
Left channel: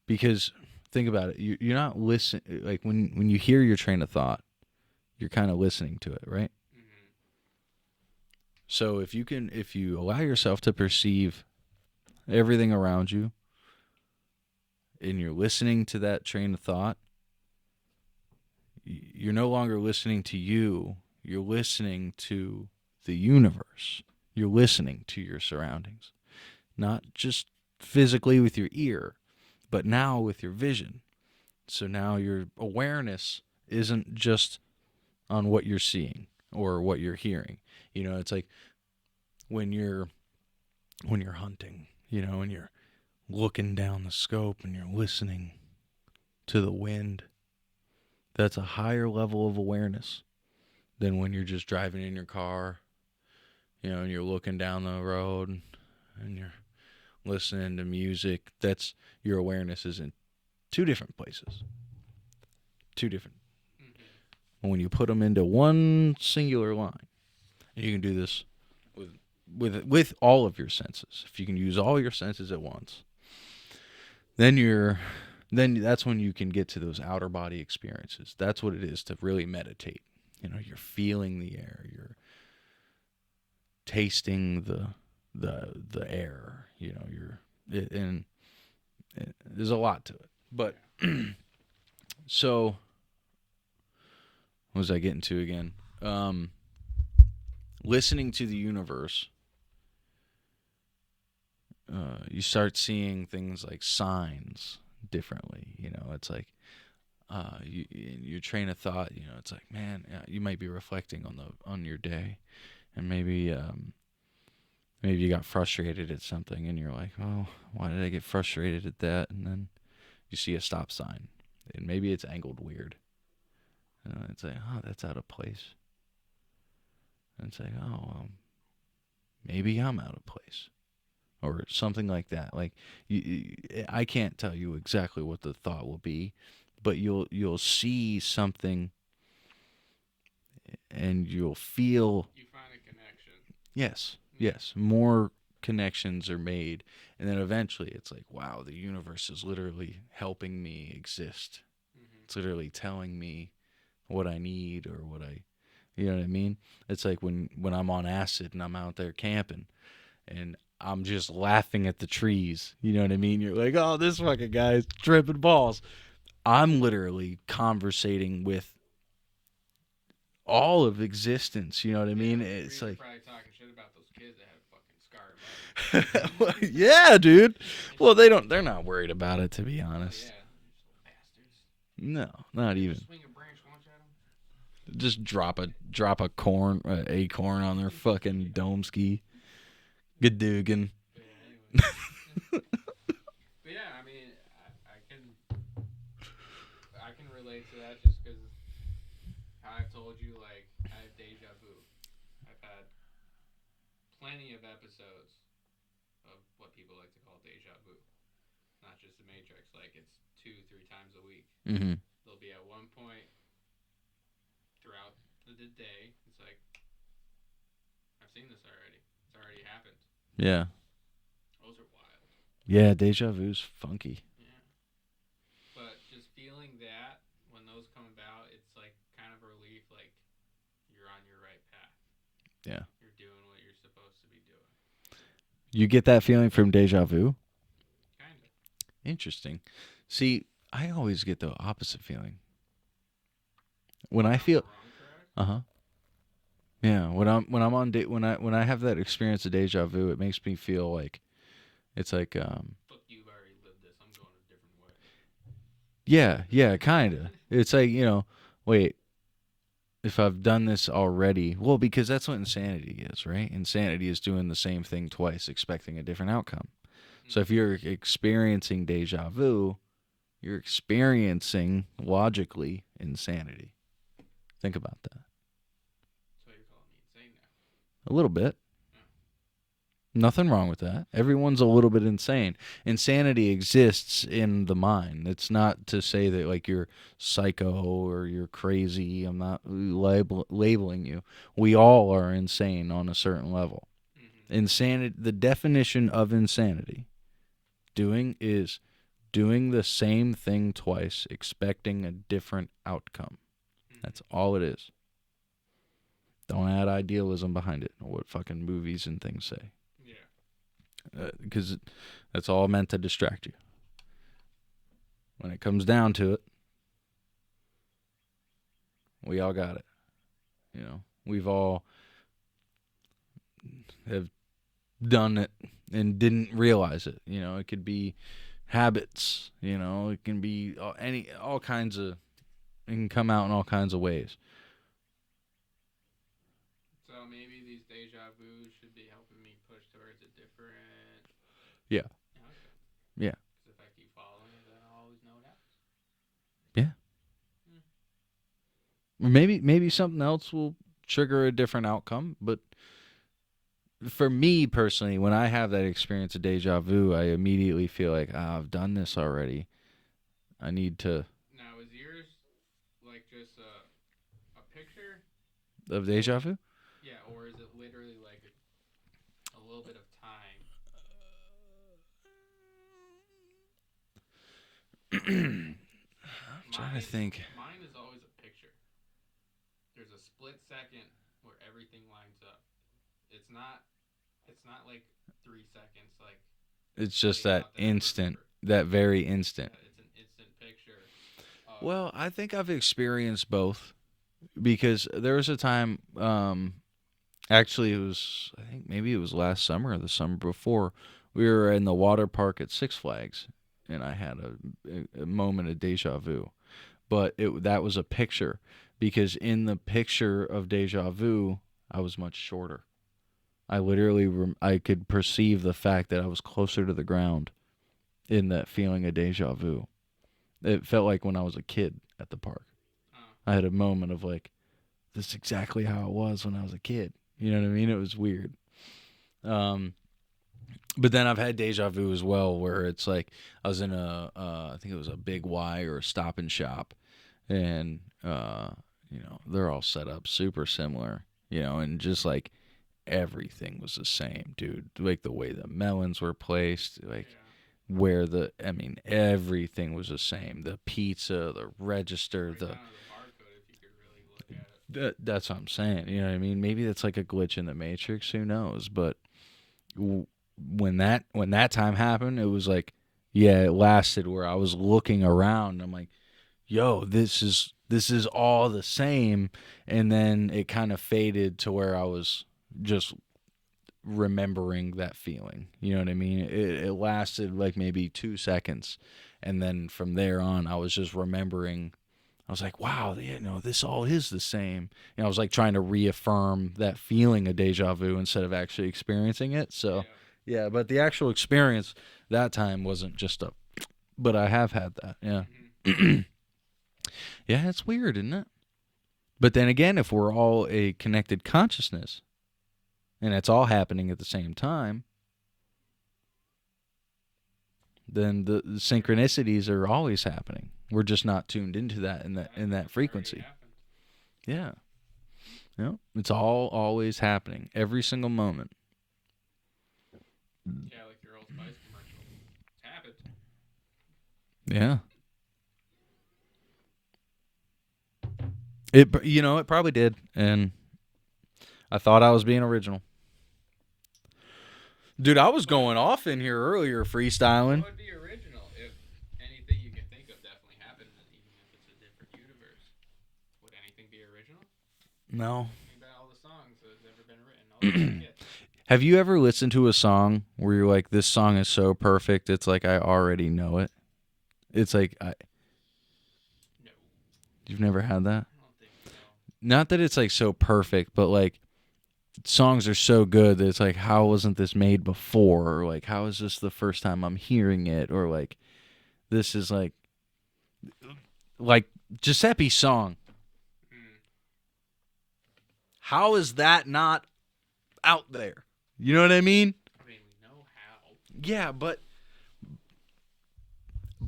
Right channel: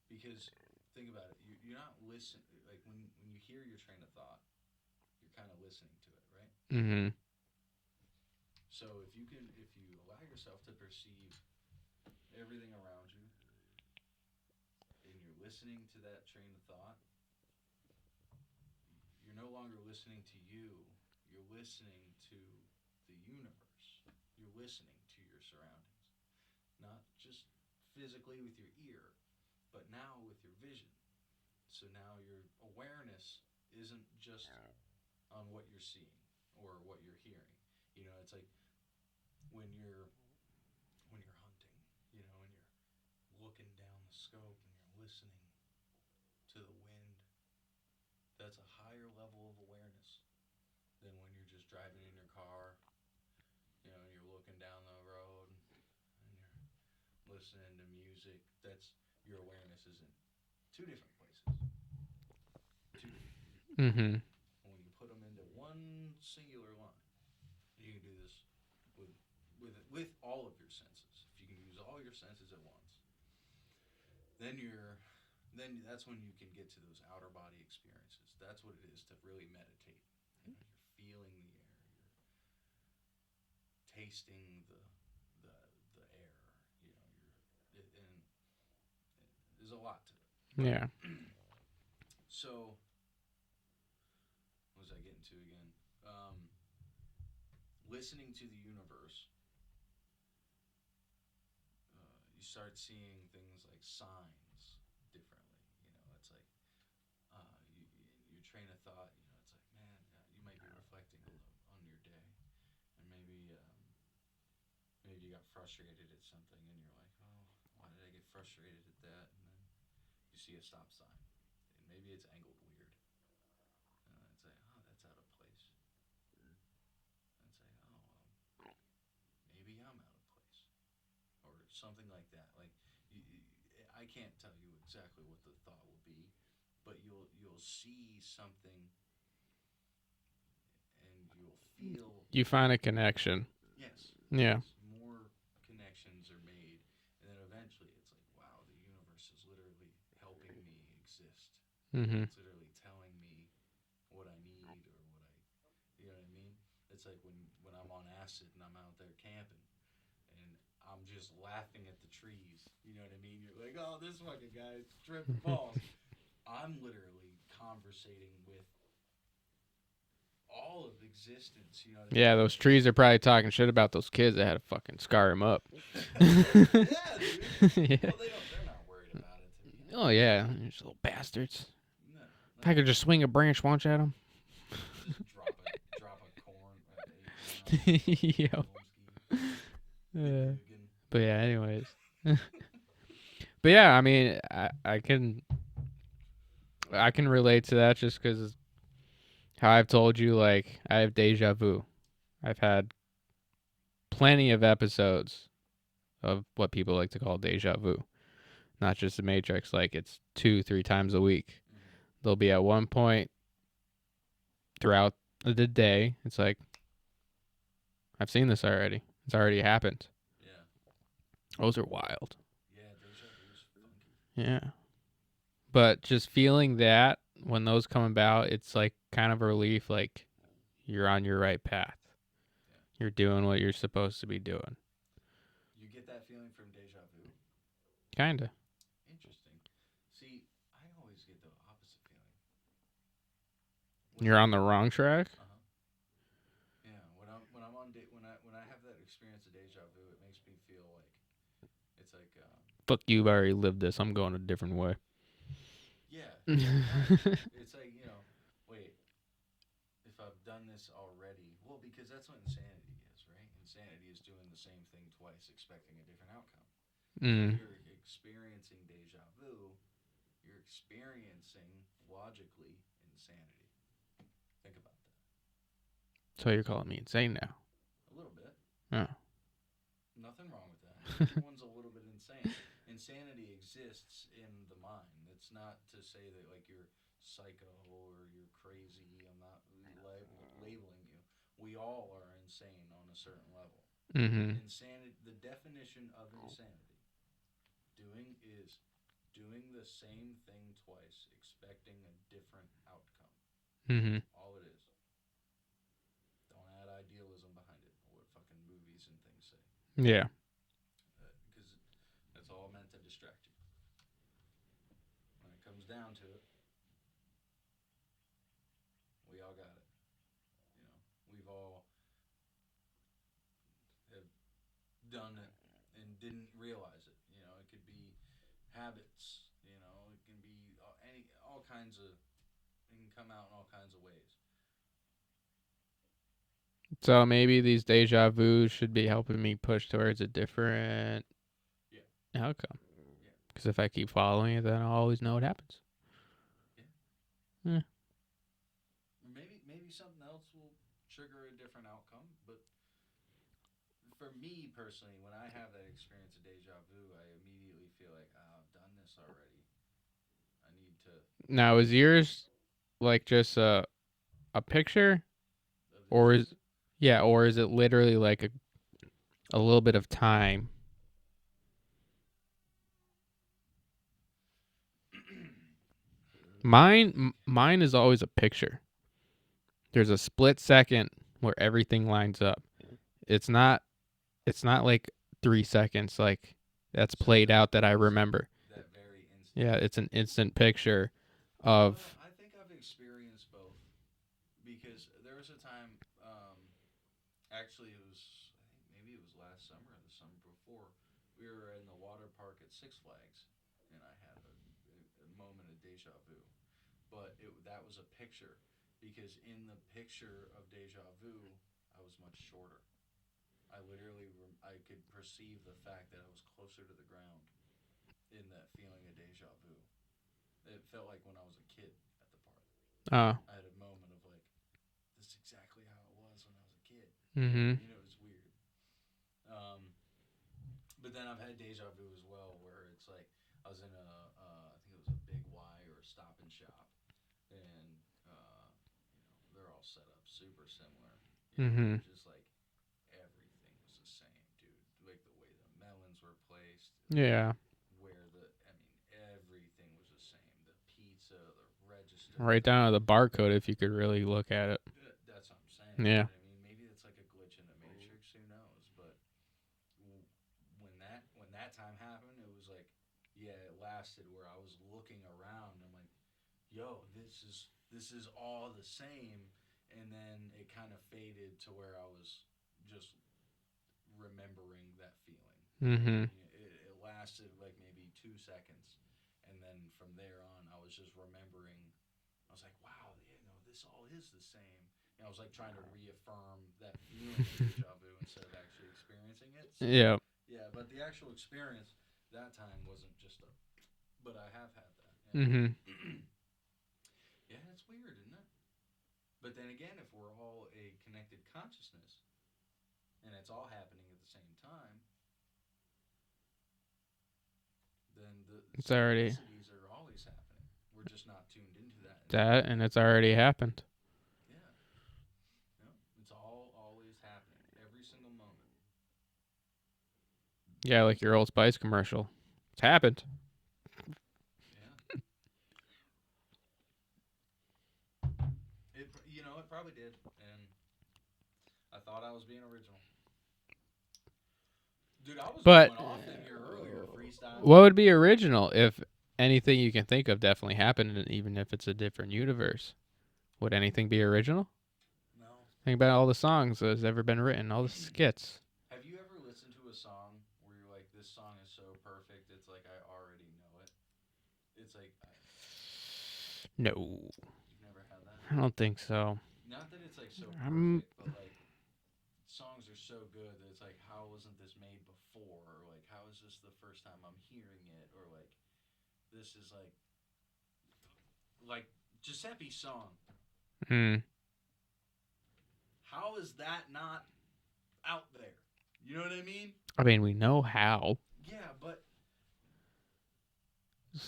because think about it. You're not listening. Like when you hear your train of thought, you're kind of listening to it, right? Mm-hmm. So if you allow yourself to perceive everything around you, and you're listening to that train of thought, you're no longer listening to you. You're listening to the universe. You're listening to your surroundings, not just physically with your ear, but now with your vision. So now your awareness isn't just on what you're seeing or what you're hearing. It's like when you're hunting, and you're looking down the scope and you're listening to the wind. That's a higher level of awareness than when you're just driving in your car, and you're looking down the road and you're listening to music. That's your awareness is in two different places. Two different. Mm-hmm. And when you put them into one singular line, and you can do this with all of your senses. If you can use all your senses at once, then that's when you can get to those outer body experiences. That's what it is to really meditate. You're feeling the air, you're tasting the air. And there's a lot to it. But yeah. So, what was I getting to again? Listening to the universe. You start seeing things like signs differently. It's like your train of thought. It's like, man, you might be reflecting on your day, and maybe you got frustrated at something, and you're like, oh, why did I get frustrated at that? And then you see a stop sign, and maybe it's angled weird. It's like, oh, that's out of place. And it's like, oh, well, maybe I'm out of place. Or something like that. Like I can't tell you exactly what the thought will be, but you'll see something, and you'll feel. You find a connection. Yes. Yeah. Yes. More connections are made, and then eventually it's like, wow, the universe is literally helping me exist. Mm-hmm. It's literally telling me what I need or what I, you know what I mean? It's like when I'm on acid and I'm out there camping, and I'm just laughing at the trees. You know what I mean? You're like, oh, this fucking guy's tripping balls. I'm literally conversating with all of existence. You know what I mean? Yeah, those trees are probably talking shit about those kids that had to fucking scar him up. Yeah, dude. Well, they're not worried about it, to be honest. Oh, yeah. These little bastards. No. I can just swing a branch once at them. Just drop a acorn on their fucking dome ski. Good dugan. But yeah, anyway. But yeah, I mean, I can relate to that just because how I've told you, like, I have deja vu. I've had plenty of episodes of what people like to call deja vu. Not just the Matrix, like it's 2-3 times a week. Mm-hmm. There'll be at one point throughout the day, it's like, I've seen this already. It's already happened. Yeah. Those are wild. Yeah, deja vu's funky. Yeah. But just feeling that when those come about, it's like kind of a relief, like you're on your right path. Yeah. You're doing what you're supposed to be doing. You get that feeling from deja vu? Kinda. Interesting. See, I always get the opposite feeling. When you're on the wrong track? Uh-huh. Yeah, when I have that experience of deja vu, it makes me feel like it's like fuck you, I've already lived this. I'm going a different way. Yeah, kind of. It's like, wait. if I've done this already, well, because that's what insanity is, right? Insanity is doing the same thing twice, expecting a different outcome. So if you're experiencing deja vu, you're experiencing logically insanity. Think about that. So you're calling me insane now? A little bit. Oh. Nothing wrong with that. Everyone's a little bit insane. Insanity exists in the mind. It's not to say that like you're psycho or you're crazy. I'm not labeling you. We all are insane on a certain level. Insanity. The definition of insanity is doing the same thing twice, expecting a different outcome. That's all it is. Don't add idealism behind it, or what fucking movies and things say. Yeah. Because that's all meant to distract you. When it comes down to it, we all got it. You know, we've all have done it and didn't realize it. You know, it could be habits. You know, it can be all kinds of. It can come out in all kinds of ways. So maybe these deja vu should be helping me push towards a different outcome. Yeah. Because if I keep following it, then I'll always know what happens. Yeah. Maybe something else will trigger a different outcome. But for me personally, when I have that experience of deja vu, I immediately feel like, I've done this already. I need to. Now, is yours like just a picture Of deja vu? Yeah, or is it literally like a little bit of time? Mine is always a picture. There's a split second where everything lines up. It's not like 3 seconds like that's played out that instant, I remember. That very instant. Yeah, it's an instant picture of. Well, I think I've experienced both because there was a time. Actually, I think maybe it was last summer or the summer before. We were in the water park at Six Flags, and I had a moment of deja vu. But that was a picture, because in the picture of deja vu, I was much shorter. I literally I could perceive the fact that I was closer to the ground in that feeling of deja vu. It felt like when I was a kid at the park. I had a moment of like, this is exactly how it was when I was a kid. You know what I mean? It was weird. But then I've had deja vu as well, where it's like I was in I think it was a Big Y or a Stop and Shop, and they're all set up super similar, and just like everything was the same, dude. Like the way the melons were placed, where everything was the same. The pizza, the register. Right down to the barcode if you could really look at it. That's what I'm saying. Yeah. You know what I mean? Maybe that's like a glitch in the Matrix. Who knows? But when that time happened, it was like, it lasted where I was looking around. I'm like, yo, this is all the same. And then it kind of faded to where I was just remembering that feeling. You know what I mean? It lasted like maybe 2 seconds, and then from there on I was just remembering. I was like, wow, this all is the same. I was like trying to reaffirm that feeling of deja vu instead of actually experiencing it. So but the actual experience that time wasn't just but I have had that. Yeah. It's weird, isn't it? But then again, if we're all a connected consciousness and it's all happening at the same time, then the synchronicities are always happening. We're just not tuned into that. In that it's frequency. already happened. Yeah. It's all always happening. Every single moment. Yeah, like your Old Spice commercial. It's happened. Yeah. It probably did. And I thought I was being original. Dude, I was going off in here earlier freestyling. What would be original if anything you can think of definitely happened, even if it's a different universe? Would anything be original? No. Think about all the songs that's ever been written, all the skits. Have you ever listened to a song where you're like, this song is so perfect, it's like I already know it? It's like No. You've never had that? I don't think so. Not that it's like so perfect, but like songs are so good that it's like, how wasn't this made before? Or like, how is this the first time I'm hearing it? Or like, this is like Giuseppe's song. Mm. How is that not out there? You know what I mean? I mean, we know how. Yeah, but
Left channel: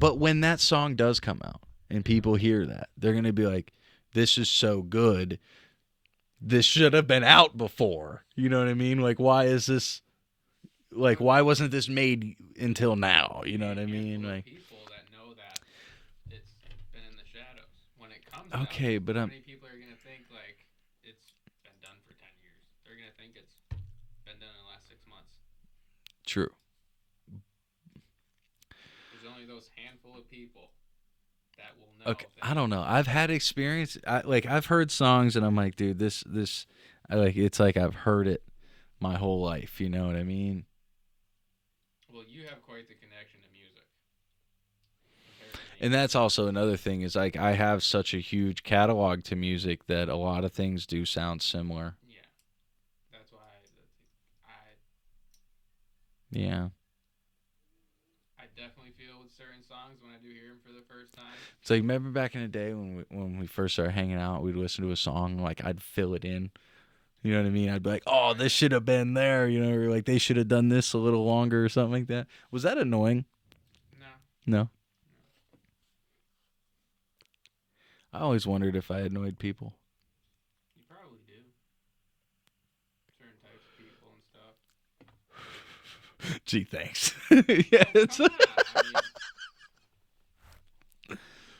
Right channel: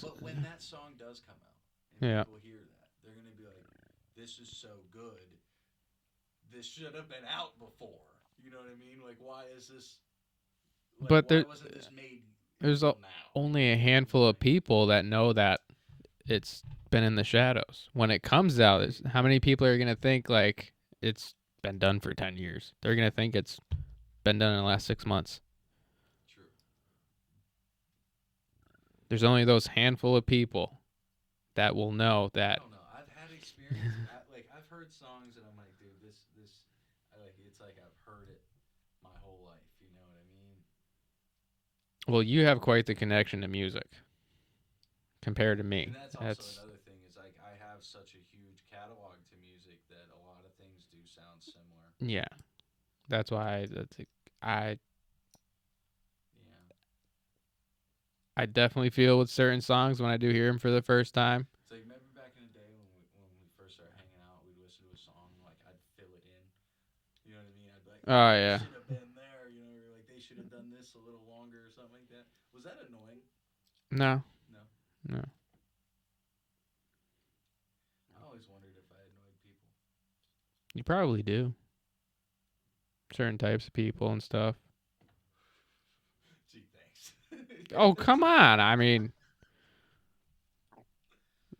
when that song does come out and people hear that, they're going to be like, this is so good. This should have been out before. You know what I mean? Like, why is this, like, But why wasn't this made until now? Only you know a what I handful mean? of Like, people that know that it's been in the shadows. When it comes out, Okay, but how many people are going to think, like, it's been done for 10 years? They're going to think it's been done in the last 6 months. True. There's only those handful of people that will know that. I don't know. I've had experience. I've heard songs and I'm like, dude, this, it's like I've heard it my whole life. You know what I mean? Well, you have quite the connection to music compared to me. And that's also another thing is like I have such a huge catalog to music that a lot of things do sound similar. Yeah. That's why Yeah. I definitely feel with certain songs when I do hear them for the first time. It's like, remember back in the day when we first started hanging out, we'd listen to a song, like I'd fill it in. You know what I mean? I'd be like, oh, this should have been there. You know, or like they should have done this a little longer or something like that. Was that annoying? No. No. I always wondered if I annoyed people. You probably do. Certain types of people and stuff. Gee, thanks. Oh, come on. I mean,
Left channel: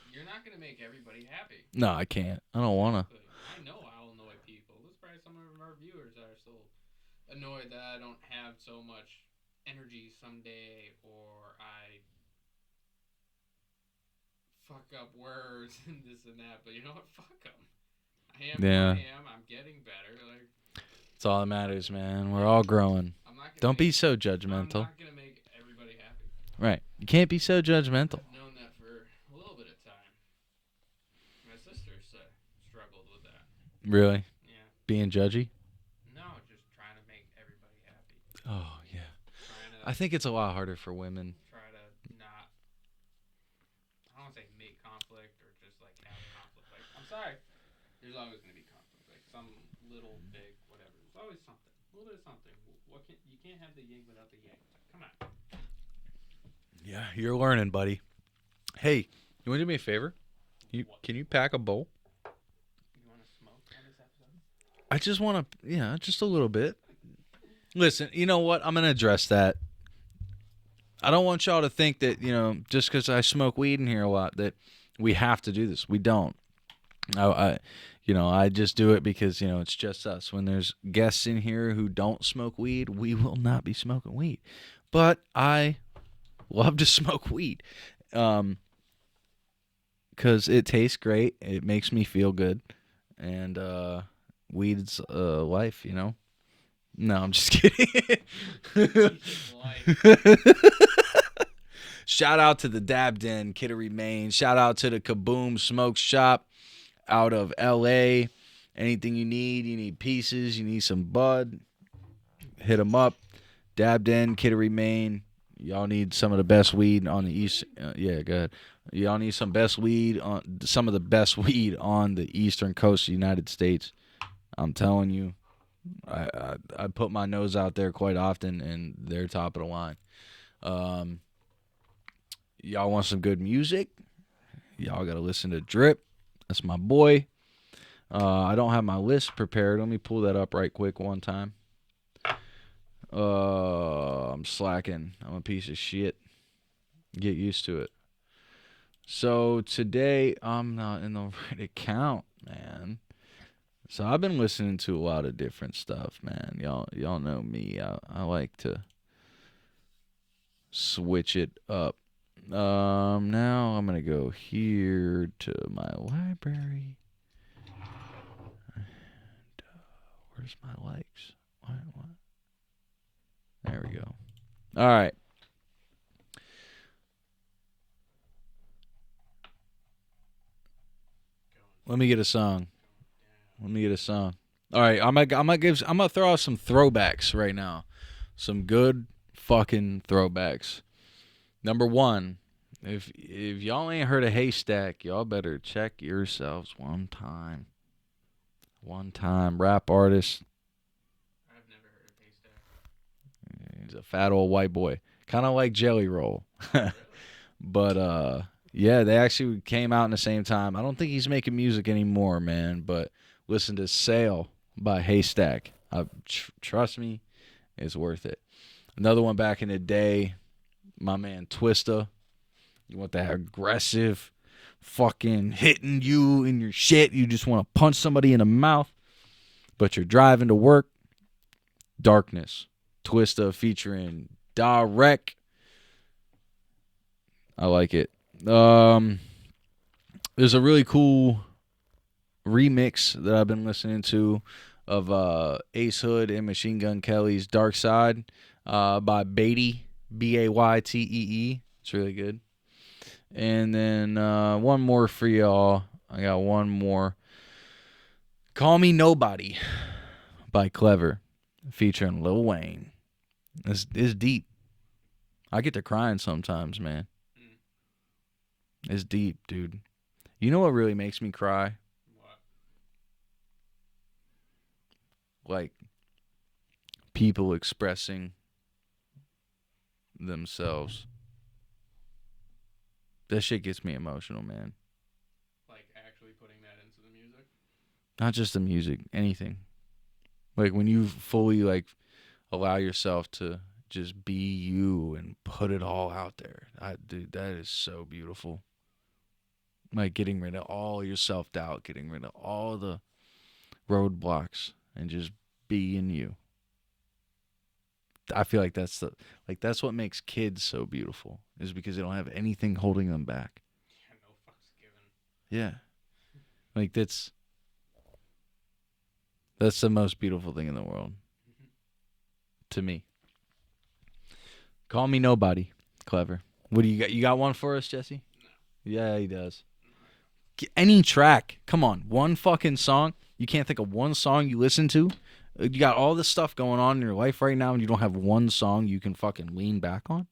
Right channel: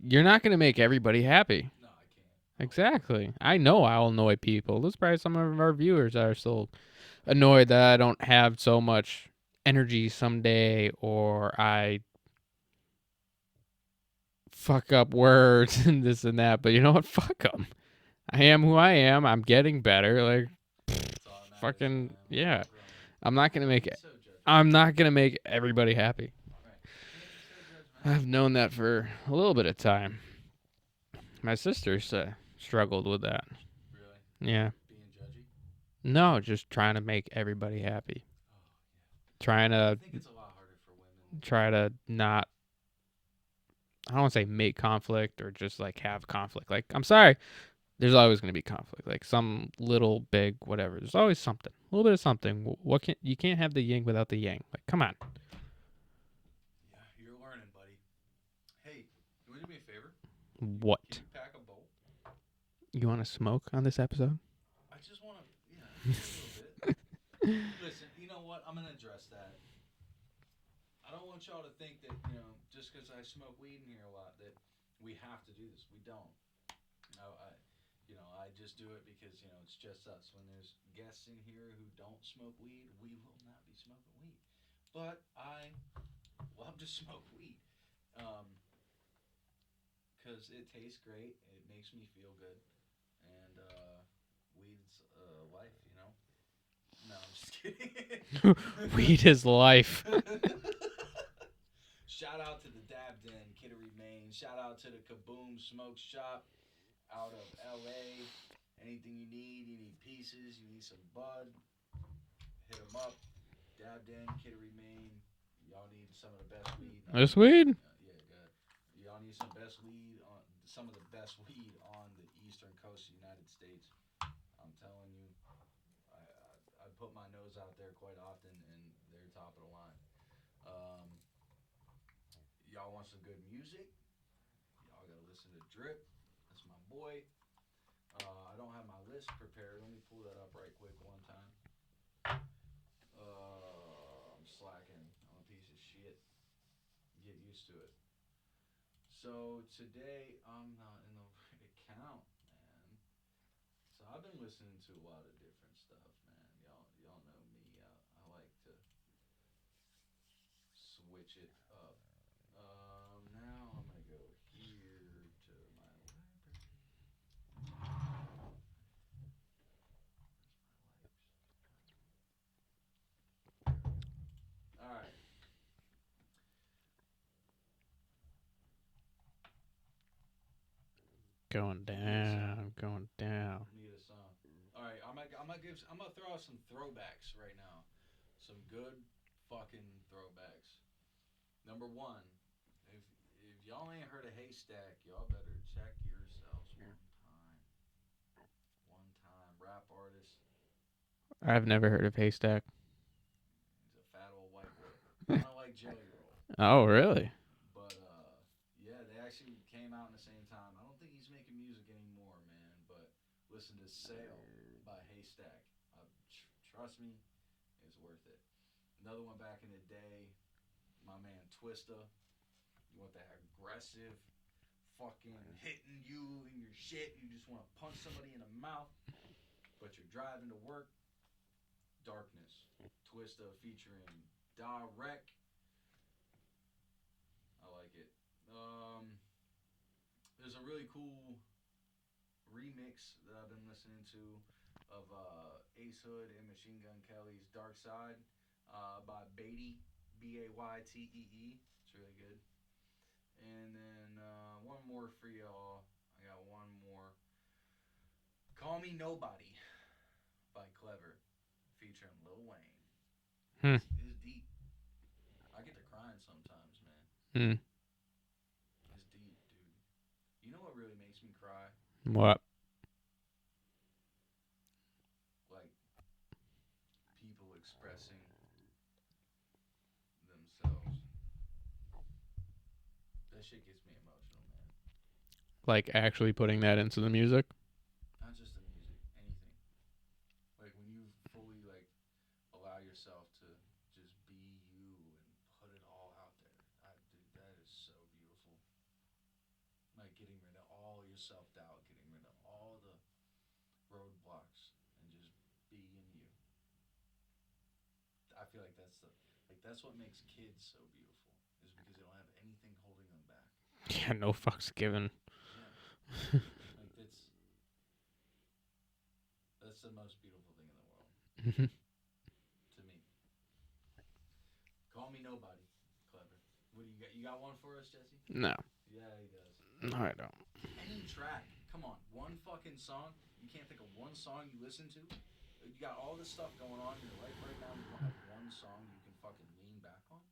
you're not going to make everybody happy. No, I can't. I don't Exactly. want to. I know I'll annoy people. There's probably some of our viewers that are still annoyed that I don't have so much energy someday, or I fuck up words and this and that. But you know what? Fuck them. I am who I am. I'm getting better. Like, that's all that matters, man. We're yeah. all growing. I'm not gonna. Don't be so judgmental. I'm not gonna make everybody happy. Right. You can't be so judgmental. I've known that for a little bit of time. My sisters struggled with that. Really? Yeah. Being judgy? No, just trying to make everybody happy. Oh, yeah. Trying to. I think it's a lot harder for women. Try to not. I don't want to say make conflict or just like have conflict. Like, I'm sorry. There's always going to be conflict. Like some little, big, whatever. There's always something. A little bit of something. You can't have the yin without the yang. Like, come on. Yeah, you're learning, buddy. Hey, you want to do me a favor? What? Can you pack a bowl? You want to smoke on this episode? I just want to, just a little bit. Listen, you know what? I'm going to address that. I don't want y'all to think that, just because I smoke weed in here a lot, that we have to do this. We don't. I just do it because, it's just us. When there's guests in here who don't smoke weed, we will not be smoking weed. But I love to smoke weed because it tastes great. It makes me feel good. And weed's life, No, I'm just kidding. Weed is life. Shout out to the Dab Den, Kittery, Maine. Shout out to the Kaboom Smoke Shop out of L.A. Anything you need pieces, you need some bud, hit them up. Dab Den, Kittery, Maine. Y'all need some of the best weed on Best the east. weed? Yeah, good. Y'all need some some of the best weed on the eastern coast of the United States. I'm telling you, I put my nose out there quite often, and they're top of the line. Y'all want some good music? Y'all got to listen to Drip. That's my boy. I don't have my list prepared. Let me pull that up right quick one time. I'm slacking. I'm a piece of shit. Get used to it. So today, I'm not in the right account, man. So I've been listening to a lot of different stuff, man. Y'all know me. I like to switch it up. Now I'm gonna go here to my library. And, where's my likes? What? There we go. All right. Going Let me get a song. Going down. Let me get a song. All right, I'm gonna throw out some throwbacks right now. Some good fucking throwbacks. Number one, if y'all ain't heard of Haystack, y'all better check yourselves one time. One time, rap artist. I've never heard of Haystack. He's a fat old white boy, kind of like Jelly Roll. Oh, really? But yeah, they actually came out in the same time. I don't think he's making music anymore, man. But listen to "Sail" by Haystack. Trust me, it's worth it. Another one back in the day, my man Twista. You want that aggressive, fucking hitting you in your shit. You just want to punch somebody in the mouth, but you're driving to work. Darkness. Twista featuring Direct. I like it. There's a really cool remix that I've been listening to of Ace Hood and Machine Gun Kelly's Dark Side by Beatty, Baytee. It's really good. And then one more for y'all. I got one more. Call Me Nobody by Clever, featuring Lil Wayne. It's deep. I get to crying sometimes, man. It's deep, dude. You know what really makes me cry? What? Like, people expressing themselves. That shit gets me emotional, man. Like actually putting that into the music? Not just the music, anything. Like when you fully like allow yourself to just be you and put it all out there. Dude, that is so beautiful. Like getting rid of all your self-doubt, getting rid of all the roadblocks and just being you. I feel like that's what makes kids so beautiful, is because they don't have anything holding them back. Yeah, no fucks given. Yeah. Like that's the most beautiful thing in the world. To me. Call Me Nobody. Clever. What do you got? You got one for us, Jesse? No. Yeah, he does. No, I don't. Any track. Come on. One fucking song. You can't think of one song you listen to? You got all this stuff going on in your life right now and you don't have one song you can fucking lean back on?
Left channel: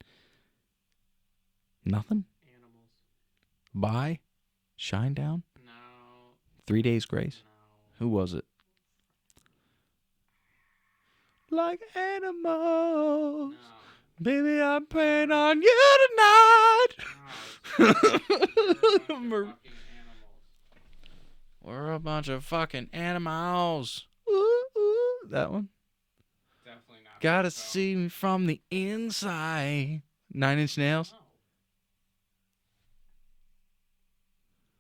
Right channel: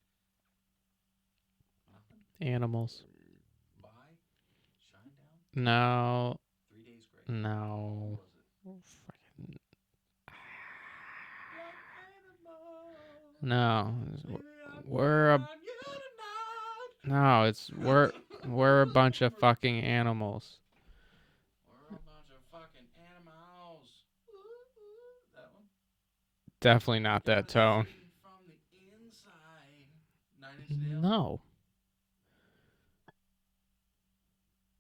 Nothing? Animals. By Shinedown? No. 3 Days Grace? No. Who was it? Like animals. No. Baby, I'm praying on you tonight. No, we're a bunch of fucking animals. We're a bunch of fucking animals. Ooh, ooh. That one? Definitely not Gotta that tone. see me from the inside. 9 Inch Nails? No.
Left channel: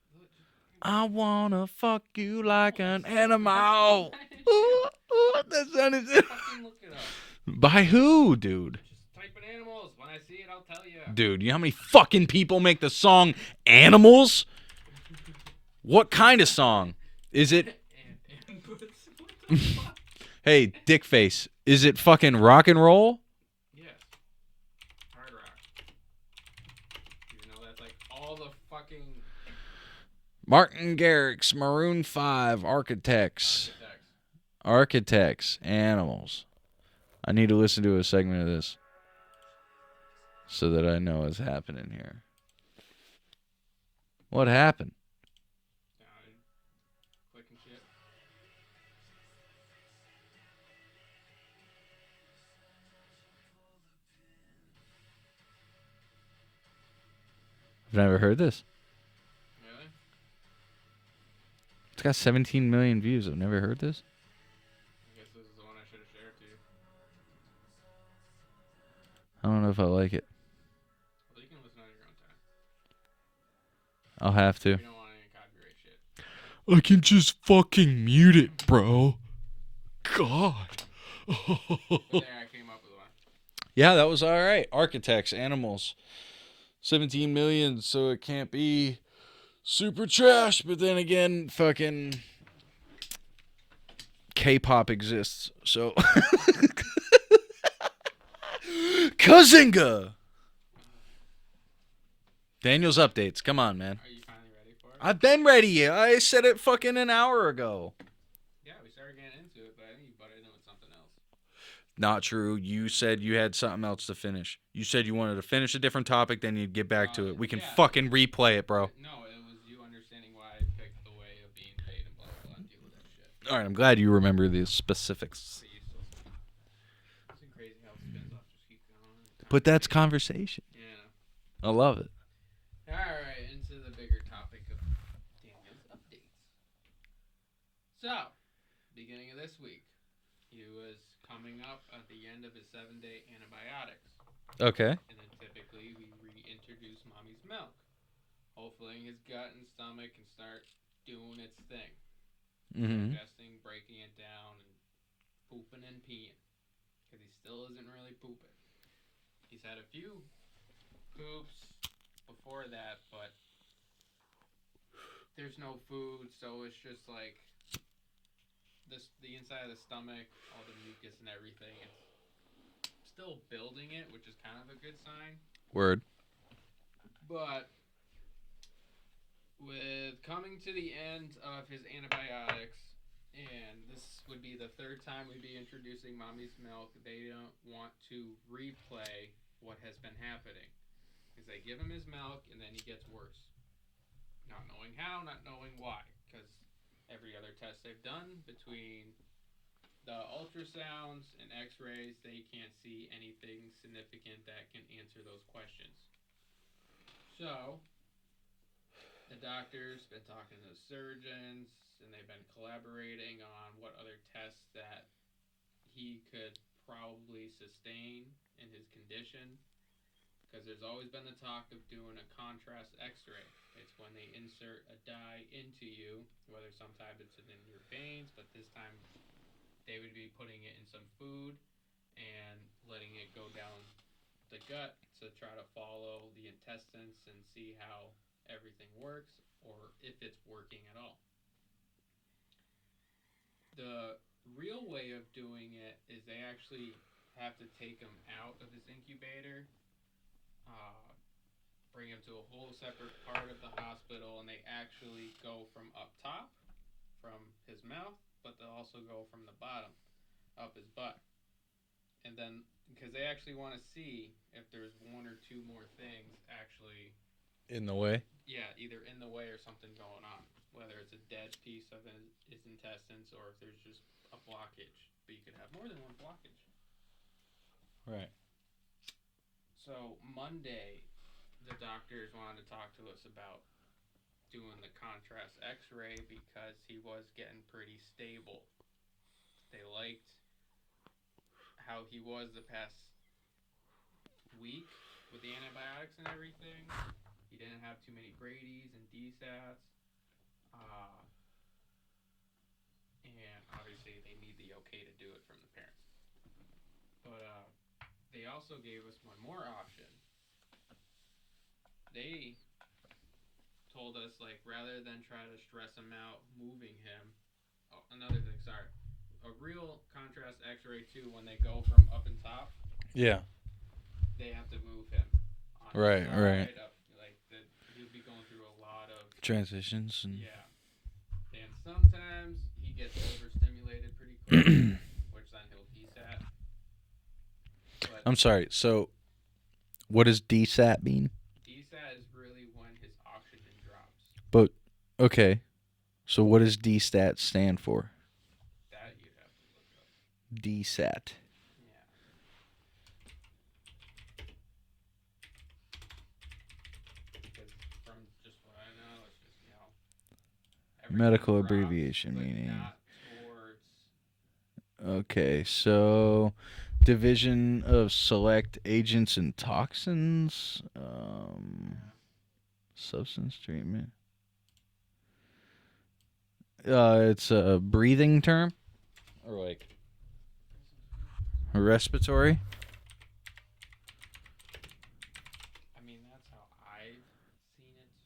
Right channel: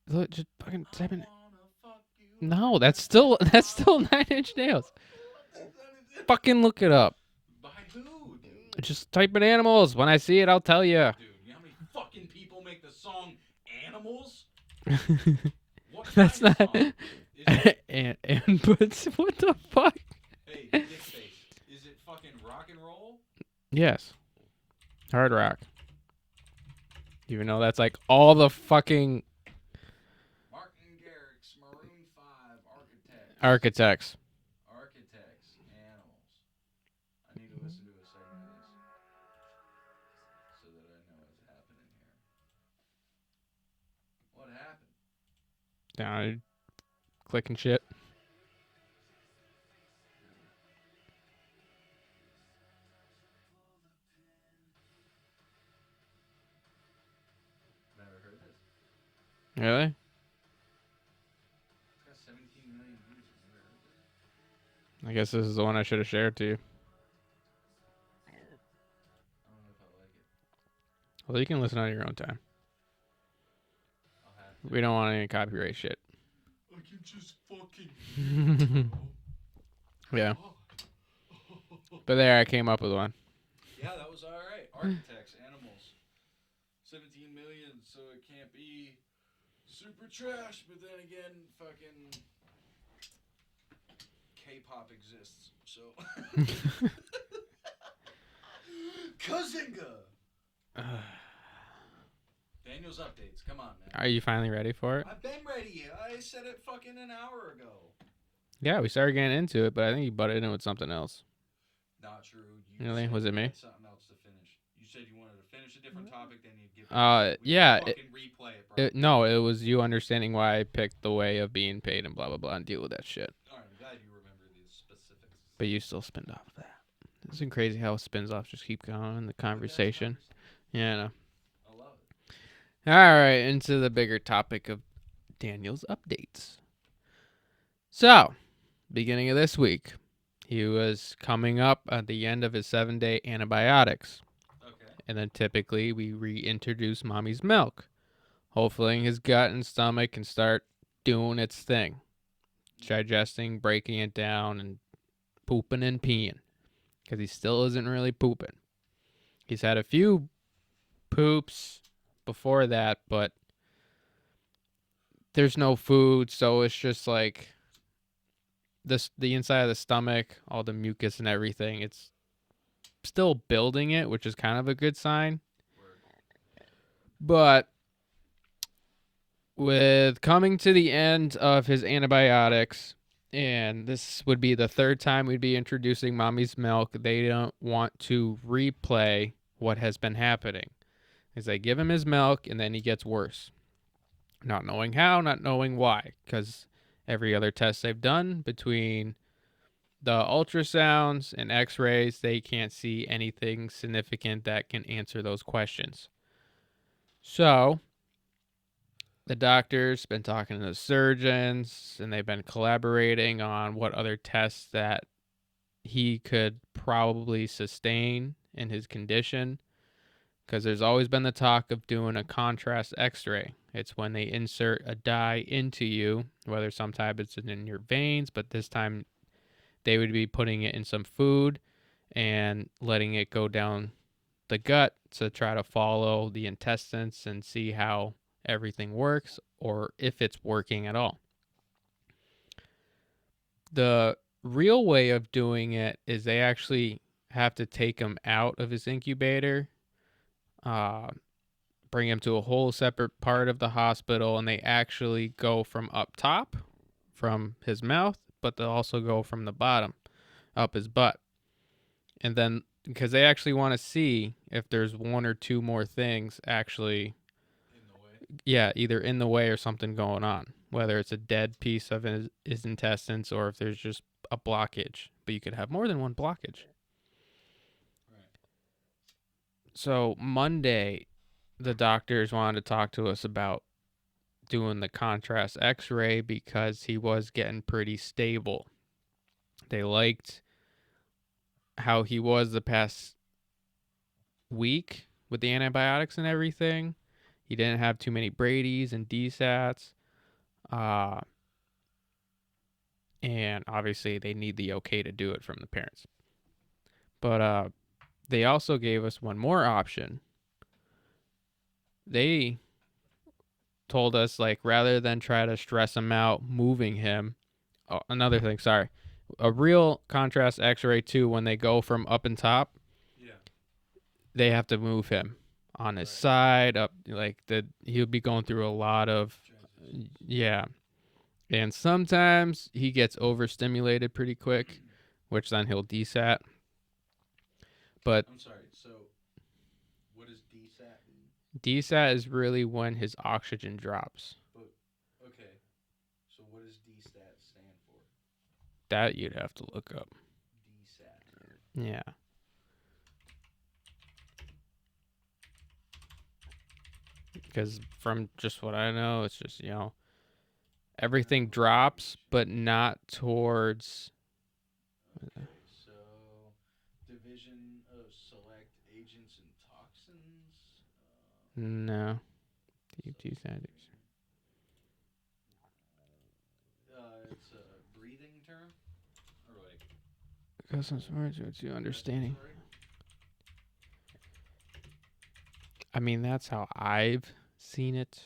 Look, just fucking. I wanna fuck you No, like that's an still animal. that's still 9 Inch Nails. That's 9 Inch Nails. Fucking look it up. By who, dude? Just type in animals. When I see it, I'll tell you. Dude, you know how many fucking people make the song Animals? What kind of song? Is it? But what the fuck? Hey, Dickface, is it fucking rock and roll? Yes. Hard rock. Even though that's like all the fucking Martin Garrix, Maroon 5, Architects, Animals. I need to listen to a segment of this so that I know what's happening here. What happened? Down, clicking shit. I've never heard this. Really? It's got 17 million views. I've never heard this. I guess this is the one I should have shared to you. I don't know if I like it. Well, you can listen on your own time. I'll have to. We don't want any copyright shit. I can just fucking mute it, bro. God. But there, I came up with one. Yeah, that was all right. Architects, Animals. 17 million, so it can't be super trash. But then again, fucking K-pop exists, so. Kazinga! Daniles Updates. Come on, man. Are you finally ready for it? I've been ready. I said it fucking an hour ago. Yeah, we started getting into it, but I think you butted in with something else. Not true. You Really? said Was it you me? had something else to finish. You said you wanted to finish a different topic, then you'd get back to it. We Yeah, can fucking replay it, bro. No, it was you understanding why I picked the way of being paid and blah blah blah and deal with that shit. All right, I'm glad you remember the specifics. But you still spinned off that. It's been crazy how spins off just keep going in the conversation. But that's conversation. Yeah, I know. I love it. All right, into the bigger topic of Daniel's updates. So, beginning of this week, he was coming up at the end of his 7-day antibiotics. Okay. And then typically we reintroduce mommy's milk. Hopefully his gut and stomach can start doing its thing. Digesting, breaking it down, and pooping and peeing. Because he still isn't really pooping. He's had a few poops before that, but there's no food, so it's just like the inside of the stomach, all the mucus and everything, it's still building it, which is kind of a good sign. Word. But with coming to the end of his antibiotics, and this would be the third time we'd be introducing mommy's milk, they don't want to replay what has been happening. Is they give him his milk, and then he gets worse. Not knowing how, not knowing why, because every other test they've done between the ultrasounds and x-rays, they can't see anything significant that can answer those questions. So the doctor's been talking to the surgeons, and they've been collaborating on what other tests that he could probably sustain in his condition, because there's always been the talk of doing a contrast x-ray. It's when they insert a dye into you, whether sometimes it's in your veins, but this time they would be putting it in some food and letting it go down the gut to try to follow the intestines and see how everything works, or if it's working at all. The real way of doing it is they actually have to take him out of his incubator, bring him to a whole separate part of the hospital, and they actually go from up top, from his mouth, but they'll also go from the bottom, up his butt. And then, because they actually want to see if there's one or two more things actually in the way. Yeah, either in the way or something going on, whether it's a dead piece of his intestines or if there's just a blockage. But you could have more than one blockage. Right. So Monday, the doctors wanted to talk to us about doing the contrast x-ray because he was getting pretty stable. They liked how he was the past week with the antibiotics and everything. He didn't have too many Brady's and DSATs. And obviously they need the okay to do it from the parents. But they also gave us one more option. They told us, like, rather than try to stress him out moving him. Oh, another thing, sorry. A real contrast x-ray too, when they go from up and top. Yeah. They have to move him on his side, up, like he'll be going through a lot of transitions. Yeah. And sometimes he gets overstimulated pretty quick, which then he'll DSAT. But I'm sorry. So what does DSAT mean? DSAT is really when his oxygen drops. But okay. So what does DSAT stand for? That you'd have to look up. DSAT. Yeah. Because from just what I know, it's just, everything Medical drops, but not towards. Okay, so division of select agents and toxins. No. Substance treatment. It's a breathing term, or like a respiratory. I mean, that's how I've seen it.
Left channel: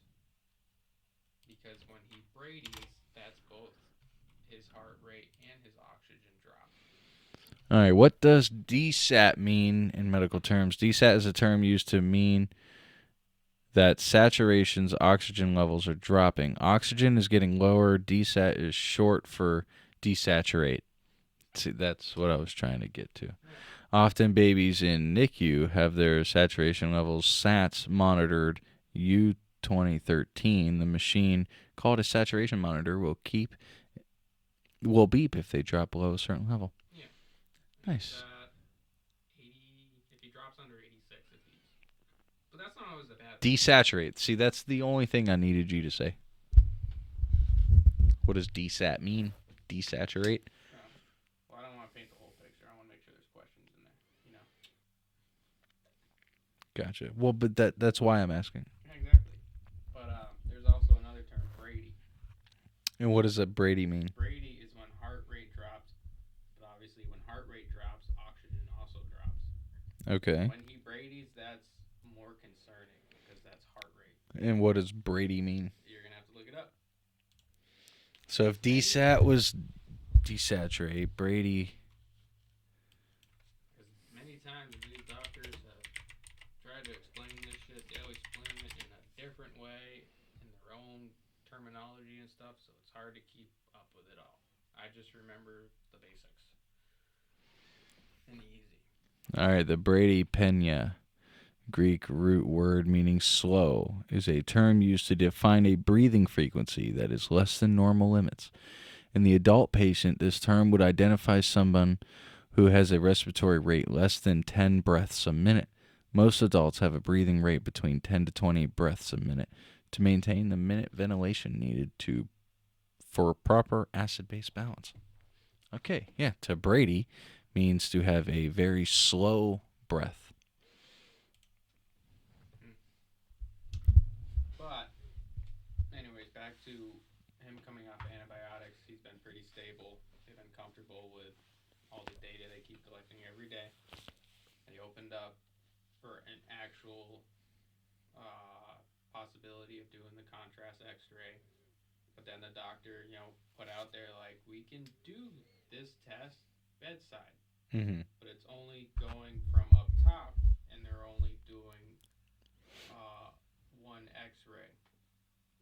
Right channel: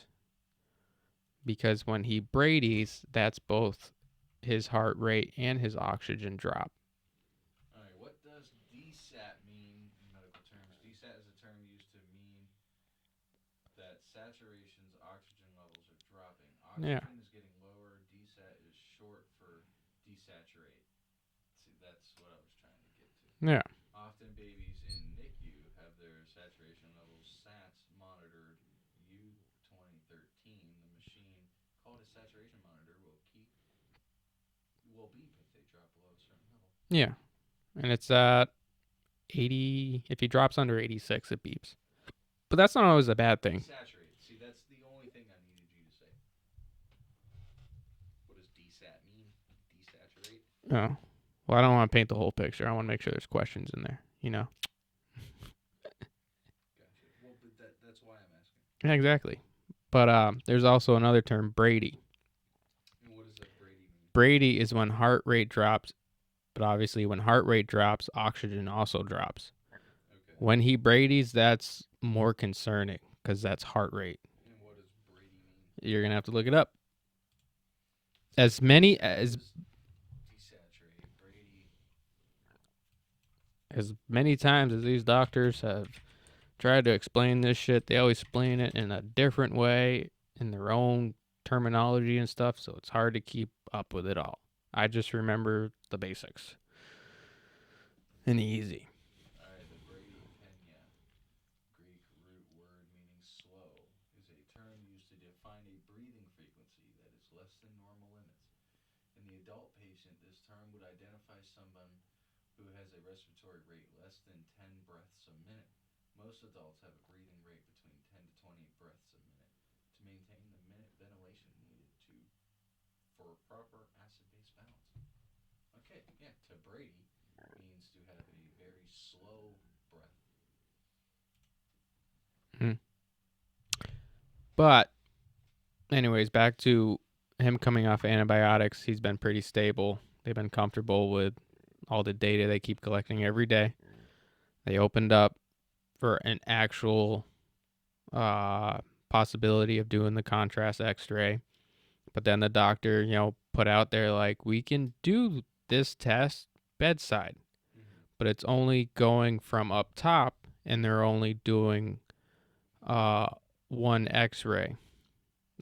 Because when he Brady's, that's both his heart rate and his oxygen drop. All right, what does DSAT mean in medical terms? DSAT is a term used to mean that saturation's oxygen levels are dropping. Oxygen is getting lower. Desat is short for desaturate. See, that's what I was trying to get to. Yeah. Often babies in NICU have their saturation levels SATs monitored. U2013, the machine called a saturation monitor, will beep if they drop below a certain level. Yeah. And Nice. it's at 80. If he drops under 86, it beeps. But that's not always a bad thing. Desaturate. See, that's the only thing I needed you to say. What does desat mean? Desaturate? Oh. Well, I don't want to paint the whole picture. I want to make sure there's questions in there, you know? Gotcha. Well, but that's why I'm asking. Yeah, exactly. But there's also another term, Brady. And what does a Brady mean? Brady is when heart rate drops, but obviously when heart rate drops, oxygen also drops. Okay. When he Brady's, that's more concerning because that's heart rate. And what does Brady mean? You're going to have to look it up. So as if many desat as, was desaturate, Brady. as many times as these doctors have tried to explain this shit, they always explain it in a different way in their own terminology and stuff, so it's hard to keep up with it all. I just remember the basics. And easy. All right, the Brady Pena, Greek root word meaning slow, is a term used to define a breathing frequency that is less than normal limits. In the adult patient, this term would identify someone who has a respiratory rate less than 10 breaths a minute. Most adults have a breathing rate between 10 to 20 breaths a minute to maintain the minute ventilation needed for proper acid-base balance. Okay, yeah, to Brady means to have a very slow breath. But anyways, back to him coming off antibiotics. He's been pretty stable. They've been comfortable with all the data they keep collecting every day. They opened up for an actual possibility of doing the contrast x-ray. But then the doctor, put out there like, we can do this test bedside. Mm-hmm. But it's only going from up top, and they're only doing one x-ray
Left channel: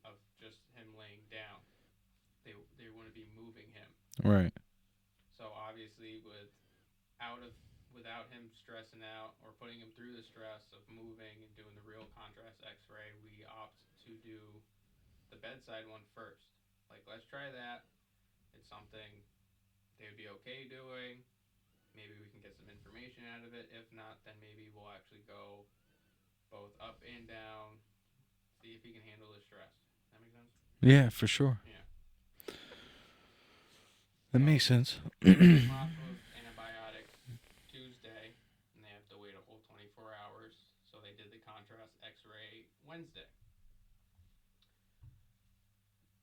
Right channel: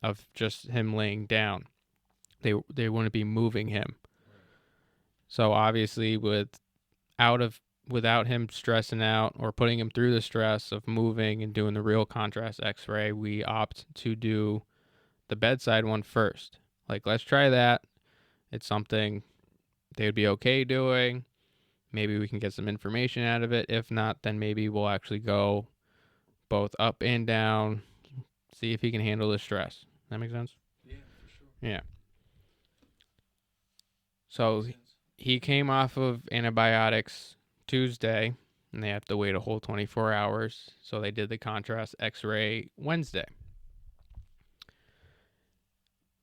of just him laying down. They wouldn't be moving him. Right. So obviously without him stressing out or putting him through the stress of moving and doing the real contrast x-ray, we opt to do the bedside one first. Like, let's try that. It's something they would be okay doing. Maybe we can get some information out of it. If not, then maybe we'll actually go both up and down, see if he can handle the stress. That make sense? Yeah, for sure. Yeah. That So makes sense. he came off of antibiotics Tuesday, and they have to wait a whole 24 hours. So they did the contrast x-ray Wednesday.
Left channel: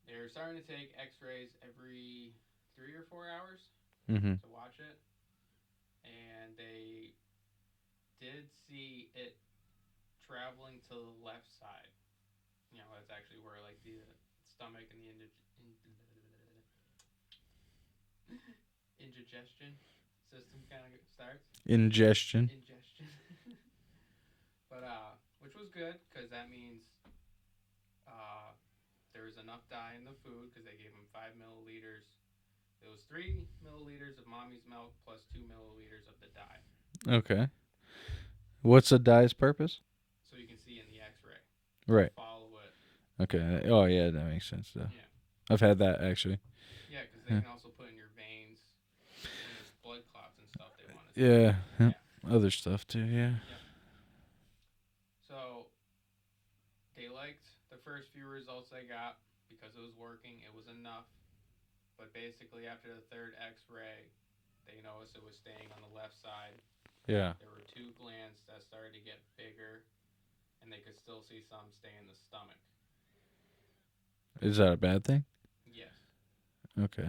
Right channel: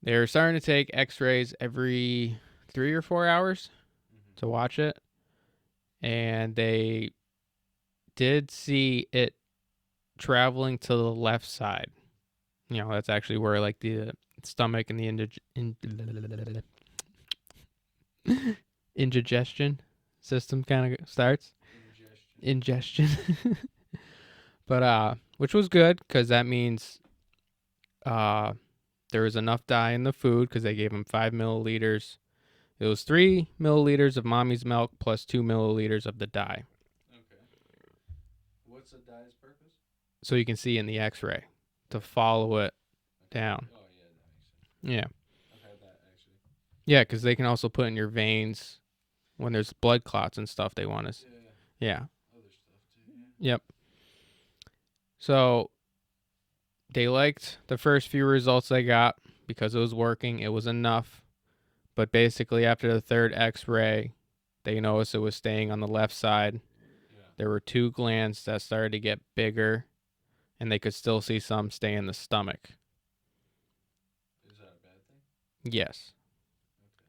They're starting to take x-rays every 3 or 4 hours to watch it. And they did see it traveling to the left side. That's actually where like the stomach and the indigestion system kind of starts. Ingestion. But which was good because that means there was enough dye in the food because they gave him 5 milliliters. It was 3 milliliters of mommy's milk plus 2 milliliters of the dye. Okay. What's the dye's purpose? So you can see in the x-ray to Right. follow it. Okay. down. Oh, yeah, that makes sense. Yeah. I've had that, actually. Yeah, because they can also put in your veins when there's blood clots and stuff they want to see. Yeah. Yeah. Other stuff, too, yeah. Yep. So they liked the first few results they got because it was working. It was enough. But basically, after the third x-ray, they noticed it was staying on the left side. Yeah. There were 2 glands that started to get bigger, and they could still see some stay in the stomach. Is that a bad thing? Yes. Okay.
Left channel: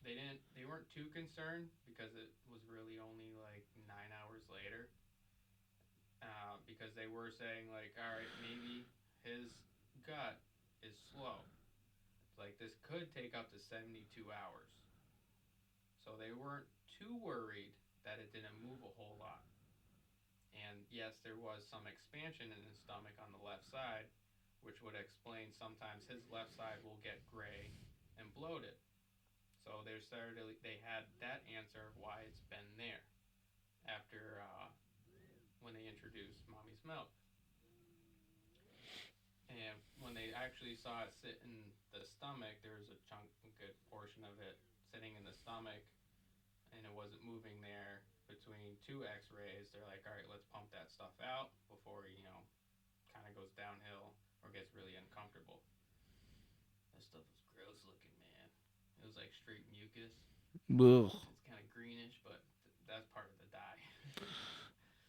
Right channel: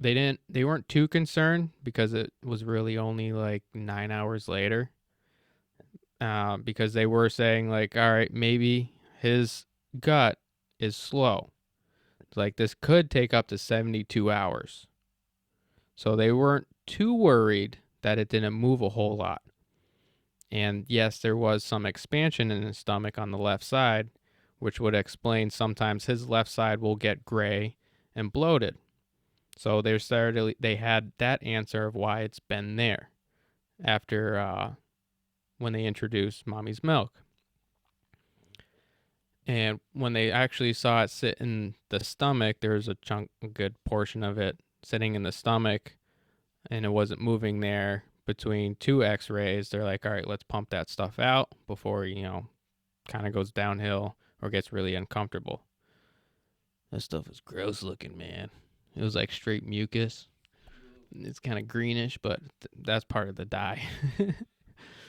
They weren't too concerned because it was really only like 9 hours later. Because they were saying like, all right, maybe his gut is slow. Like, this could take up to 72 hours. So they weren't too worried that it didn't move a whole lot. And yes, there was some expansion in his stomach on the left side, which would explain sometimes his left side will get gray and bloated. So they had that answer of why it's been there after when they introduced mommy's milk. And when they actually saw it sit in the stomach, there was a good portion of it sitting in the stomach, and it wasn't moving there between 2 X-rays. They're like, all right, let's pump that stuff out before, kind of goes downhill or gets really uncomfortable. That stuff is gross looking, man. It was like straight mucus. Ugh. It's kind of greenish, but that's part of the dye.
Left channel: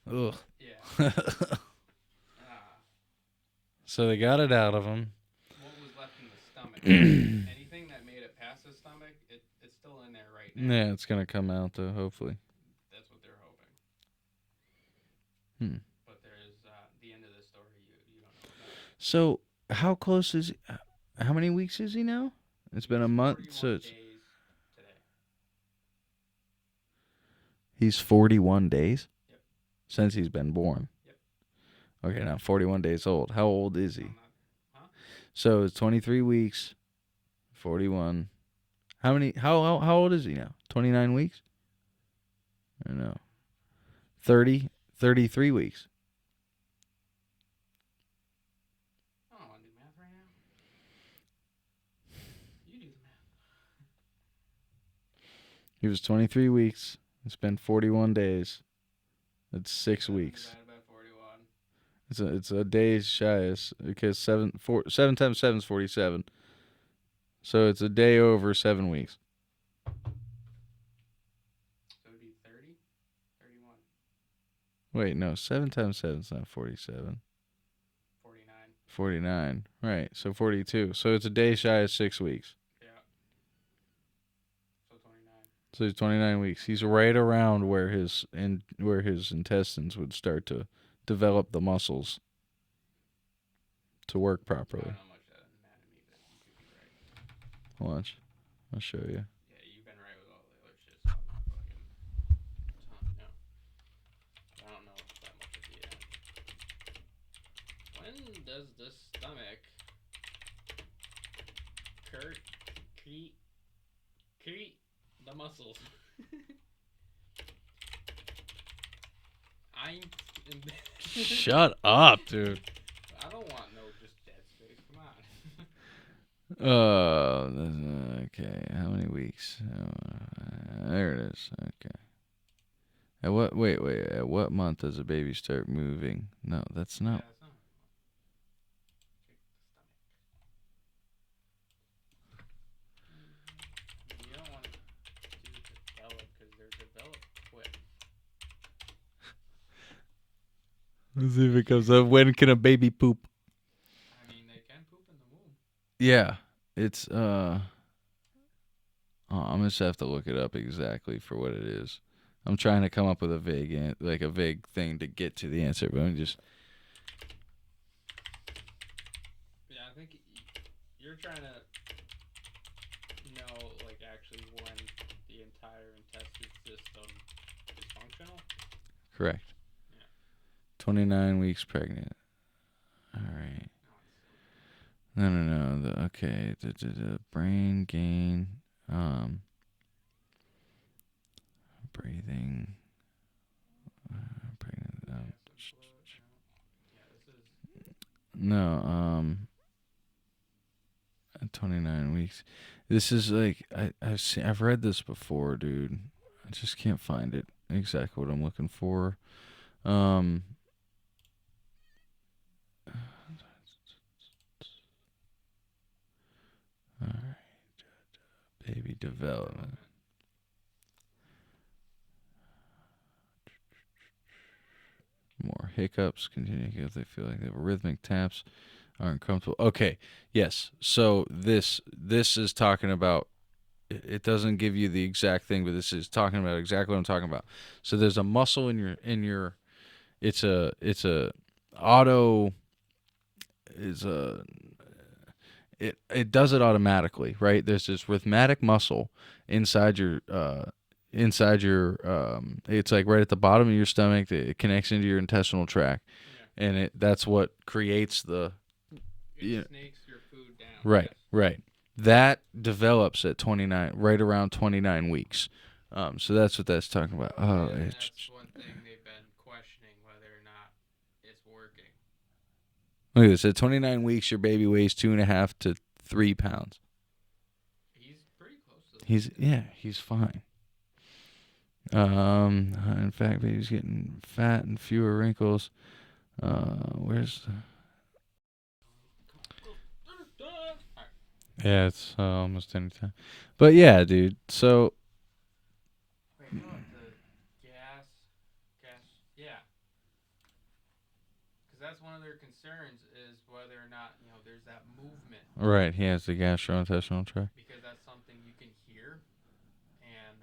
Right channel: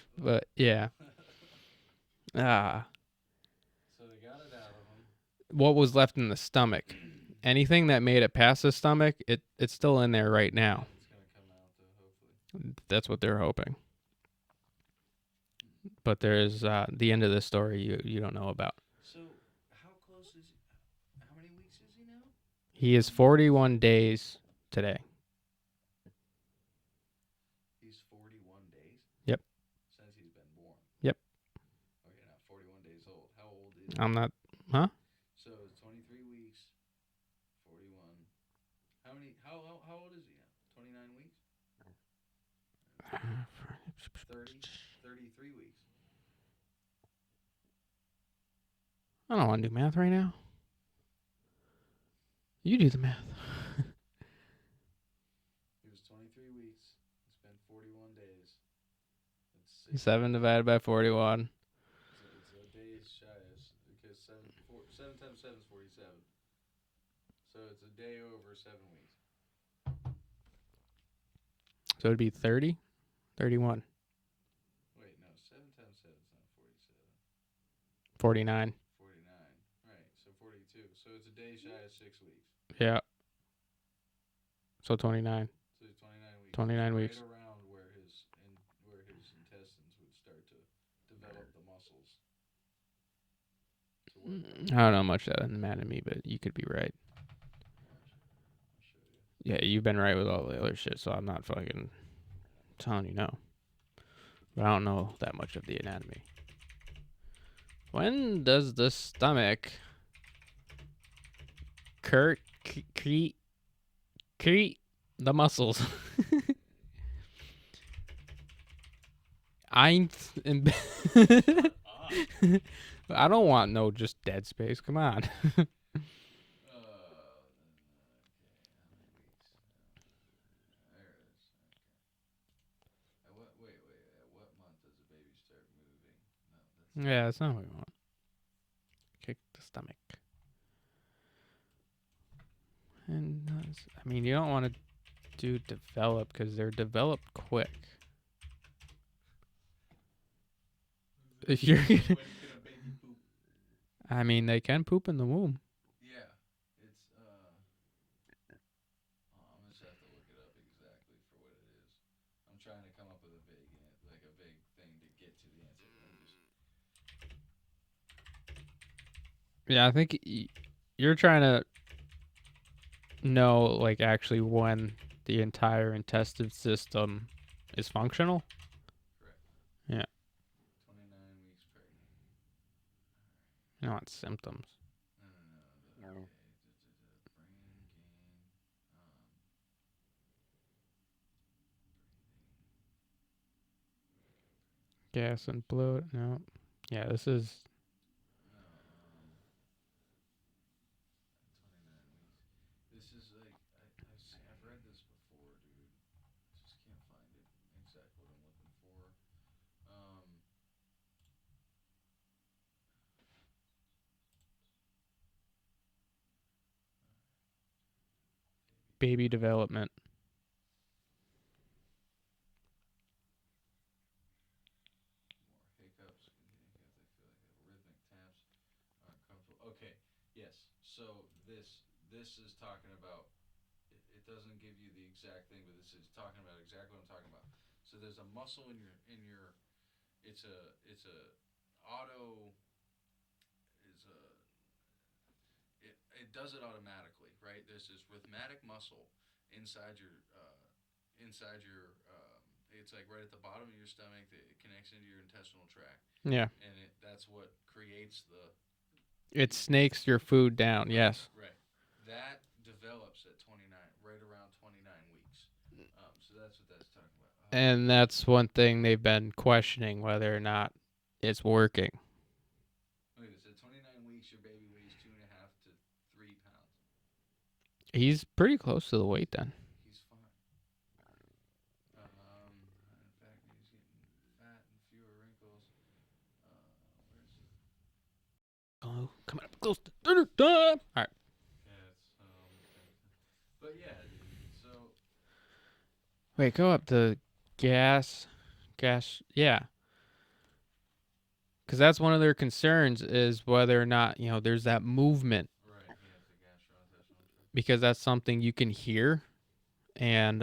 But yeah. So they got it out of him. What was left in the stomach? Anything that made it past the stomach, it's still in there right now. Yeah, it's gonna come out though, hopefully. That's what they're hoping. But there's the end of the story you don't know about. So how close is? How many weeks is he now? He is 41 days today. He's 41 days? Yep. Since he's been born? Yep. Okay, now 41 days old. How old is he? I'm not... Huh? So it's 23 weeks, 41. How old is he now? 29 weeks? I don't know. 33 weeks. I don't want to do math right now. You do the math. He was 23 weeks. It's been 41 days. That's 6 7 weeks. divided by 41. It's a day shy, because 7 times 7 is 47. So it's a day over 7 weeks. So it'd be 30? 31. Wait, no. 7 times 7 is not 47. 49. 49. Right. So 42. So it's a day shy of 6 weeks. Yeah. So 29. So he's 29 weeks. 29 he's right weeks. around where his intestines would start to develop the muscles to work properly. I don't know much of that anatomy, but you could be right. Watch. I'll show you. Yeah, you've been right with all the other shit, so I'm not fucking telling you no. But I don't know that much of the anatomy. When does the stomach create the muscles? Shut up, dude. I don't want no just dead space. Come on. Okay. How many weeks? There it is. Okay. Wait. At what month does a baby start moving? No, that's not. Yeah, that's not what we want. Kick the stomach. And I mean, you don't want to do develop because they're developed quick. Let's see if it comes up. When can a baby poop? I mean, they can poop in the womb. Yeah, it's I'm just have to look it up exactly for what it is. I'm trying to come up with a vague thing to get to the answer, but I'm just. Yeah, I think you're trying to know, like, actually when the entire intestine system is functional. Correct. Yeah. 29 weeks pregnant. All right. Not symptoms. No. The brain gain, breathing, pregnant. Gas and bloat. No. Yeah, this is. No. 29 weeks. This is like I've read this before, dude. I just can't find it exactly what I'm looking for. All right. Baby development. More hiccups. Continue if they feel like they have rhythmic taps. Aren't comfortable. Okay. Yes. So this is talking about. It doesn't give you the exact thing, but this is talking about exactly what I'm talking about. So there's a muscle in your. It's a auto. It does it automatically, right? There's this rhythmic muscle inside your inside your it's like right at the bottom of your stomach that it connects into your intestinal tract, Yeah. and that's what creates the It yeah, snakes your food down. right, Yes. right. That develops at 29, right around 29 weeks. So that's what that's talking about. And that's one thing they've been questioning whether or not it's working. Look at this. At 29 weeks, your baby weighs 2.5 to 3 pounds. He's pretty close to the weight then. Yeah, he's fine. In fact, baby's getting fat and fewer wrinkles. Where's the... Oh, come on, close to dinner time. All right. Yeah, it's almost any time. But yeah, dude. So Wait, go up to gas. Yeah. Because that's one of their concerns is whether or not, there's that movement. right, he has the gastrointestinal tract. Because that's something you can hear. And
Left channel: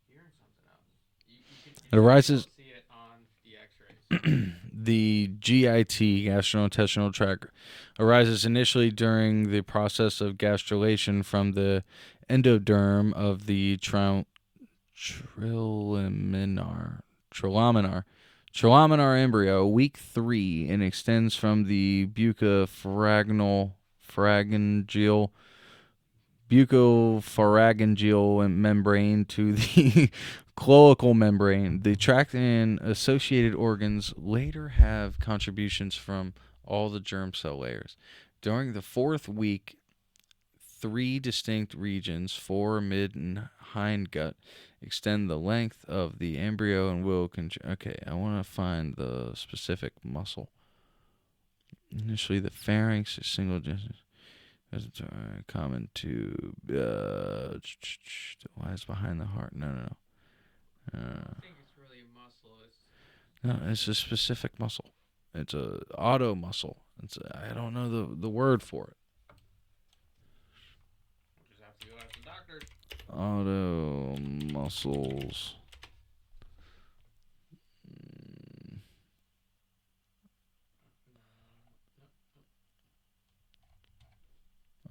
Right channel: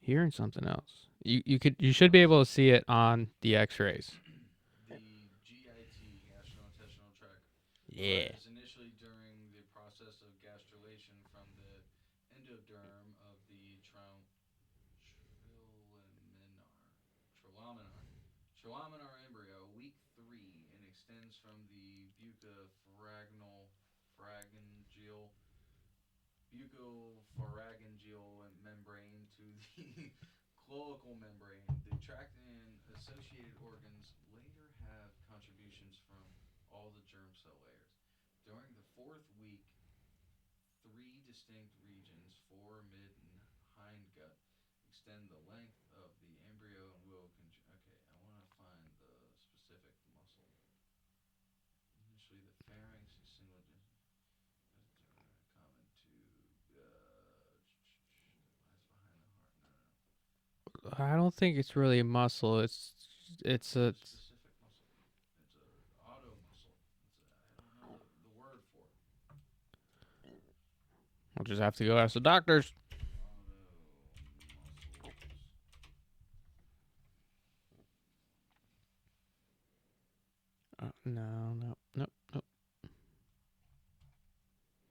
hearing something else. You should be able to see it on the X-rays. The GIT, gastrointestinal tract, arises initially during the process of gastrulation from the endoderm of the trilaminar embryo, week 3, and extends from the bucopharyngeal membrane to the cloacal membrane. The tract and associated organs later have contributions from all the germ cell layers. During the 4th week, 3 distinct regions, fore, mid, and hindgut, extend the length of the embryo and will okay, I want to find the specific muscle. Initially, the pharynx is single distance. Common to lies behind the heart. No. I don't think it's really a muscle. It's a specific muscle. It's a auto muscle. I don't know the word for it. We'll just have to go ask the doctors. Auto muscles. No.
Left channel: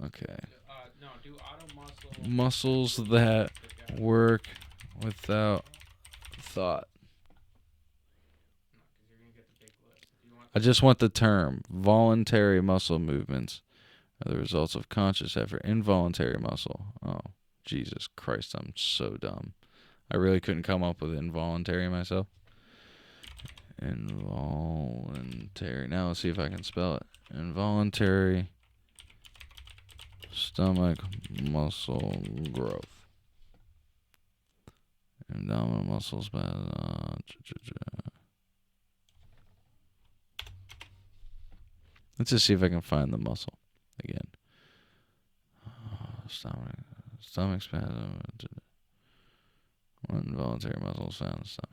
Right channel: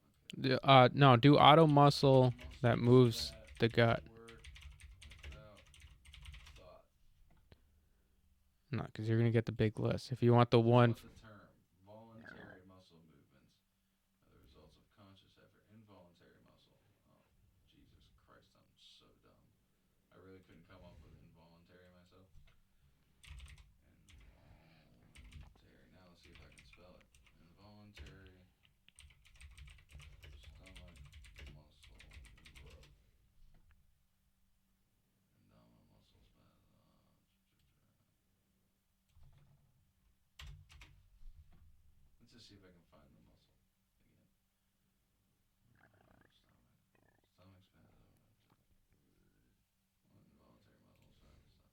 Okay. No. Do auto muscles that the gut. work without thought. No, because you're gonna get the big list. If you want the, I just want the term. Voluntary muscle movements are the results of conscious effort. Involuntary muscle. Oh, Jesus Christ! I'm so dumb. I really couldn't come up with involuntary myself. Involuntary. Now let's see if I can spell it. Involuntary stomach muscle growth. Abdominal muscles. Let's just see if I can find the muscle again. Stomach spasm. Involuntary muscles found in the stomach.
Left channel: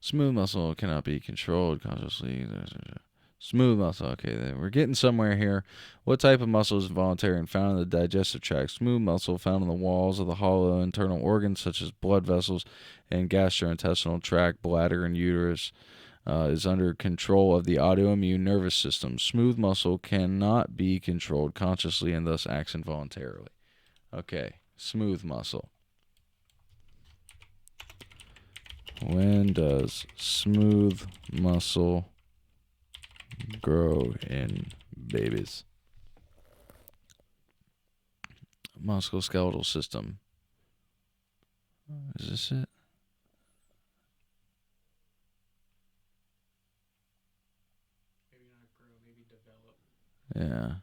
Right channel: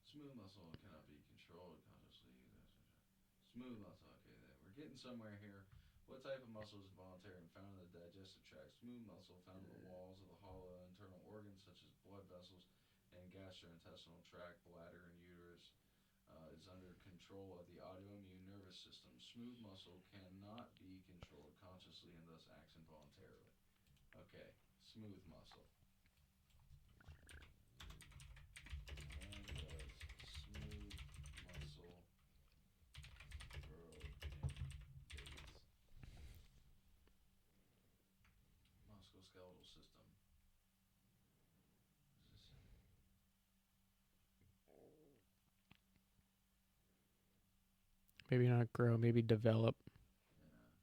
Smooth muscle cannot be controlled consciously. Smooth muscle. Okay, then we're getting somewhere here. What type of muscle is involuntary and found in the digestive tract? Smooth muscle found in the walls of the hollow internal organs such as blood vessels and gastrointestinal tract, bladder, and uterus. Is under control of the autoimmune nervous system. Smooth muscle cannot be controlled consciously and thus acts involuntarily. Okay, smooth muscle. When does smooth muscle grow in babies? Musculoskeletal system. Is this it? Maybe not grow, maybe develop. Yeah,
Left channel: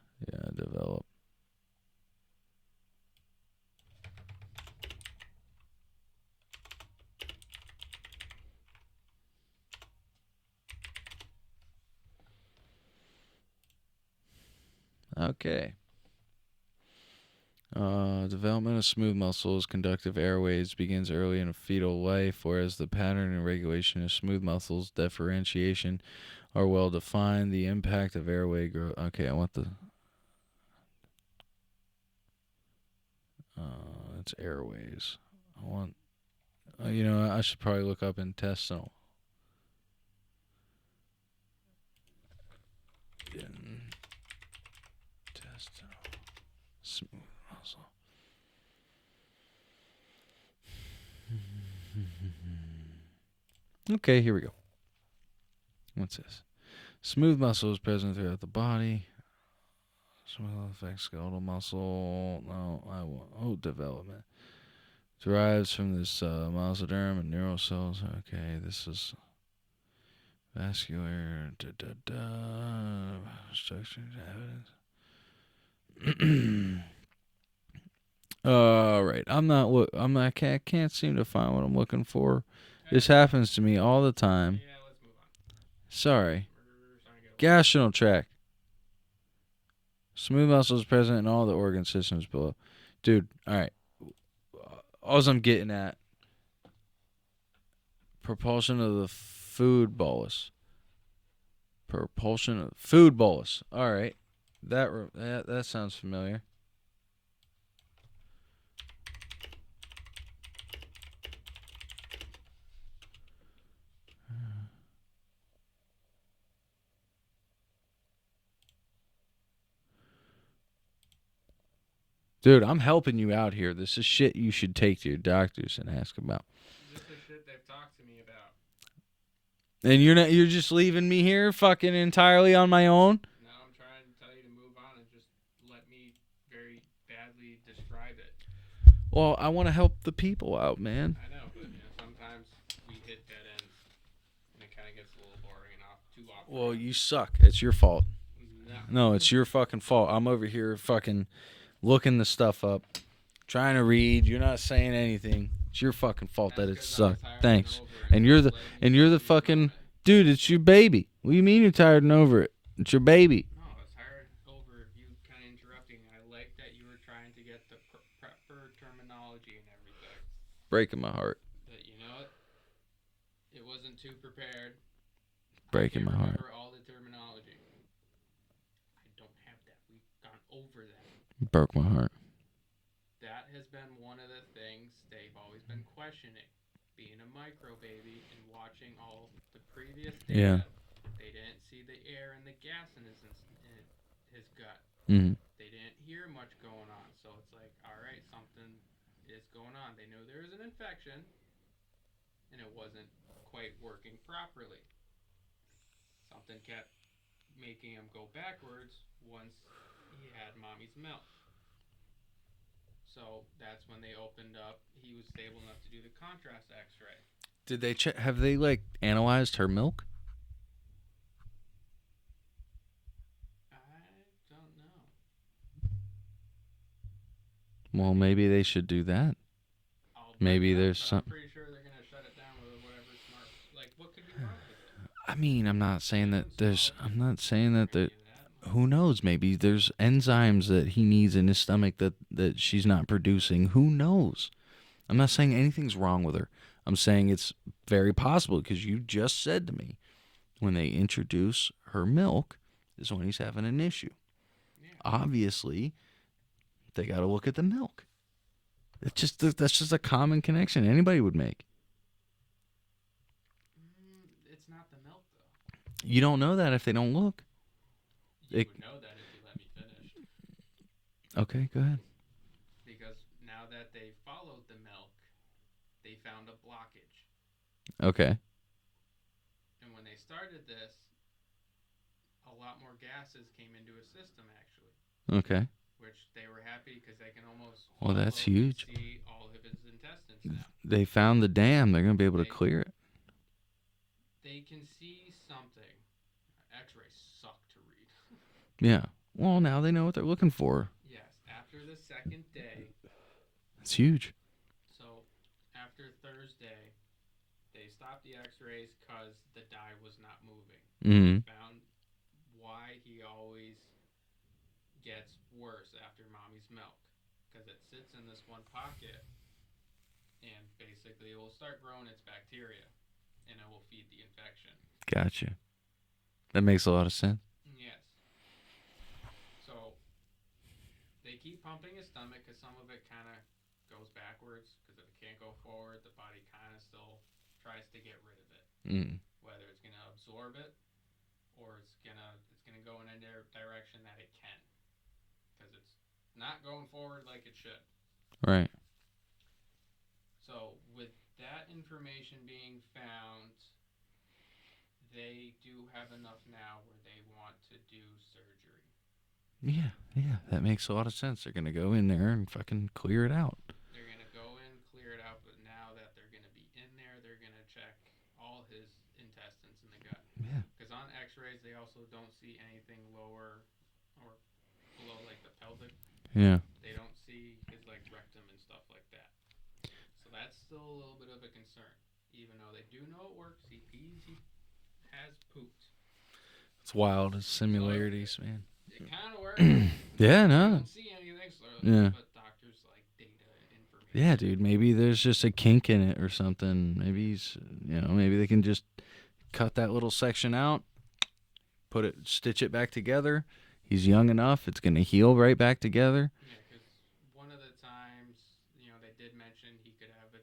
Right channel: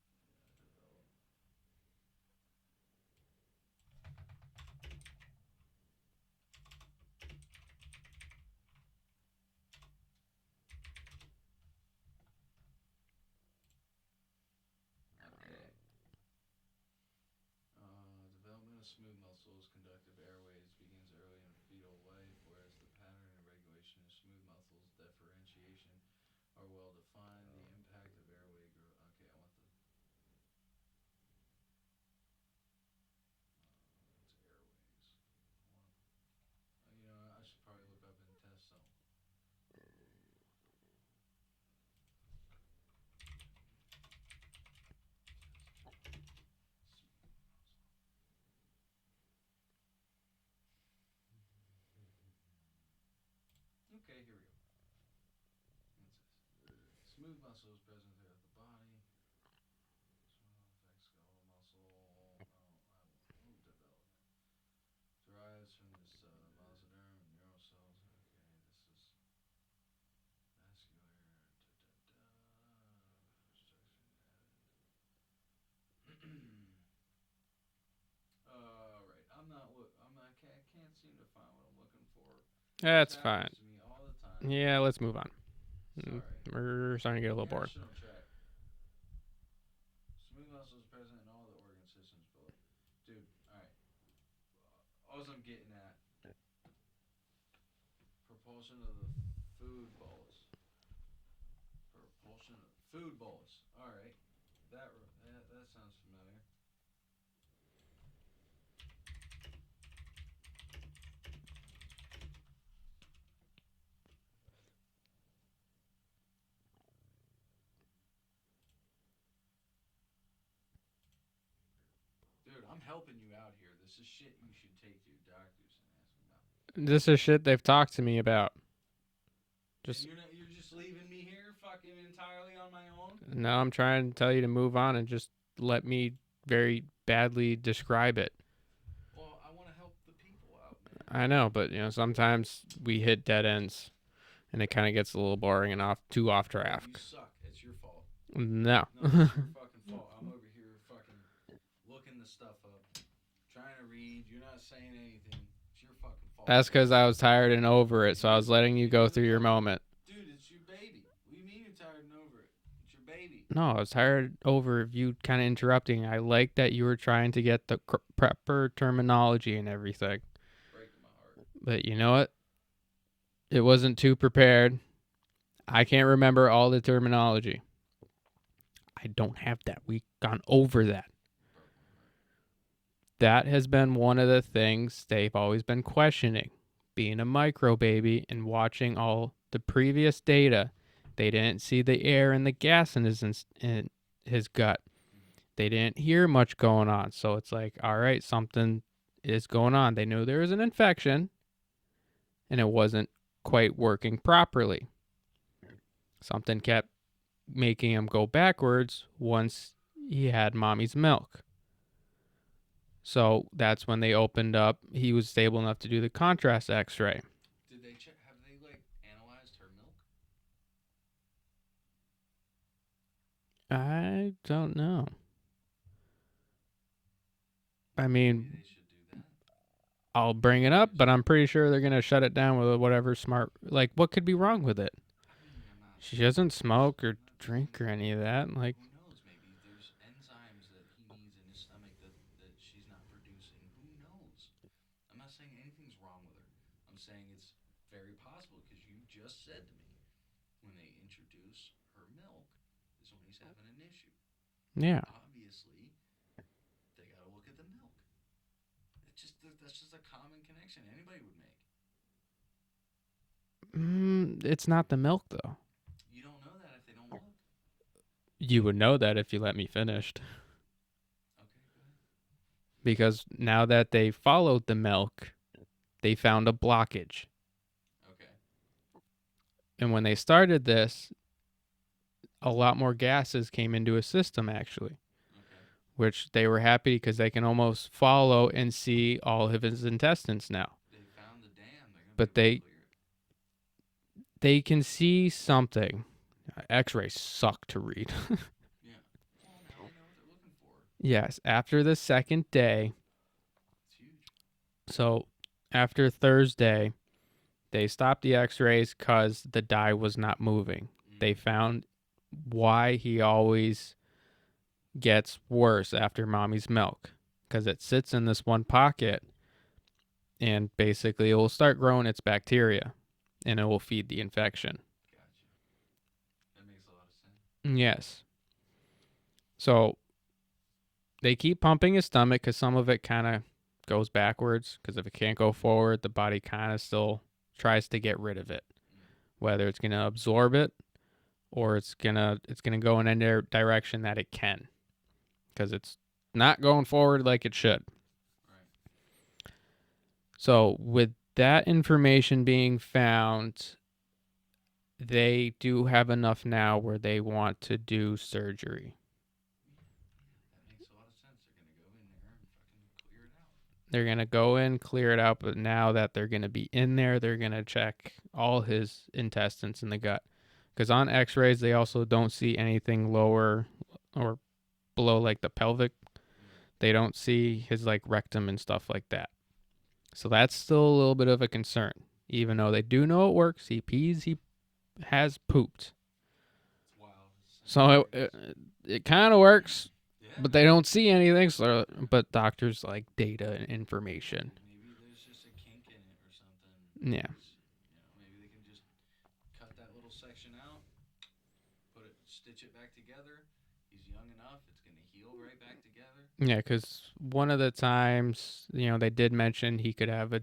develop. Okay. Development of smooth muscles, conductive airways begins early in fetal life, whereas the pattern and regulation of smooth muscles differentiation are well defined. The impact of airway growth. Okay, I want the. It's airways. I want. I should probably look up intestinal. Okay, here we go. What's this? Smooth muscle is present throughout the body. Smooth affects skeletal muscle. No, I want. Oh, development. Derives from this mesoderm and neural cells. Okay, this is vascular. Structure evidence. All right, I'm not. I can't seem to find what I'm looking for. This happens to me all the time. Yeah, let's move on. Sorry. We're starting to get a little Gastrointestinal tract. Smooth muscle is present in all the organ systems below. Dude, all right. All I'm getting at, propulsion of the food bolus. Propulsion of food bolus. All right. That sounds familiar. Dude, I'm helping you out here. This is shit you should take to your doctors and ask about. This is shit they've talked to me about. And you're just leaving me here fucking entirely on my own? No, I'm trying to tell you to move on and just let me very badly describe it. Well, I want to help the people out, man. I know, but sometimes we hit dead ends and it kind of gets a little boring and too off track. Well, you suck. It's your fault. No, it's your fucking fault. I'm over here fucking looking the stuff up, trying to read. You're not saying anything. It's your fucking fault. That's because I was tired and over it. And so I was letting you go through your moment. Dude, it's your baby. What do you mean you're tired and over it? It's your baby. No, I was tired over you kind of interrupting. I like that you were trying to get the proper terminology and everything. Breaking my heart. But you know what? It wasn't too prepared. I can't remember all the terminology. I don't have that. We've gone over that. Broke my heart. That has been one of the things they've always been questioning. Being a micro baby and watching all the previous data, they didn't see the air and the gas in his gut. Mm-hmm. They didn't hear much going on. So it's like, all right, something is going on. They knew there was an infection and it wasn't quite working properly. Something kept making him go backwards once he had mommy's milk. So that's when they opened up. He was stable enough to do the contrast x-ray. Did they check? Have they analyzed her milk? I don't know. Well, maybe they should do that. I'll bring it up, but I'm pretty sure they're going to shut it down with whatever smart... what could be wrong with it? I mean, I'm not saying he doesn't smoke or I'm not saying that any of that. Who knows? Maybe there's enzymes that he needs in his stomach that she's not producing. Who knows? I'm not saying anything's wrong with her. I'm saying it's very possible because you just said to me when they introduce her milk is when he's having an issue. Yeah. Obviously, they got to look at the milk. That's just a common connection anybody would make. It's not the milk, though. You don't know that if they don't look. You would know that if you let me finish. Okay, go ahead. Because now that they followed the milk, they found a blockage. Okay. And when they started this, a lot more gases came into his system, actually. Okay. Which they were happy because they can almost follow and see all of his intestines now. They found the dam. They're going to be able to clear it. They can see something. X-rays suck to read. Yeah. Well, now they know what they're looking for. Yes. After the second day. It's huge. So after Thursday, they stopped the X-rays because the dye was not moving. Mm-hmm. They found why he always gets worse after mommy's milk. Because it sits in this one pocket and basically it will start growing its bacteria. And it will feed the infection. Gotcha. That makes a lot of sense. Yes. So they keep pumping his stomach because some of it kind of goes backwards. Because if it can't go forward, the body kind of still tries to get rid of it. Whether it's going to absorb it or it's gonna go in any direction that it can. Because it's not going forward like it should. Right. So with that information being found, they do have enough now where they want to do surgery. Yeah, that makes a lot of sense. They're gonna go in there and fucking clear it out. They're going to go in, clear it out, but now that they're going to be in there, they're going to check all his intestines in the gut. Because on x-rays, they also don't see anything lower or below, like, the pelvic. Yeah. They don't see his, like, rectum and stuff like that. So that's still a little bit of a concern. Even though they do know it works, he pees, he has pooped. It's wild. It's So similarities. it kind of works. Yeah, But they don't see anything. So, Yeah. but doctors like data and information. Yeah, dude. Maybe there's just a kink in it or something. Maybe Yeah. he's, maybe they can just cut that little section out, stitch it back together. He's young enough; it's gonna heal right back together. Yeah, because one of the times, they did mention he could have a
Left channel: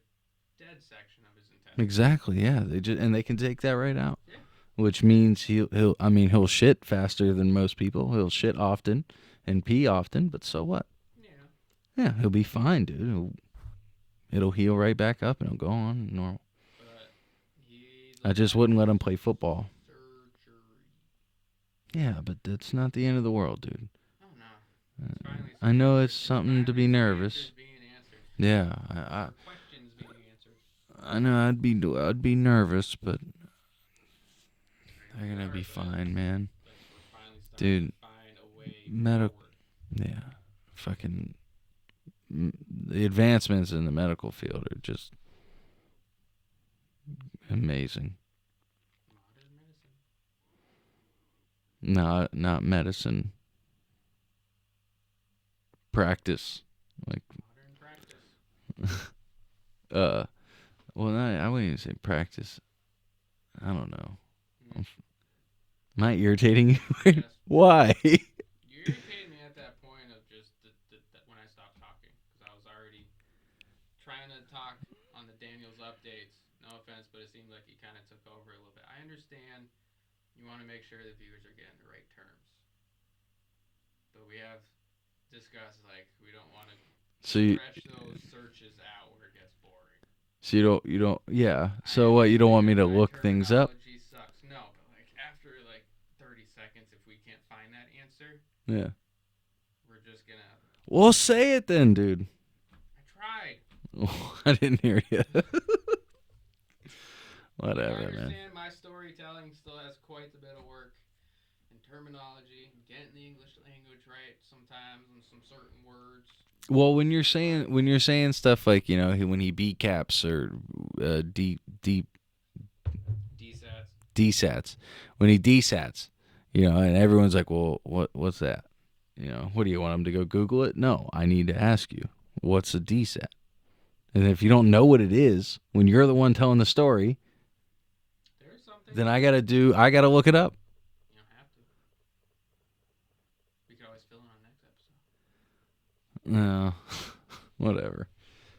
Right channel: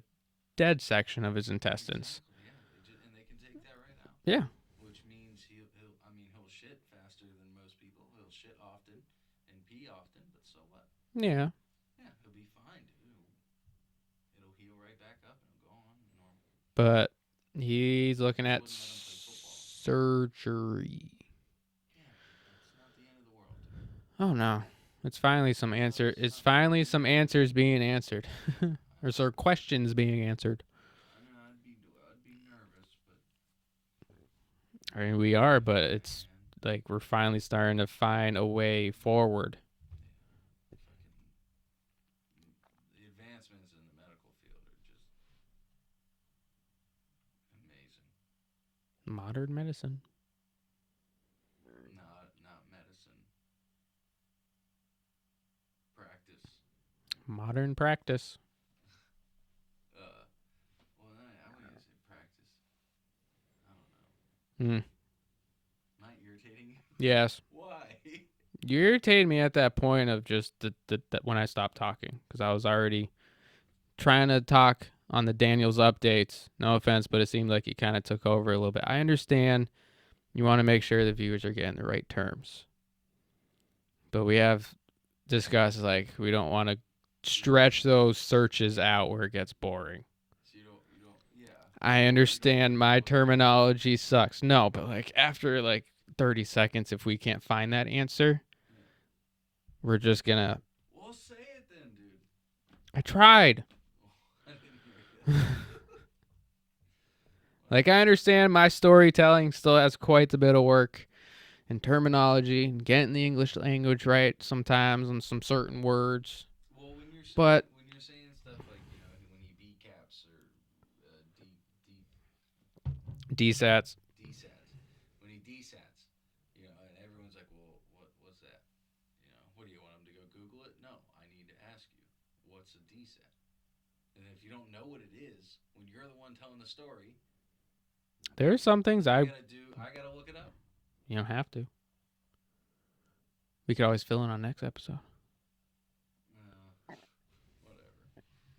dead section of his intestines. Exactly. Yeah. They can take that right out. Yeah. Which means he'll shit faster than most people. He'll shit often and pee often, but so what? Yeah. Yeah, he'll be fine, dude. It'll heal right back up and he'll go on normal. But he's looking I just at wouldn't let him play football. surgery. Yeah, but that's not the end of the world, dude. Oh no. It's finally I some know answers. it's It's something to finally be some nervous. answers being answered. Yeah. Or questions being answered. I know I'd be nervous, but I mean, we it'll are, be but fine, it's man. like we're finally starting to Dude, find a way medi- forward. Yeah. Fucking the advancements in the medical field are just amazing. Modern medicine. Not medicine. Practice. Modern practice. Well, I wouldn't even say practice. I don't know. Mm. Am I irritating you? Yes. Why? You irritated me at that point of just that when I stopped talking, because I was already trying to talk on the Daniles updates. No offense, but it seemed like you kind of took over a little bit. I understand you want to make sure the viewers are getting the right terms, but we have discussed like we don't want to stretch those searches out where it gets boring. So you don't. Yeah. I So understand what? You don't want me to my look terminology sucks. No, but like after like 30 seconds, if we can't find that answer, things up? Yeah. we're just gonna. Well, say it then, dude. I tried. I didn't hear you. Like, I understand my storytelling still has quite a bit of work in terminology and getting the English language right sometimes on some certain words. Well, when you're saying stuff like when he B-caps or DSATs. when he DSATs, and everyone's like, well, what's that? What do you want him to go Google it? No, I need to ask you, what's a DSAT? And if you don't know what it is, when you're the one telling the story, There's some things then I gotta look it up. You don't have to. We could always fill in on next episode. No, whatever.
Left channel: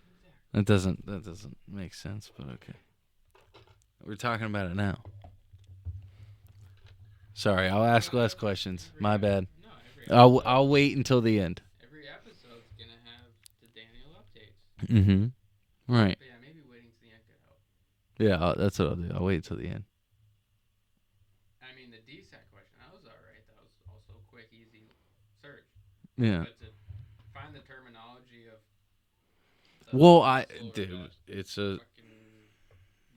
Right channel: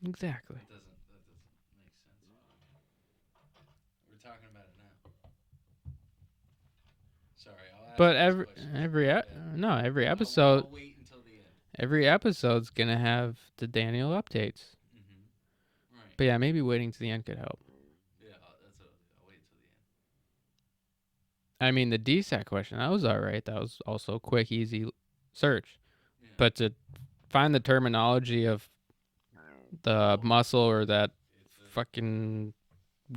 Exactly. That doesn't make sense, but okay. We're talking about it now. Sorry, I'll ask less questions. My bad. No, every episode. I'll wait until the end. Every episode's gonna have the Daniel updates. Mm-hmm. Right. But yeah, maybe waiting to the end could help. Yeah, that's what I'll do. I'll wait till the end. I mean, the DSAT question, that was all right. That was also a quick, easy search. Yeah. But to find the terminology of the muscle it's a fucking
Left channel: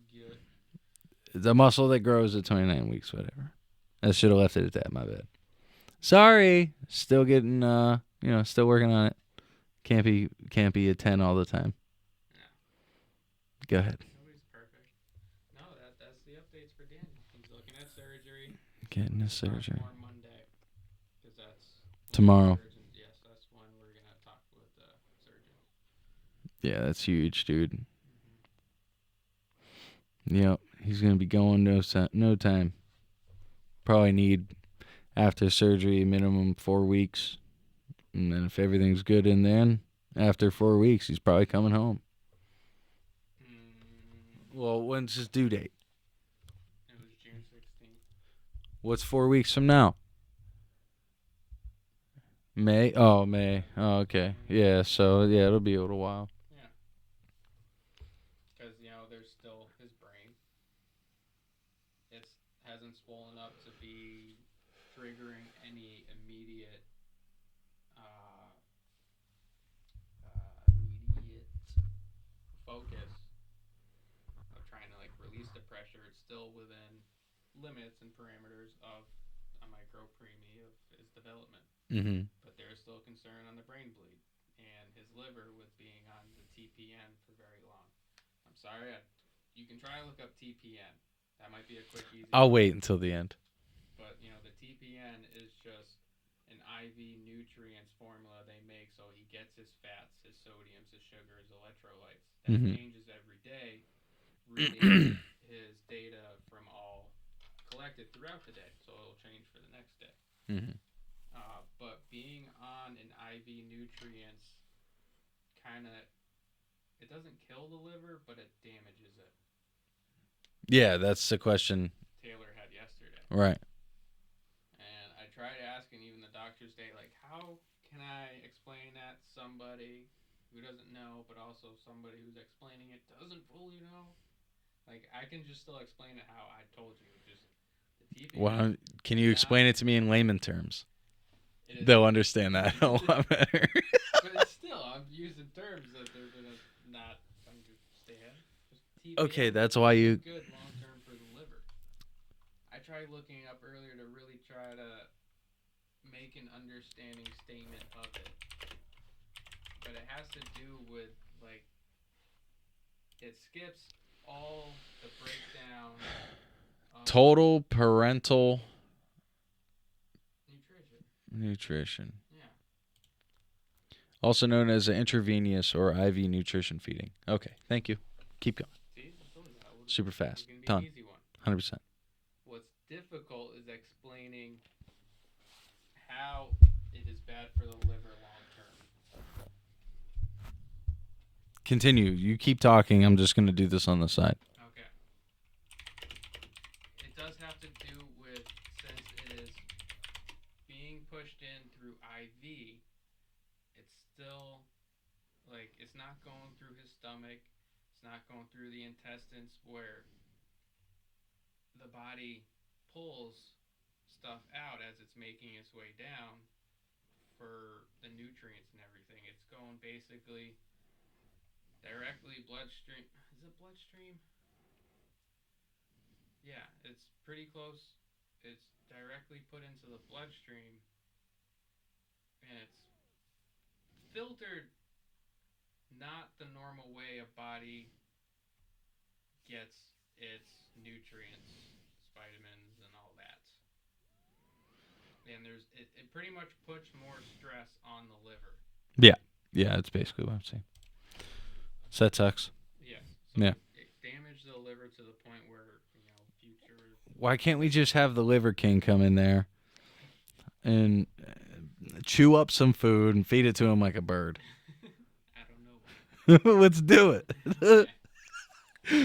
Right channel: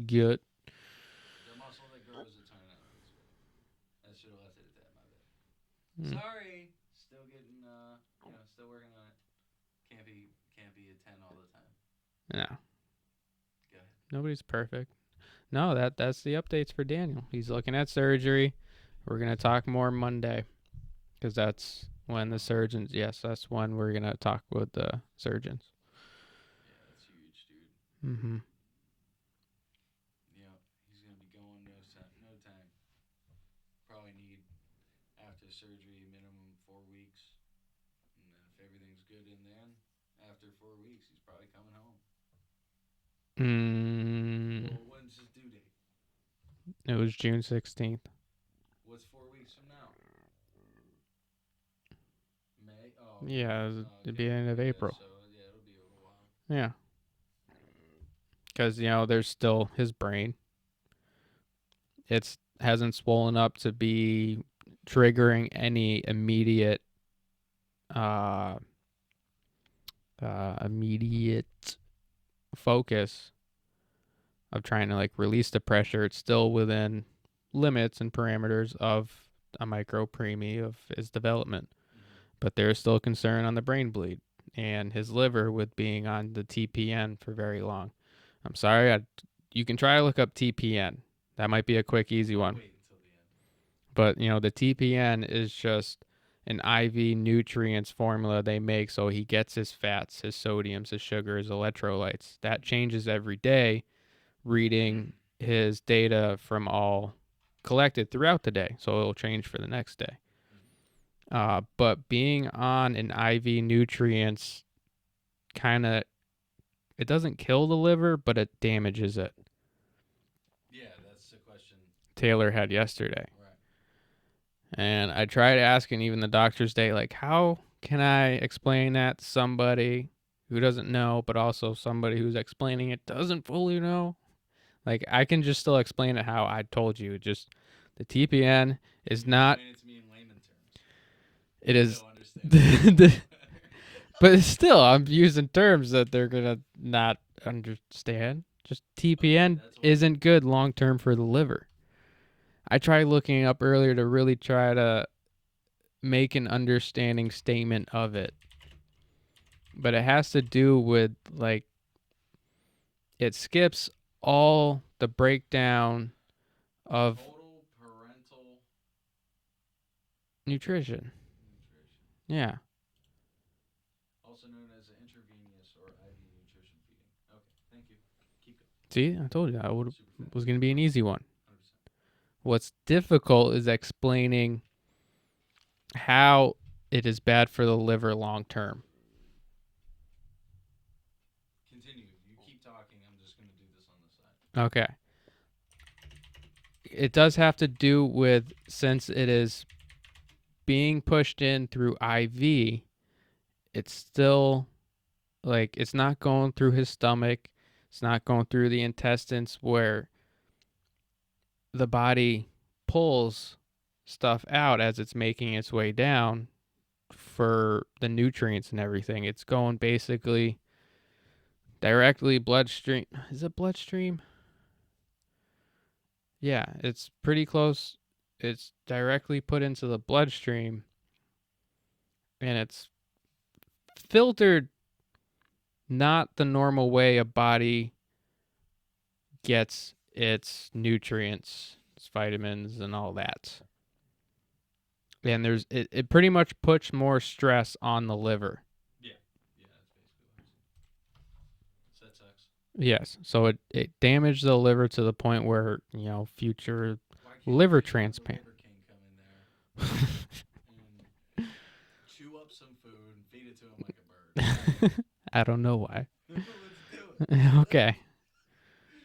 gut. the muscle that grows at 29 weeks, whatever. I should have left it at that. My bad. Sorry. Still getting, still working on it. Can't be a 10 all the time. No. Go ahead. Nobody's perfect. No, that's the updates for Daniel. He's looking at surgery. We're going to talk more Monday because that's when tomorrow. The surgeons, yes, that's when we're going to talk with the surgeons. Yeah, that's huge, dude. Mm-hmm. Yep, he's going to be going no time. Probably need, after surgery, minimum 4 weeks. And then if everything's good after 4 weeks, he's probably coming home. Well, when's his due date? It was June 16th. What's 4 weeks from now? May? Oh, May. Yeah, oh, okay. beginning of Yeah, April. so, it'll be a little while. Yeah. because there's still his brain. It hasn't swollen up to be triggering any immediate focus of trying to release the pressure. It's still within limits and parameters of a micropreemie of his development. Mm-hmm. But there's still concern on the brain bleed and his liver with being on the TPN for very long. I'm sorry, you can try to look up TPN. That might be a quick, easy one. I'll wait until the end. But, the TPN is just an IV nutrients formula they make so he gets his fats, his sodiums, his sugar, his electrolytes. That changes every day, reading his data from all collected throughout the day. So it'll change for the next day. Mm-hmm. But being on an IV nutrients it doesn't kill the liver, but it damages it. Yeah, that's the question Taylor had yesterday. Right. And I tried asking even the doctor's day, how can I explain that to somebody who doesn't know, but also somebody who's explaining it doesn't fully know? I can just still explain it how I told you. Just the TPN Can is you not, explain it to me in layman terms? It is. They'll understand that a lot better. But still, I'm using terms that they're going to not understand. Just TPN that's why isn't good long term for the liver. I tried looking up earlier to really try to make an understanding statement of it. But it has to do with, it skips all the breakdown of total parental nutrition. Yeah. Also known as intravenous or IV nutrition feeding. Okay, thank you. Keep going. See, I told you that Super fast. was going to be an easy one. 100%. What's difficult is explaining how it is bad for the liver long term. Continue. You keep talking. I'm just going to do this on the side. Okay. It does have to do with, since it is being pushed in through IV, it's still it's not going through his stomach. It's not going through the intestines where the body pulls stuff out as it's making its way down for the nutrients and everything. It's going basically directly bloodstream. Is it bloodstream? Yeah, it's pretty close. It's directly put into the bloodstream, and it's filtered not the normal way a body gets its nutrients, its vitamins, and all that. And it pretty much puts more stress on the liver. Yeah, that's basically what I'm saying. So that sucks. Yes. So it damaged the liver to the point where, future Why can't liver we just have the Liver King come in there and chew up some food and feed it to him like a bird? I don't know why. Let's do it. Okay.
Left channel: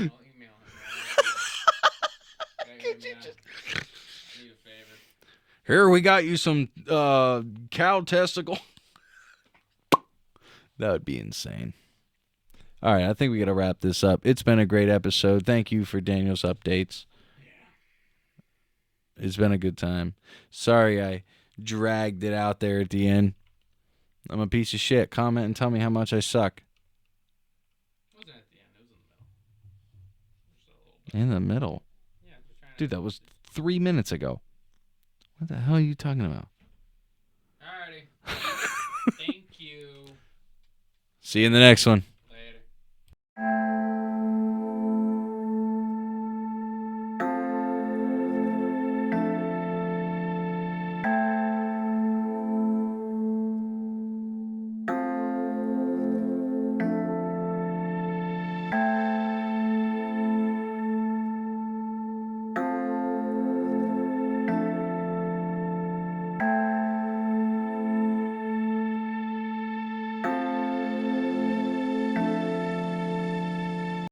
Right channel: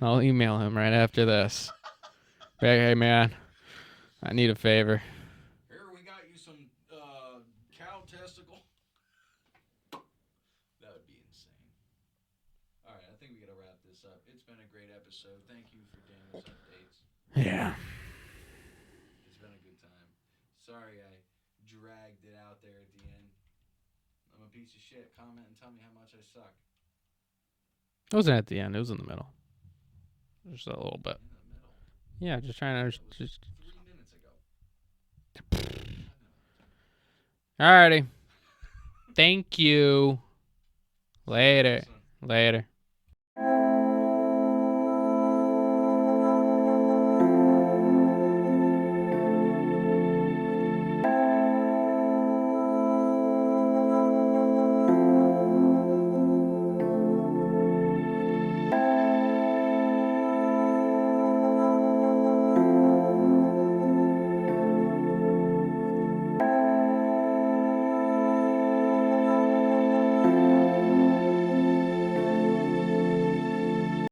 I'll email him right after this. Hey, man, I need a favor. Here, we got you some cow testicle. That would be insane. All right, I think we got to wrap this up. It's been a great episode. Thank you for Daniles Updates. Yeah. It's been a good time. Sorry I dragged it out there at the end. I'm a piece of shit. Comment and tell me how much I suck. It wasn't at the end. It was in the middle. Just a little bit. In the middle? Yeah, just trying to... Dude, that was 3 minutes ago. What the hell are you talking about? Alrighty. Thank you. See you in the next one. Later.